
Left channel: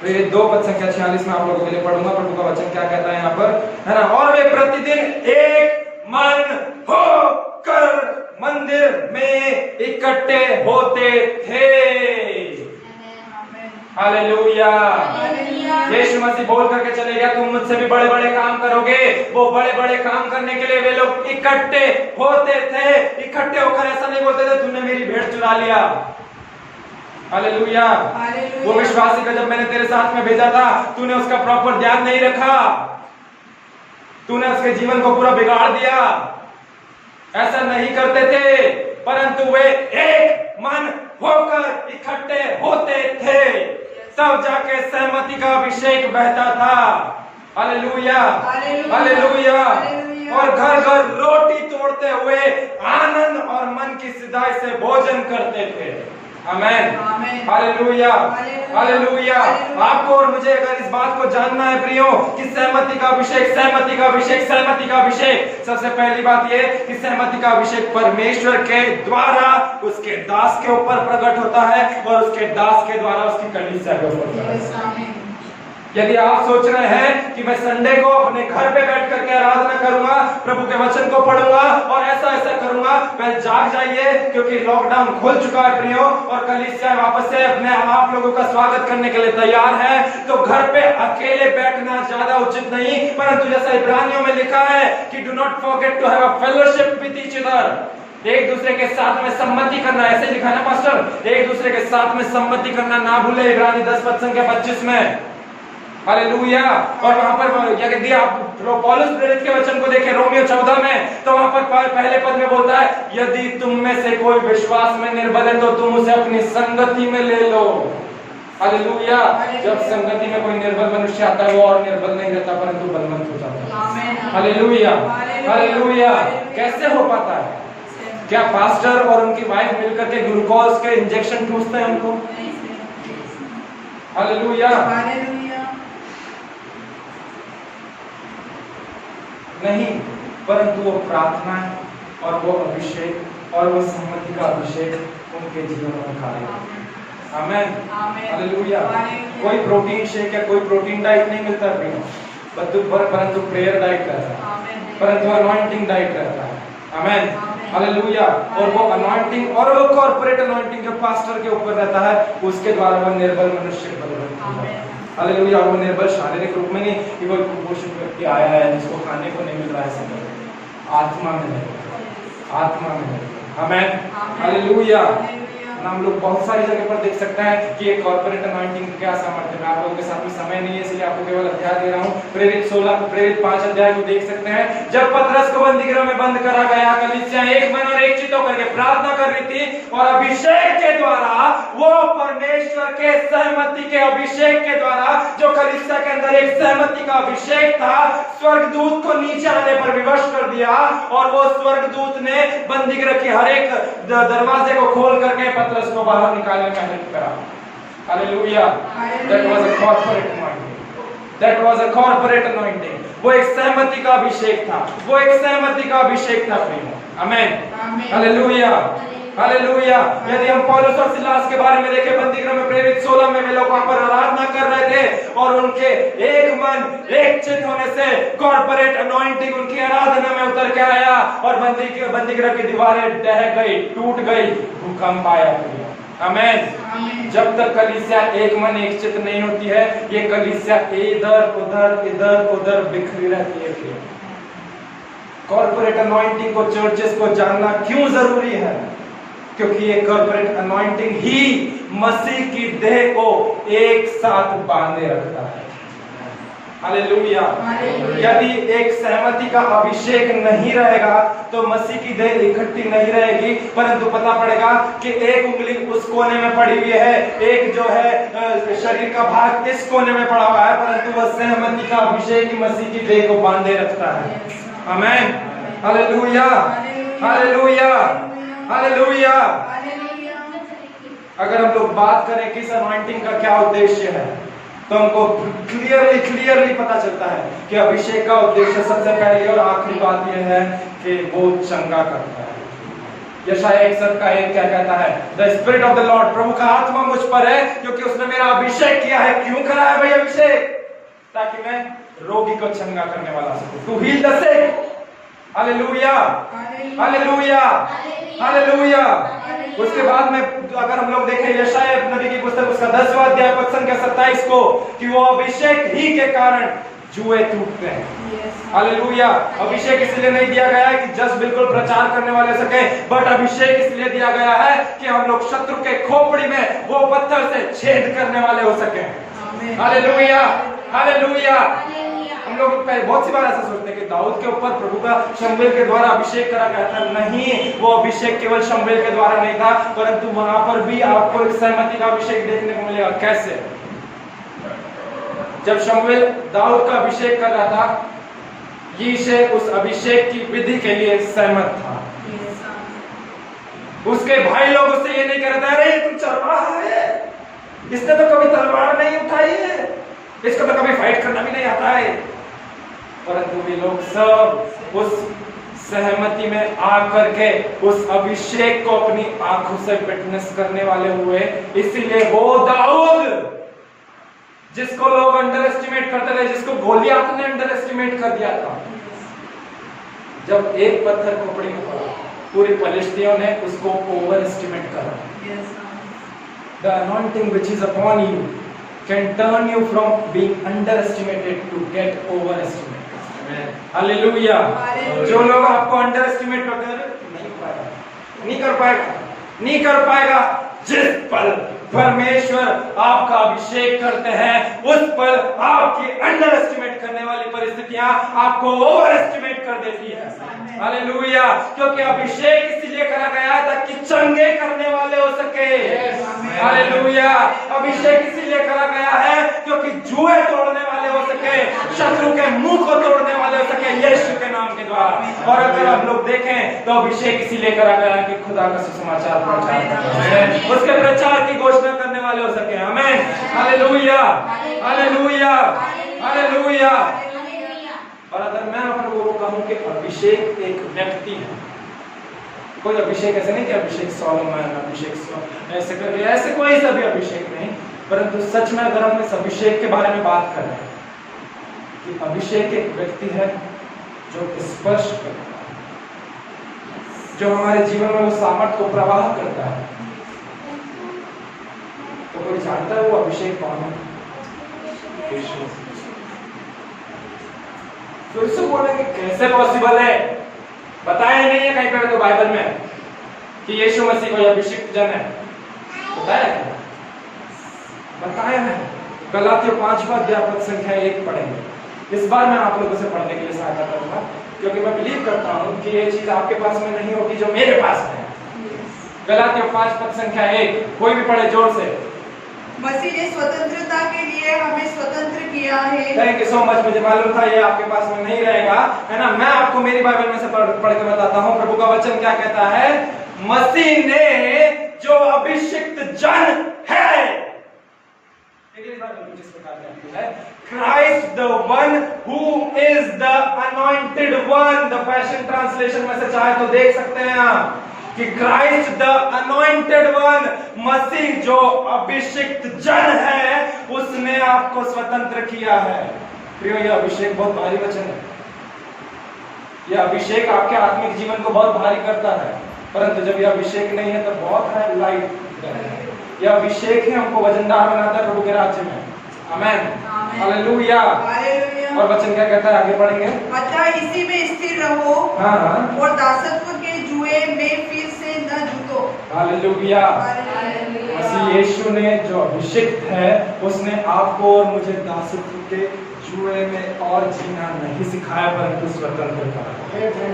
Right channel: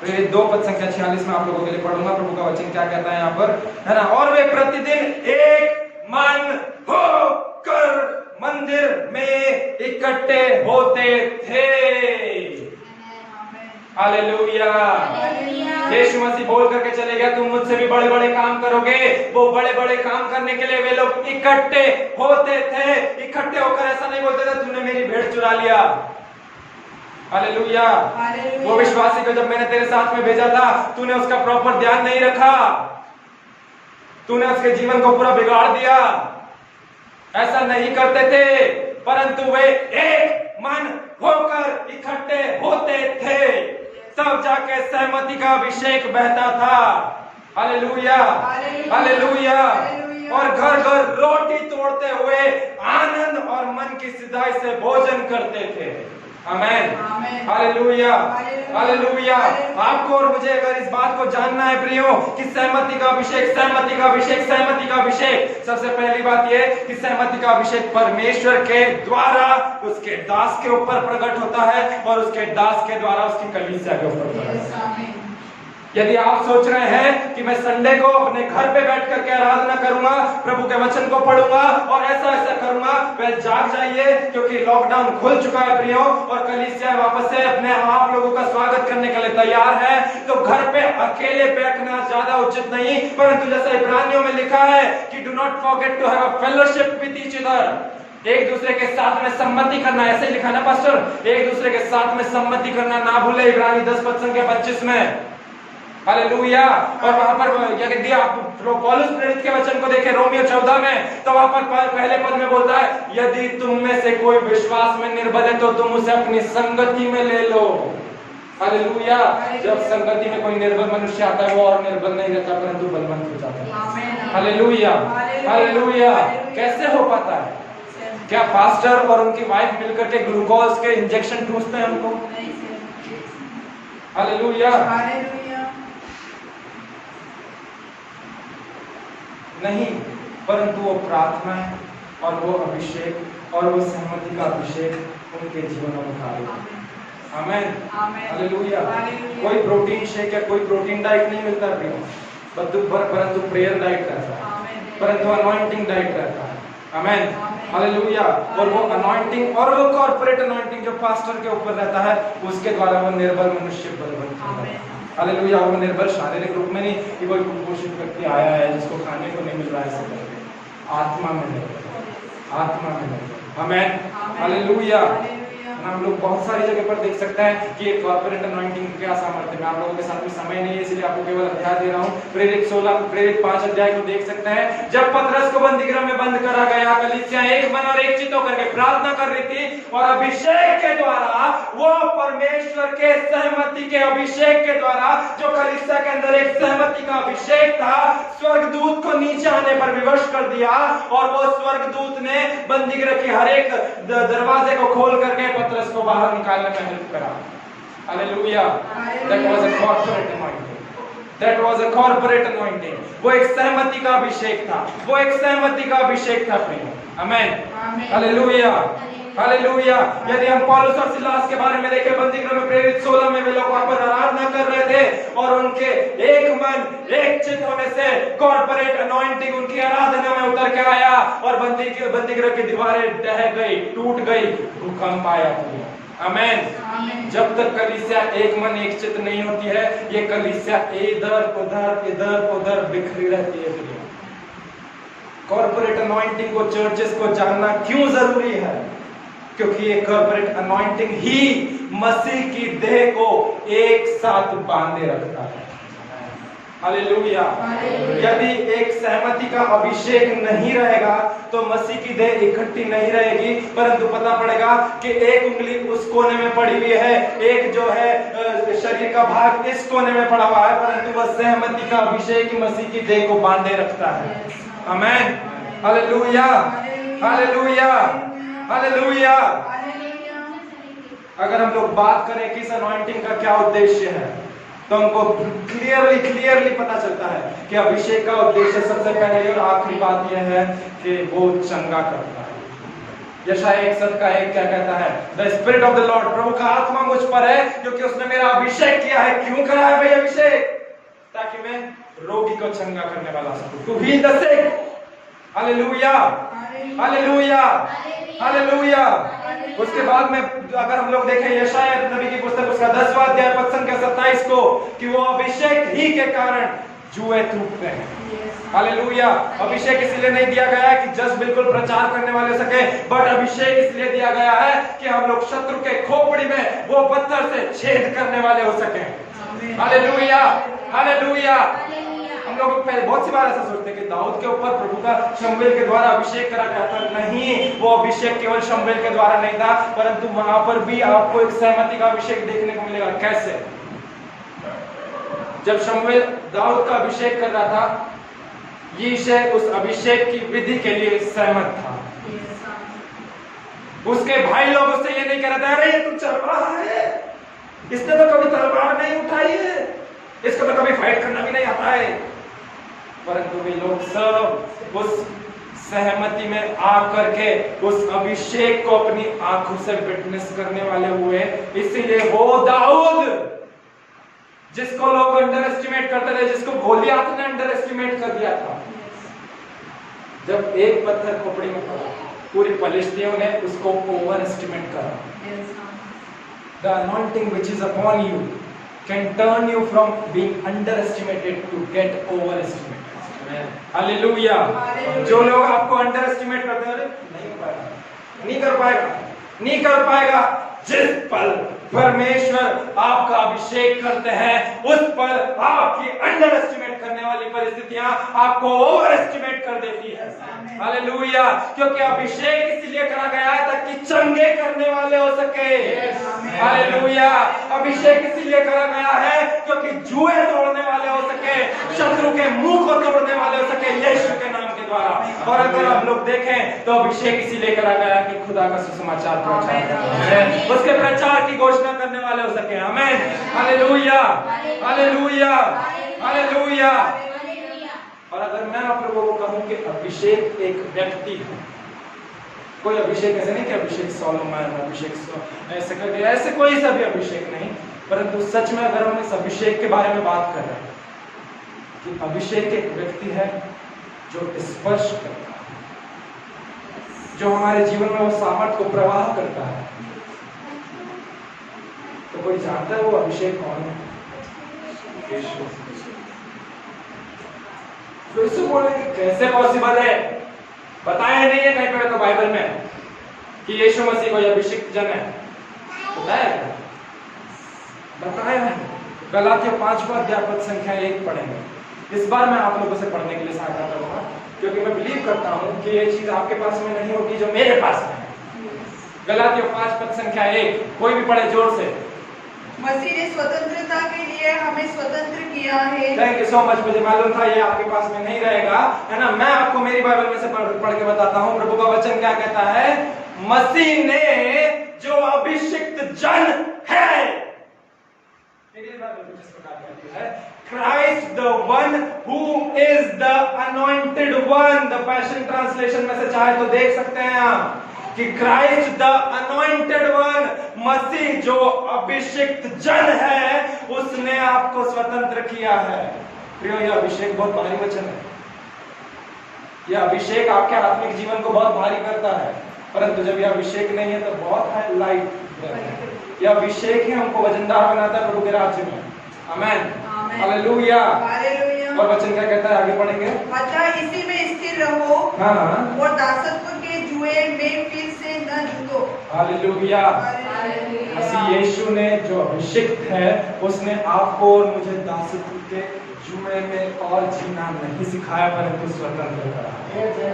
प्रेरित 2 पद संख्या 46 में आप लोगों के लिए पढ़ूंगा। प्रभु का वचन क्या कहता है यहाँ पर, है ना? और वे प्रतिदिन एक मन होकर मंदिर में इकट्ठे होते थे। हालेलुया। यीशु मसीह बोल करके चले गया, तुम मुझसे भी बड़े बड़े काम करोगे। वो बड़े बड़े काम करने के लिए वे लोग इकट्ठे होते थे। इकट्ठे होकर ऐसा नहीं बोलते थे तुमने मेरी भेड़ चुरा लिया। हालेलुया। वो विश्वासी को जब मैंने तेरे साथ में भेजा था, तूने उसका प्रॉपर ध्यान नहीं रखा, तूने उसके जीवन को पूरा बिगाड़ दिया। ऐसा नहीं करते थे, परंतु वे एक मन होकर इकट्ठे होते थे, तब जाके सहमति का अभिषेक बहता था। Hallelujah, hallelujah. और घर घर रोटी तोड़ते हुए आनंद और मन की सिधाई से भोजन करते थे। आमेन, हालेलुया, हालेलुया। आपको और मुझे अगर इस बात को जानना है प्रियो कि सहमति का अभिषेक, सहमति का अभिषेक, सहमति का अभिषेक, सबसे पहली बात यह कि सहमति का अभिषेक परमेश्वर के द्वारा उसके दास के ऊपर प्रकट होता है और उसके दास के द्वारा उसकी कलीसिया के ऊपर। यदि आप सोच रहे हैं कि मैं संडे को अपने घर पे बैठ करके आराधना करूंगा, प्रभु के वचन को पढ़ूंगा और ऐसा ऐसा करूंगा, वह जाग जाइए, क्योंकि लॉकडाउन खुल चुका है प्रियो, और कलीसिया वापस से अपने आप लोगों का स्वागत करने के लिए तैयार है। तो घर पे अकेले बैठना ज्यादा उचित नहीं, परंतु जैसा इब्रानियों में लिखा है कि do not forget to have a fellowship with each other, एक दूसरे के साथ में सम्मति करना, ऐसे लिखा ना पास्टर, एक दूसरे के साथ में सम्मति करना ना भूले, इब्रानी 10:25 में। हालेलुया। और वहां पर क्या कहती है, आप पौलुस प्रेरित के वचन को देखें रोमियो 14 में, तो वहां पर पहले पद में बोलता है, यदि तुम में से कोई विश्वास में निर्बल है तो तुम उसे अपनी संगति में ले लो। हालेलुया। जब संगति में कोई निर्बल मनुष्य आता है, वो और निर्बल नहीं रहता परंतु बलवंत हो जाता है। Hallelujah, hallelujah. कैसे हो पाता है? क्या पास्टर और उनकी वाइफ मिलकर के ग्लूकोज के इंजेक्शन ठूसते हैं उनको? हालेलुया, नहीं, परंतु वो प्रार्थना है और वो अभिषेक और वो सहमति का अभिषेक उनके जीवन में कार्य है। आमेन, हालेलुया। कोई प्रोटीन शेक या कोई प्रोटीन डाइट नहीं मिलता परंतु प्रेयर डाइट रहता है, परंतु अनॉइंटिंग डाइट रहता है। आमेन, हालेलुया। और वो अनॉइंटिंग और वो कॉर्पोरेट अनॉइंटिंग जो पास्टर के ऊपर रहता है, उसके द्वारा वो निर्बल मनुष्य बलवंत होता है। हालेलुया। वो निर्बल शारीरिक रूप में नहीं कि कोई कुपोषित व्यक्ति आया है जिसको खाने को नहीं मिल रहा है, सब आत्मा में, आत्मा में। आमेन, हालेलुया। हम लोग बहुत सारी जगह पर देख सकते हैं कि एक कॉर्पोरेट अनॉइंटिंग क्या सामर्थ्य है। आप लोगों के साथ में समय नहीं है, इसलिए आपको केवल अध्याय दे रहा हूं। प्रेरित 5 अध्याय को देख सकते हैं। जब पतरस को बंदीगृह में बंद करा गया, कलीसिया एक मन और एक चित्त होकर के प्रार्थना कर रही थी, और अभिषेक के द्वारा, वो परमेश्वर के सहमति के अभिषेक के द्वारा, जो कलीसिया के अंदर एक सहमति का अभिषेक था, स्वर्गदूत को नीचे आने पर विवश कर दिया, और वो स्वर्गदूत ने बंदीगृह के हर एक दरवाजे को खोल करके पतरस को बाहर निकालने में हेल्प करा। Hallelujah. That was a corporate anointing. That was a corporate anointing. वो एक सहमति का अभिषेक था, वो एक सहमति का अभिषेक था प्रिय। आमेन, हालेलुया, हालेलुया। यदि हम पौलुस और सिलास के बारे में देखें, बंदीगृह में प्रेरित 16 में वे लोग वहां पर आराधना कर रहे थे, और उनके एक मन एक चित्त होने से कॉर्पोरेट अनॉइंटिंग उनकी आराधना में उतर के आया, और बंदीगृह की दीवारें ढह गई, टूट गई, भूकंप आया। आमेन। जब तक कलीसिया एक मन एक चित्त नहीं होती है, ये कलीसिया इधर उधर बिखरी रहती है। कॉर्पोरेट अनॉइंटिंग को, चर्चेस को जानना क्यों जरूरी है? क्योंकि ये कॉर्पोरेट अनॉइंटिंग ही मसीह की देह को एक साथ बांधे रखता है। हालेलुया। यदि एक सहमति का अभिषेक नहीं रहेगा तो मसीह की देह इकट्ठी नहीं रहेगी, परंतु पता पड़ेगा कि एक उंगली उस कोने में पड़ी हुई है, एक जो है शरीर का भाग इस कोने में पड़ा हुआ है, परंतु वह सहमति का अभिषेक ही मसीह की देह को बांधे रखता है। आमेन, हालेलुया, हालेलुया, हालेलुया। अगर हम लोग बात करें किस अनॉइंटिंग का क्या उद्देश्य है, तो हमको क्लियरली पता चलता है कि अभिषेक का उद्देश्य सबसे पहले और आखिरी बात यह है कि वो चंगा करता है। यशायाह 61:1 क्या कहता है? The spirit of the Lord, प्रभु का आत्मा मुझ पर है, क्योंकि उसने मेरा अभिषेक किया है। क्यों करा है भाई अभिषेक? ताकि मैं रोगी को चंगा करने वाला सकूं, to heal the sick. Hallelujah, hallelujah, hallelujah. उसके बाद में अगर हम लोग देखें यशायाह नबी की पुस्तक, उसका 10वां अध्याय 27 को, कि वो अभिषेक ही के कारण जुए टूटते हैं। हालेलुया। अभिषेक इसलिए नहीं दिया गया है कि जस्ट बिल्कुल प्रचार करने वाले सके, बट अभिषेक इसलिए दिया गया है कि हम लोग शत्रु के खोपड़ी में वो पत्थर से छेद करने वाले हो सके। Hallelujah, hallelujah. हम लोग बहुत सी बार ऐसा सोचते हैं कि दाऊद के ऊपर प्रभु का शमूएल के द्वारा अभिषेक करा गया था। नहीं, वो अभिषेक केवल शमूएल के द्वारा नहीं था, परंतु वहां पर भी आपको एक सहमति का अभिषेक देखने को मिलेगा। कैसे? जब शमूएल दाऊद का अभिषेक कर रहा था, यीशे उस अभिषेक की विधि के लिए सहमत था। उसके भाई लोग उससे ये नहीं कह रहे थे, अरे तुम चरवाहा है, इसने तो कभी तलवार नहीं उठाई है, इसको तो कभी फाइट करना भी नहीं आता है। परंतु वे लोग सब उस सहमति में आकर के उस अभिषेक को अपनी आंखों से विटनेस करने वाले हुए। इसीलिए वो दाऊद जिसको लोग अंडर एस्टिमेट करते थे जिसको गोलियात ने अंडर एस्टिमेट कर दिया था। जब एक पत्थर खोपड़ी में पड़ा, पूरे फलिस्तियों ने उसको ओवर एस्टिमेट करा। The anointing which is upon you can turn you from being underestimated to get overestimated. Amen. Hallelujah. जो लोग आपको अंडर एस्टिमेट करते हैं, नहीं हो पाएगा, नहीं कर पाएगा, नहीं कर पाएगा। जिस पल परमेश्वर आपका अभिषेक करते हैं, उस पल आपकी अंडर एस्टिमेट करने वाली परिस्थितियां आपको ओवर एस्टिमेट कर देती है। हालेलुया। क्योंकि अभिषेक इसीलिए करा गया ताकि चंगे करने वाले हो सके। हालेलुया। अभिषेक इसीलिए करा गया है क्योंकि जुए तोड़ने वाले हो सके, शत्रु के मुंह को तोड़ने वाले हो सके यीशु के नाम के द्वारा। और अगर आप लोग देखें तो अभिषेक इसीलिए करा गया है कि खुदा का सुसमाचार प्रचार, उसके प्रचार की घोषणा करने वाले हो सके। आमीन। Hallelujah, hallelujah, hallelujah. और अगर मैं आप लोगों को कहूं कि अभिषेक एक व्यक्ति है, कोई अभिषेक ऐसे नहीं कि अभिषेक सोलोमन, अभिषेक ऐसे कर दिया, ऐसे कोई सा भी अभिषेक नहीं, परंतु सच में अगर हम इस अभिषेक के बारे में बात कर रहे हैं कि अभिषेक एक व्यक्ति है जो स्पर्श करता है, जो हमारे जीवन में वो सामर्थ को प्रवाह करता है। तो कोई जानता है वो अभिषेक कौन है? तो इसको बोलेंगे कैसे पॉसिबल है? बताया नहीं है कहीं पे तो बाइबल में कि यीशु मसीह कोई अभिषिक्त जन है, बताया क्या? बताया है। गलातियों 5 संख्या 1 पढ़ेंगे। इस बार मैं आप लोगों से पढ़ने के लिए सहायता करूंगा क्योंकि मैं बिलीव करता हूं कि ये चीज आपके पास में नहीं होगी जो मेरे पास है। गलातियों 5 संख्या 1, कोई भी पढ़े जोर से। मसीह ने स्वतंत्रता के लिए हमें स्वतंत्र किया है। Thank you so much. मुझे मालूम था ये आपके पास में नहीं रहेगा, है ना। मैं आपको मेरी बाइबल में से पढ़ के बताता हूँ। प्रभु का वचन क्या कहता है? मसीह ने जो अभिषिक्त जन है, इंग्लिश बाइबल कुछ इस प्रकार कहती है, Christ the one who is the anointed one। The passion translation में से चाहे तो देख सकते हैं आप कि क्राइस्ट द अनॉइंटेड वन, मसीह जो अभिषिक्त जन है, उसने आपको स्वतंत्र किया है। प्रियो, यह अभिषेक बहुत भारी वचन है। यह अभिषेक आपके आत्मिक जीवन को बहुत भारी करता है, परंतु जब यह अभिषेक नहीं है तो बहुत है लाइट। यह अभिषेक ही हमको वजनदार बनाता है प्रभु के राज्य में। आमेन, हालेलुया, हालेलुया। और वचन क्या कहता है? आगे पढ़ेंगे। अतः इसी में स्थिर रहो, हाँ, और दासत्व के जुए में फिर से न जूतो। हालेलुया। मसीह यीशु ने जो अभिषिक्त है, उसने आपको और मुझे दासत्व के जुए में और जीना नहीं सिखाया, परंतु स्वतंत्र करा।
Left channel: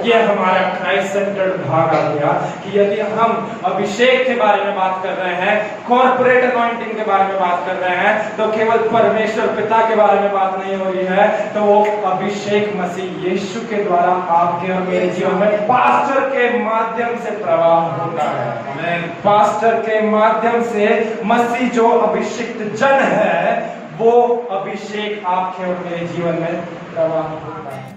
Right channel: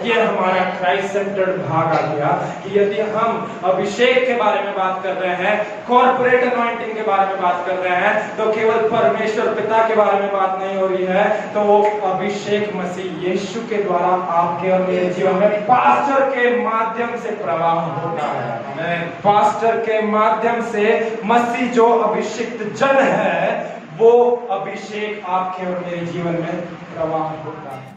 यह हमारा क्राइस्ट सेंटर्ड भाग आ गया कि यदि हम अभिषेक के बारे में बात कर रहे हैं, कॉर्पोरेट अनॉइंटिंग के बारे में बात कर रहे हैं, तो केवल परमेश्वर पिता के बारे में बात नहीं हो रही है, तो वो अभिषेक मसीह यीशु के द्वारा आपके और मेरे जीवन में पास्टर के माध्यम से प्रवाह होता है। पास्टर के माध्यम से मसीह जो अभिषिक्त जन है, वो अभिषेक आपके और मेरे जीवन में प्रवाह होता है।